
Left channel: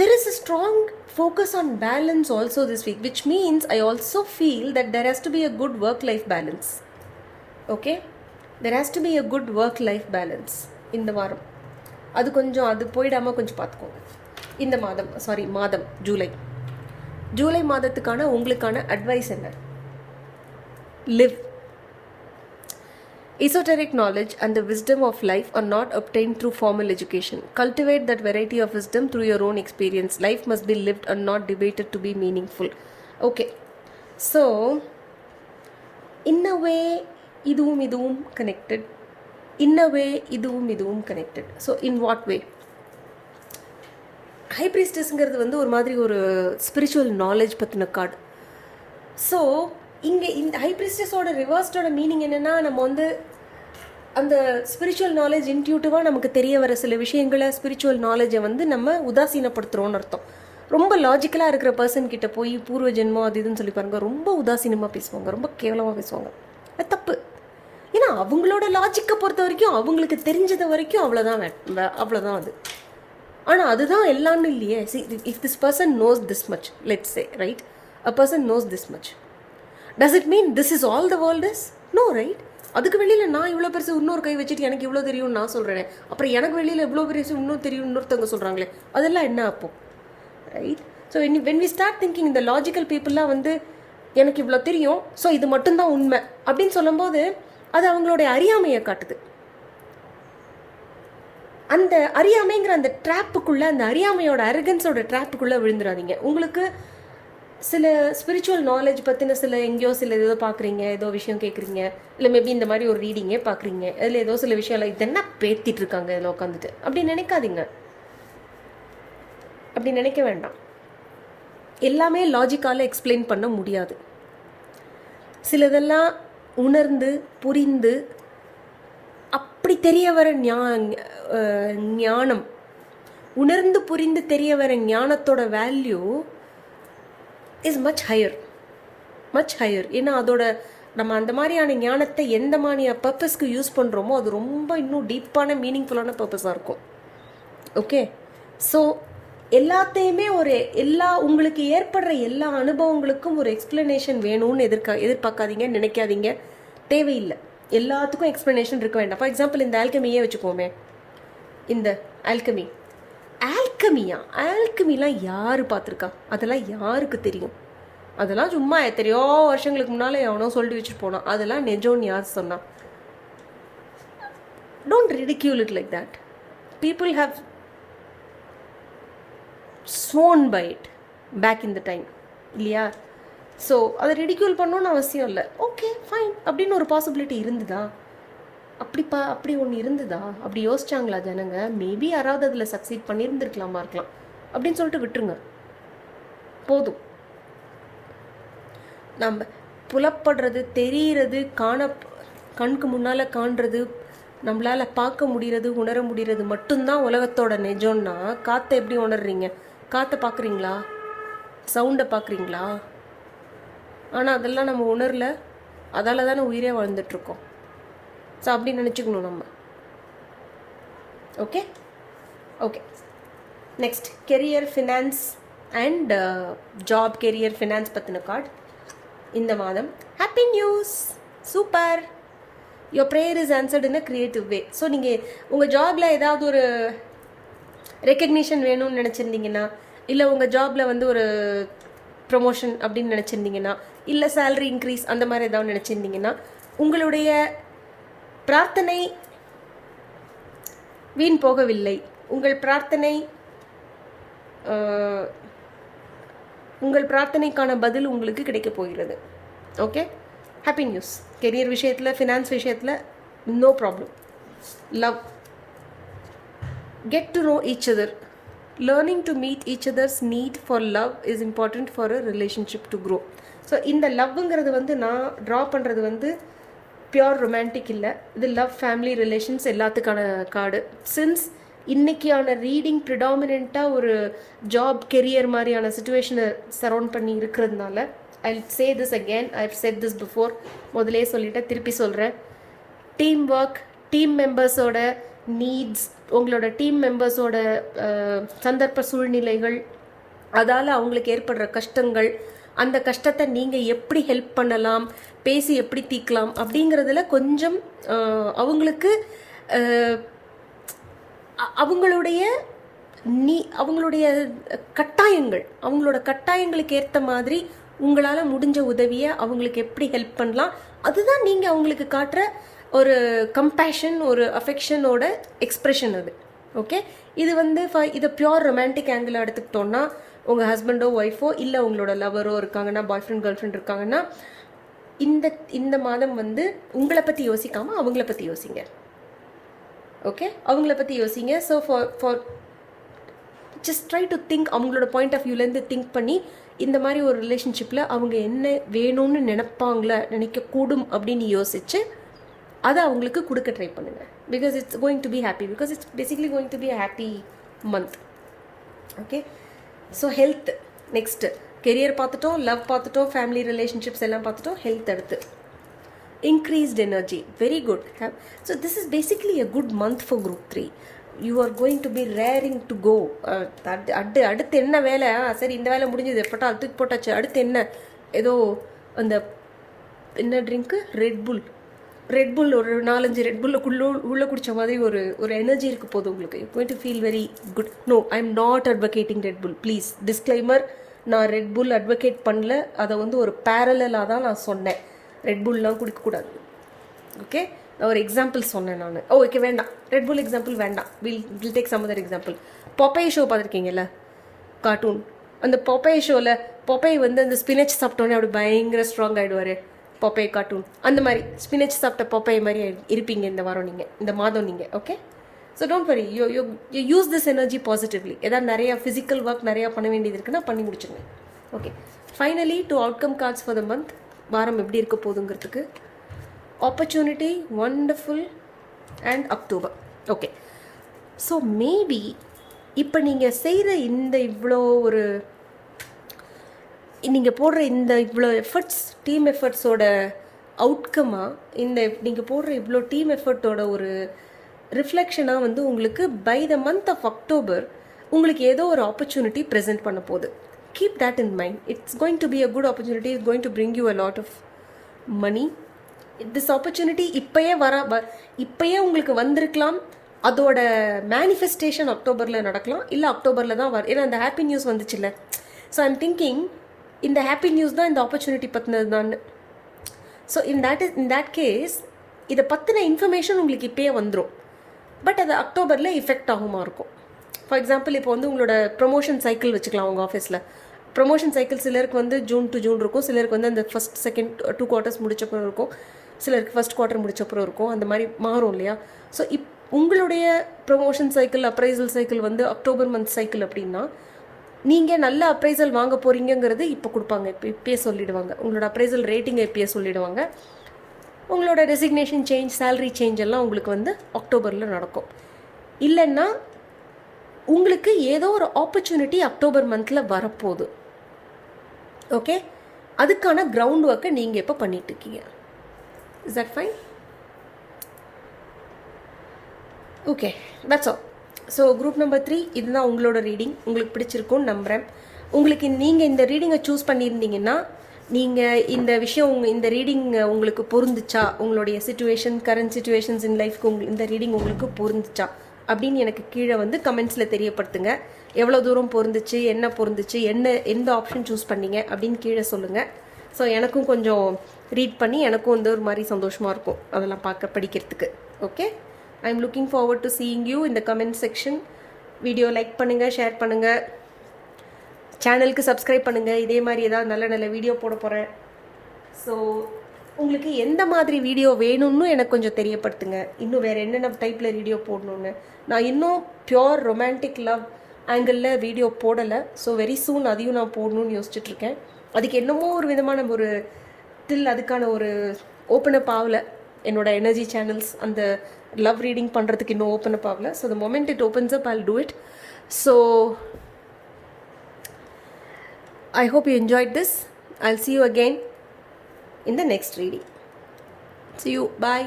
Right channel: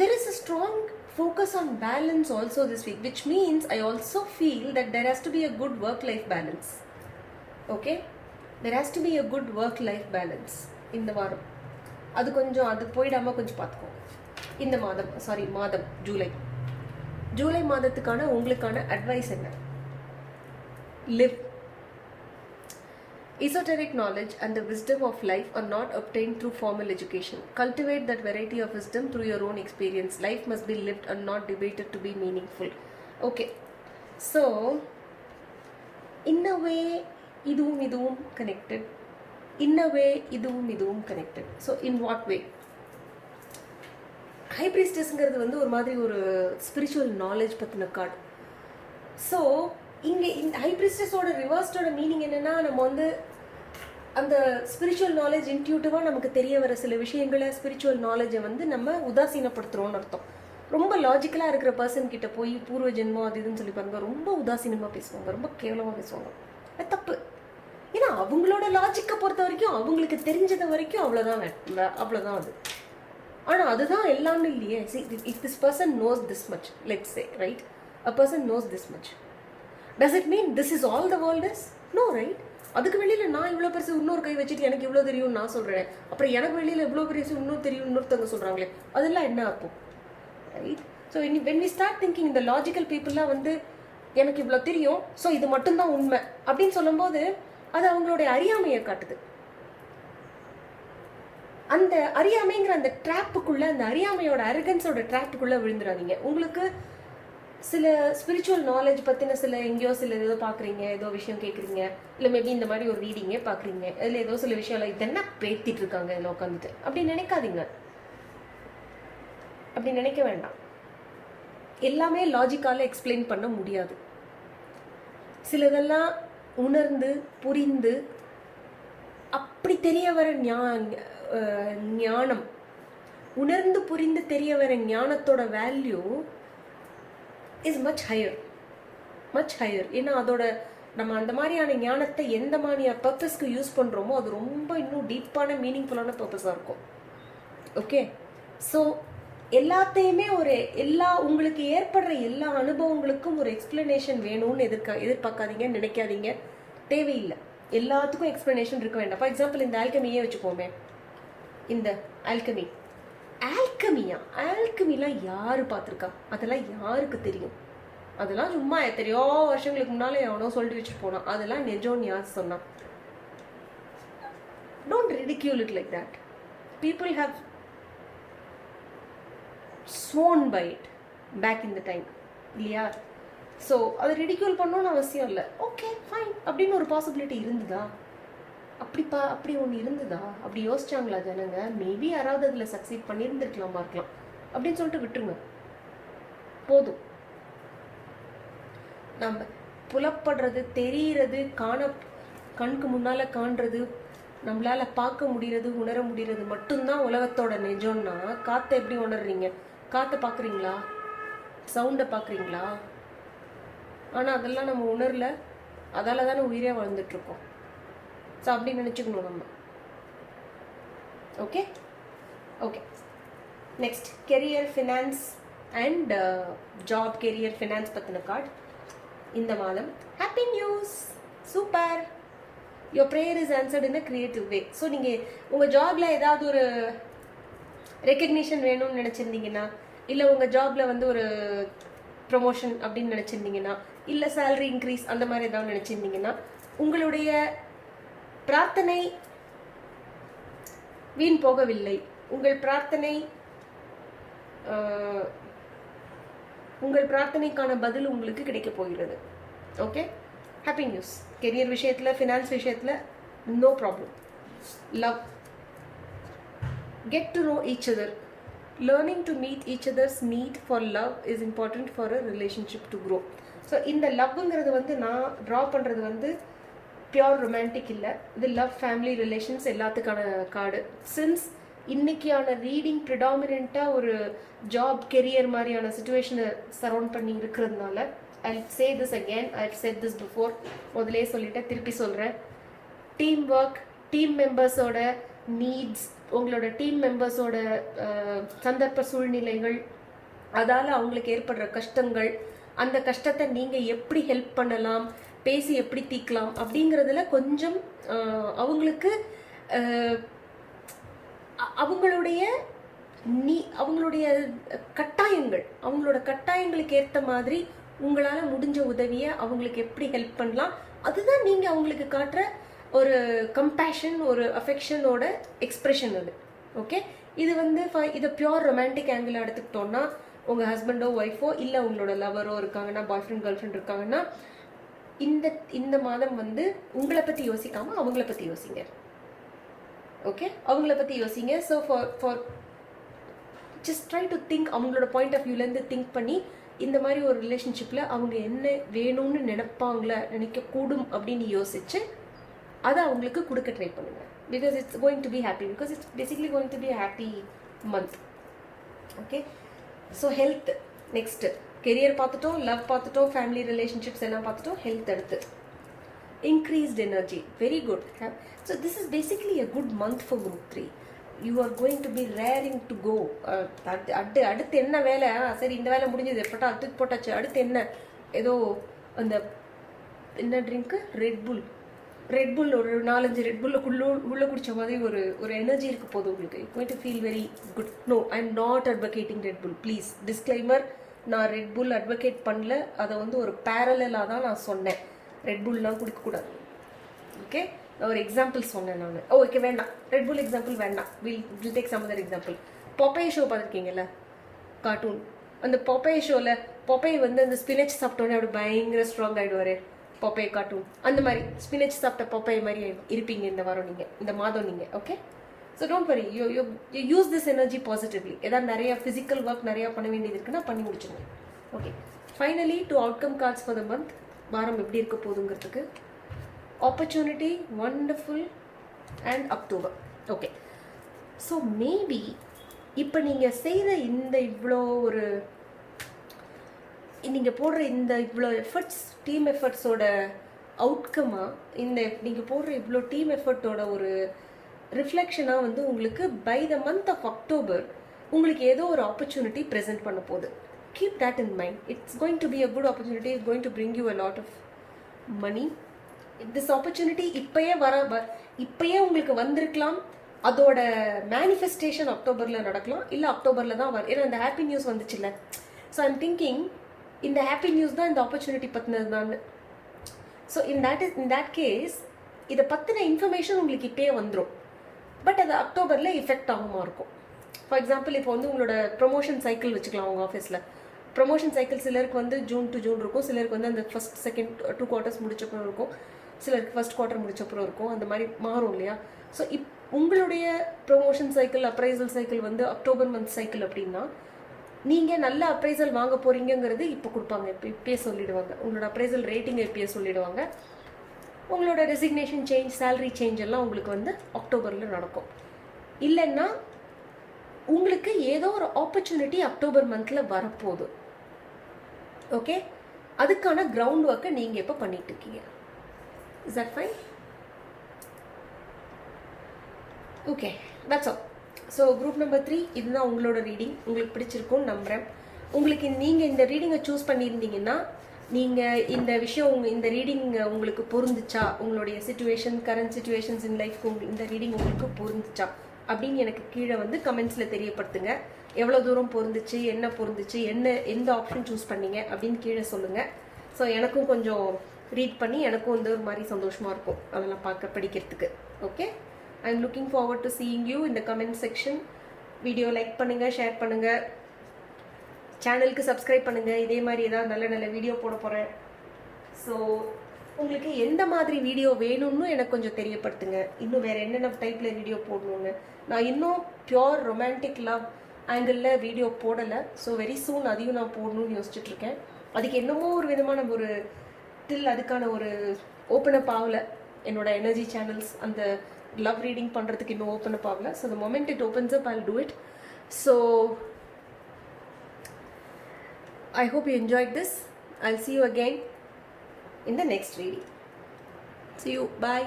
There is a strong focus on balance also this week, which means I also feel that there has to be a good work-life balance. Okay? There has to be a good work-life balance இந்த வாரம். அது கொஞ்சம் அது போயிடாமல் கொஞ்சம் பார்த்துக்கோங்க. இந்த மாதம் ஜூலை மாதத்துக்கான உங்களுக்கான அட்வைஸ் என்ன? Live. Esoteric knowledge and the wisdom of life are not obtained through formal education. Cultivate that variety of wisdom through your own experience. Life must be lived and not debated to be meaningful. Okay. So, in a way, இதுவும் கனெக்டட். இன் அ வே இதுவும் connected. So in what way? High ப்ரீஸ்டஸ்ங்கிறது வந்து ஒரு மாதிரி ஒரு ஸ்பிரிச்சுவல் நாலேஜ் பற்றின கார்டு. ஸோ இங்கே இந்த ஹை ப்ரீஸ்டஸோட ரிவர்ஸ்டோட மீனிங் என்னென்னா, நம்ம வந்து அந்த ஸ்பிரிச்சுவல் நாலேஜ் இன்ட்யூட்டிவாக நமக்கு தெரிய வர சில விஷயங்களை, ஸ்பிரிச்சுவல் நாலேஜை வந்து நம்ம உதாசீனப்படுத்துகிறோன்னு அர்த்தம். ரொம்ப லாஜிக்கலாக இருக்கிற பர்சன் கிட்ட போய் பூர்வ ஜென்மம் அது இதுன்னு சொல்லி பாருங்க, ரொம்ப உதாசீனமாக பேசுவாங்க, ரொம்ப கேவலமாக பேசுவாங்க. அது தப்பு. ஏன்னா அவங்களோட லாஜிக்கை பொறுத்த வரைக்கும் அவங்களுக்கு தெரிஞ்சது வரைக்கும் அவ்வளோதான் அவ்வளோதான் அது. ஆனால் அதுதான் எல்லாமே இல்லையே. See, if this person knows this much, let's say, right, a person knows this much, does it mean this is all the world is? No, right. அதுக்கு வெளியில் நான் இவ்வளோ பெருசு இன்னொரு கை வச்சுட்டு எனக்கு இவ்வளோ தெரியும்னு நான் சொல்கிறேன், அப்புறம் எனக்கு வெளியில் இவ்வளோ பெருசு இன்னும் தெரியும் இன்னொருத்தவங்க சொல்கிறாங்களே, அதெல்லாம் என்ன அப்போ, right? So when we start thinking, இந்த லாஜிக்கல் பீப்புளெலாம் வந்து எனக்கு இவ்வளோ தெரியும், ஸோ இது மட்டும்தான் உண்மை அப்படின்னு சொல்லும்போது அது அவங்களுடைய அறியாமையை காட்டுது. அந்த அறியாமைங்கிற அந்த ட்ராப்புக்குள்ளே, அந்த அறியாமையோட அரகன்ஸோட ட்ராப்புக்குள்ளே விழுந்துடாதீங்க. உங்களுக்கு சில ஸ்பிரிச்சுவல் நாலேஜ் பற்றின சில எங்கேயோ சில ஏதோ பார்க்குறீங்க, ஏதோ விஷயம் கேட்குறீங்க, இல்லை மேபி இந்த மாதிரி ஒரு ரீடிங்கே பார்க்குறீங்க, அதில் ஏதோ சில விஷயம் இல்லை இதென்ன பேத்திட்டு இருக்காங்க இதில் உட்காந்துட்டு அப்படி நினைக்காதீங்க. அப்படி நினைக்க வேண்டாம். எல்லாமே லாஜிக்கால எக்ஸ்பிளைன் பண்ண முடியாது. சிலதெல்லாம் உணர்ந்து புரிந்து அப்படி தெரிய வர ஞானம், உணர்ந்து புரிந்து தெரிய வர ஞானத்தோட value is much higher, much higher. ஏன்னா அதோட நம்ம அந்த மாதிரியான ஞானத்தை எந்த மாதிரியான பர்பஸ்க்கு யூஸ் பண்ணுறோமோ அது ரொம்ப இன்னும் டீப்பான மீனிங்ஃபுல்லான பர்பஸாக இருக்கும். ஓகே, ஸோ எல்லாத்தையுமே உங்களுக்கு ஏற்படுற எல்லா அனுபவங்களுக்கும் ஒரு எக்ஸ்பிளனேஷன் வேணும்னு எதிர்பார்க்காதீங்க, நினைக்காதீங்க, தேவையில்லை. எல்லாத்துக்கும் எக்ஸ்பிளனேஷன் இருக்க வேண்டாம். ஃபார் எக்ஸாம்பிள் இந்த ஆல்கமியே வச்சுக்கோமே, இந்த ஆல்கமிலாம் யார் பார்த்துருக்கா? அதெல்லாம் யாருக்கு தெரியும்? அதெல்லாம் சும்மா எத்தனையோ வருஷங்களுக்கு முன்னாலே எவனோ சொல்லிட்டு வச்சுட்டு போனான், அதெல்லாம் நிஜம்னு யார் சொன்னா? Don't ridicule it like that. People have sworn by it back in the time, இல்லையா? ஸோ அதை ரிடிக்யூல் பண்ணணும்னு அவசியம் இல்லை. ஓகே, ஃபைன் அப்படின்னு ஒரு பாசிபிலிட்டி இருந்துதா? அப்படி ஒன்று இருந்துதா? அப்படி யோசிச்சாங்களா ஜனங்க? மேபி யாராவது அதில் சக்சீட் பண்ணியிருந்துருக்கலாமா இருக்கலாம் அப்படின்னு சொல்லிட்டு விட்டுருங்க, போதும். நம்ம புலப்படுறது, தெரிகிறது, கண்ணுக்கு முன்னால் காண்றது, நம்மளால் பார்க்க முடிகிறது, உணர முடிகிறது மட்டும்தான் உலகத்தோட நிஜம்னா காற்றை எப்படி உணர்றீங்க? காற்றை பார்க்குறீங்களா? சவுண்டை பார்க்குறீங்களா? ஆனால் அதெல்லாம் நம்ம உணரல, அதால் தானே உயிரே வாழ்ந்துட்டுருக்கோம். ஸோ அப்படி நினச்சிக்கணும் நம்ம. Okay okay, next career, finance and job. Career, finance பற்றின கார்டு இந்த மாதம். Happy news, super. Your prayer is answered in a creative way. So நீங்கள் உங்கள் ஜாபில் ஏதாவது ஒரு ரெக்கக்னிஷன் வேணும்னு நினச்சிருந்தீங்கன்னா, இல்லை உங்கள் ஜாபில் வந்து ஒரு ப்ரமோஷன் அப்படின்னு நினச்சிருந்தீங்கன்னா, இல்லை சேலரி இன்க்ரீஸ் அந்த மாதிரி ஏதாவது நினச்சிருந்தீங்கன்னா, உங்களுடைய பிரார்த்தனை வீண் போகவில்லை. உங்கள் பிரார்த்தனைக்கான பதில் உங்களுக்கு கிடைக்கப் போகிறது. Okay, happy news. கெரியர் விஷயத்தில், ஃபினான்ஸ் விஷயத்தில் no problem. Love, get to know each other. Learning to meet each other's need for love is important for a relationship to grow. So இந்த லவ்ங்கிறது வந்து நான் ட்ரா பண்ணுறது வந்து பியோர் ரொமான்டிக் இல்லை, இது லவ், ஃபேமிலி, ரிலேஷன்ஸ் எல்லாத்துக்கான கார்டு. சின்ஸ் இன்றைக்கியான ரீடிங் ப்ரிடாமினெண்ட்டாக ஒரு ஜாப், கெரியர் மாதிரியான சுச்சுவேஷனை சரௌண்ட் பண்ணி இருக்கிறதுனால, I say this again, I have said this before, முதலே சொல்லிட்டேன், திருப்பி சொல்கிறேன். டீம் ஒர்க், டீம் மெம்பர்ஸோட நீட்ஸ், உங்களோட டீம் மெம்பர்ஸோட சந்தர்ப்ப சூழ்நிலைகள், அதால் அவங்களுக்கு ஏற்படுற கஷ்டங்கள், அந்த கஷ்டத்தை நீங்கள் எப்படி ஹெல்ப் பண்ணலாம், பேசி எப்படி தீர்க்கலாம் அப்படிங்கிறதுல கொஞ்சம் அவங்களுக்கு அவங்களுடைய கட்டாயங்களுக்கு ஏற்ற மாதிரி உங்களால் முடிஞ்ச உதவியை அவங்களுக்கு எப்படி ஹெல்ப் பண்ணலாம், அதுதான் நீங்கள் அவங்களுக்கு காட்டுற ஒரு கம்பேஷன், ஒரு அஃபெக்ஷனோட எக்ஸ்ப்ரெஷன் அது. ஓகே, இது வந்து இதை பியோர் ரொமான்டிக் ஆங்கிள் எடுத்துக்கிட்டோன்னா, உங்கள் ஹஸ்பண்டோ ஒய்ஃபோ இல்லை உங்களோட லவரோ இருக்காங்கன்னா, பாய் ஃப்ரெண்ட் கேர்ள் ஃப்ரெண்ட் இருக்காங்கன்னா, இந்த மாதம் வந்து உங்களை பற்றி யோசிக்காமல் அவங்கள பற்றி யோசிங்க. ஓகே, அவங்கள பற்றி யோசிங்க. So for just try to think, அவங்களோட பாயிண்ட் ஆஃப் வியூலேருந்து திங்க் பண்ணி இந்த மாதிரி ஒரு ரிலேஷன்ஷிப்பில் அவங்க என்ன வேணும்னு நினைக்கக்கூடும் அப்படின்னு யோசிச்சு அதை அவங்களுக்கு கொடுக்க ட்ரை பண்ணுங்க. Because it's going to be happy, because it's basically going to be a happy month. Okay, so health next. Career பார்த்துட்டோம், லவ் பார்த்துட்டோம், ஃபேமிலி ரிலேஷன்ஷிப்ஸ் எல்லாம் பார்த்துட்டோம், ஹெல்த் அடுத்து. increased energy. Very good. So this is basically a good month for group 3. You are going to be raring to go. அடுத்து என்ன வேலை, சரி இந்த வேலை முடிஞ்சது எப்பட்டா தூக்கி போட்டாச்சு, அடுத்து என்ன, ஏதோ அந்த என்ன ட்ரிங்க்கு, ரெட்புல் ஒரு 4-5 ரெட்புல்லுக்குள்ளே உள்ளே குடித்த மாதிரி ஒரு எனர்ஜி இருக்க போதும் உங்களுக்கு. Going to feel very good. No, I am not advocating Red Bull, please disclaimer. நான் ரெட்புல் அட்வொகேட் பண்ணல, அதை வந்து ஒரு பேரலாக தான் நான் சொன்னேன். ரெட்புல்லாம் குடிக்கக்கூடாது. ஓகே, நான் ஒரு எக்ஸாம்பிள் சொன்னேன் நான். ஓகே, வேண்டாம், ரெட்புல் எக்ஸாம்பிள் வேண்டாம். Will take some other example. Popeye show பார்த்துருக்கீங்கல்ல, கார்ட்டூன். அந்த பொப்பை ஷோவில் பொப்பை வந்து அந்த ஸ்பினச் சாப்பிட்டோன்னே அப்படி பயங்கர ஸ்ட்ராங் ஆகிடுவார். பொப்பை கார்ட்டூன் அந்த மாதிரி ஸ்பினச் சாப்பிட்ட பொப்பை மாதிரி இருப்பீங்க இந்த வாரம் நீங்கள், இந்த மாதம் நீங்கள். Okay, so don't worry, you use this energy positively. ஏதாவது நிறையா ஃபிசிக்கல் ஒர்க் நிறையா பண்ண வேண்டியது இருக்குன்னா பண்ணி முடிச்சுங்க. Okay, finally to outcome cards for the month. வாரம் எப்படி இருக்க போகுதுங்கிறதுக்கு opportunity, wonderful and October. Okay, so maybe இப்போ நீங்கள் செய்கிற இந்த இவ்வளோ ஒரு நீங்கள் போடுற இந்த இவ்வளோ எஃபர்ட்ஸ், டீம் எஃபர்ட்ஸோட அவுட்கமாக, இந்த நீங்கள் போடுற இவ்வளோ டீம் எஃபர்ட்டோட ஒரு ரிஃப்ளெக்ஷனாக வந்து உங்களுக்கு by the month of October உங்களுக்கு ஏதோ ஒரு ஆப்பர்ச்சுனிட்டி ப்ரெசென்ட் பண்ண போகுது. Keep that in mind. It's going to be a good opportunity. It's going to bring you a lot of money. This opportunity இப்போயே உங்களுக்கு வந்திருக்கலாம். அதோட மேனிஃபெஸ்டேஷன் அக்டோபரில் நடக்கலாம், இல்லை அக்டோபரில் தான் ஏன்னா அந்த ஹாப்பி நியூஸ் வந்துச்சுல்ல. ஸோ ஐம் திங்கிங் இந்த ஹாப்பி நியூஸ் தான் இந்த ஆப்பர்ச்சுனிட்டி பற்றினது தான். ஸோ இன் தேட் கேஸ் இதை பற்றின இன்ஃபர்மேஷன் உங்களுக்கு இப்போயே வந்துடும். பட் அது அக்டோபரில் எஃபெக்ட் ஆகுமா இருக்கும். ஃபார் எக்ஸாம்பிள், இப்போ வந்து உங்களோட ப்ரொமோஷன் சைக்கிள் வச்சுக்கலாம் உங்கள் ஆஃபீஸில். ப்ரொமோஷன் சைக்கிள் சிலருக்கு வந்து ஜூன் டு ஜூன் இருக்கும், சிலருக்கு வந்து அந்த ஃபஸ்ட் செகண்ட் 2 குவார்ட்டர்ஸ் முடிச்சப்பறம் இருக்கும், சிலருக்கு ஃபஸ்ட் குவார்ட்டர் முடிச்சப்பறம் இருக்கும். அந்த மாதிரி மாறும் இல்லையா. ஸோ உங்களுடைய ப்ரொமோஷன் சைக்கிள், அப்ரைசல் சைக்கிள் வந்து அக்டோபர் மந்த் சைக்கிள் அப்படின்னா நீங்கள் நல்ல அப்ரைசல் வாங்க போகிறீங்கிறது இப்போ கொடுப்பாங்க, இப்பயே சொல்லிவிடுவாங்க. உங்களோட அப்ரைசல் ரேட்டிங்கை இப்பயே சொல்லிவிடுவாங்க. உங்களோட ரெசிக்னேஷன் சேஞ்ச், சேலரி சேஞ்ச் எல்லாம் உங்களுக்கு வந்து அக்டோபரில் நடக்கும். இல்லைன்னா உங்களுக்கு ஏதோ ஒரு ஆப்பர்ச்சுனிட்டி அக்டோபர் மந்தில் வரப்போகுது. ஓகே, அதுக்கான கிரவுண்ட் ஒர்க்கை நீங்கள் இப்போ பண்ணிட்டு இருக்கீங்க. Is that fine? Okay, that's all. So group number 3 இதுதான் உங்களோட ரீடிங். உங்களுக்கு பிடிச்சிருக்கும்னு நம்புகிறேன். உங்களுக்கு நீங்கள் இந்த ரீடிங்கை சூஸ் பண்ணியிருந்தீங்கன்னா, நீங்கள் இந்த விஷயம் இந்த ரீடிங் உங்களுக்கு பொருந்துச்சா, உங்களுடைய சிச்சுவேஷன், கரண்ட் சிச்சுவேஷன்ஸ் இன் லைஃப்க்கு இந்த ரீடிங் உங்களுக்கு பொருந்துச்சா அப்படின்னு எனக்கு கீழே வந்து கமெண்ட்ஸில் தெரியப்படுத்துங்க. எவ்வளோ தூரம் பொருந்துச்சு, என்ன பொருந்துச்சு, எந்த ஆப்ஷன் சூஸ் பண்ணீங்க அப்படின்னு கீழே சொல்லுங்கள். ஸோ எனக்கும் கொஞ்சம் ரீட் பண்ணி எனக்கும் வந்து ஒரு மாதிரி சந்தோஷமாக இருக்கும் அதெல்லாம் படிக்கிறதுக்கு. Okay, I am looking forward to seeing you in the comment section. Video like பண்ணுங்கள், ஷேர் பண்ணுங்கள், சேனலுக்கு சப்ஸ்கிரைப் பண்ணுங்கள். இதே மாதிரி ஏதாவது நல்ல வீடியோ போட போகிறேன். ஸோ உங்களுக்கு எந்த மாதிரி வீடியோ வேணும்னு எனக்கு கொஞ்சம் தெரியப்படுத்துங்க. இன்னும் வேறு என்னென்ன டைப்பில் வீடியோ போடணுன்னு. நான் இன்னும் பியோர் ரொமான்டிக் லவ் ஆங்கிளில் வீடியோ போடலை. ஸோ வெரி சூன் அதையும் நான் போடணும்னு யோசிச்சுட்ருக்கேன். அதுக்கு என்னமோ ஒரு விதமான ஒரு அதுக்கான ஒரு ஓப்பன் அப் ஆகலை. என்னோட எனர்ஜி சேனல்ஸ் அந்த love reading பண்றதுக்கு இன்னும் ஓப்பன் அப் ஆகல. So the moment it opens up, I'll do it. So I hope you enjoyed this. I'll see you again in the next reading. See you. Bye.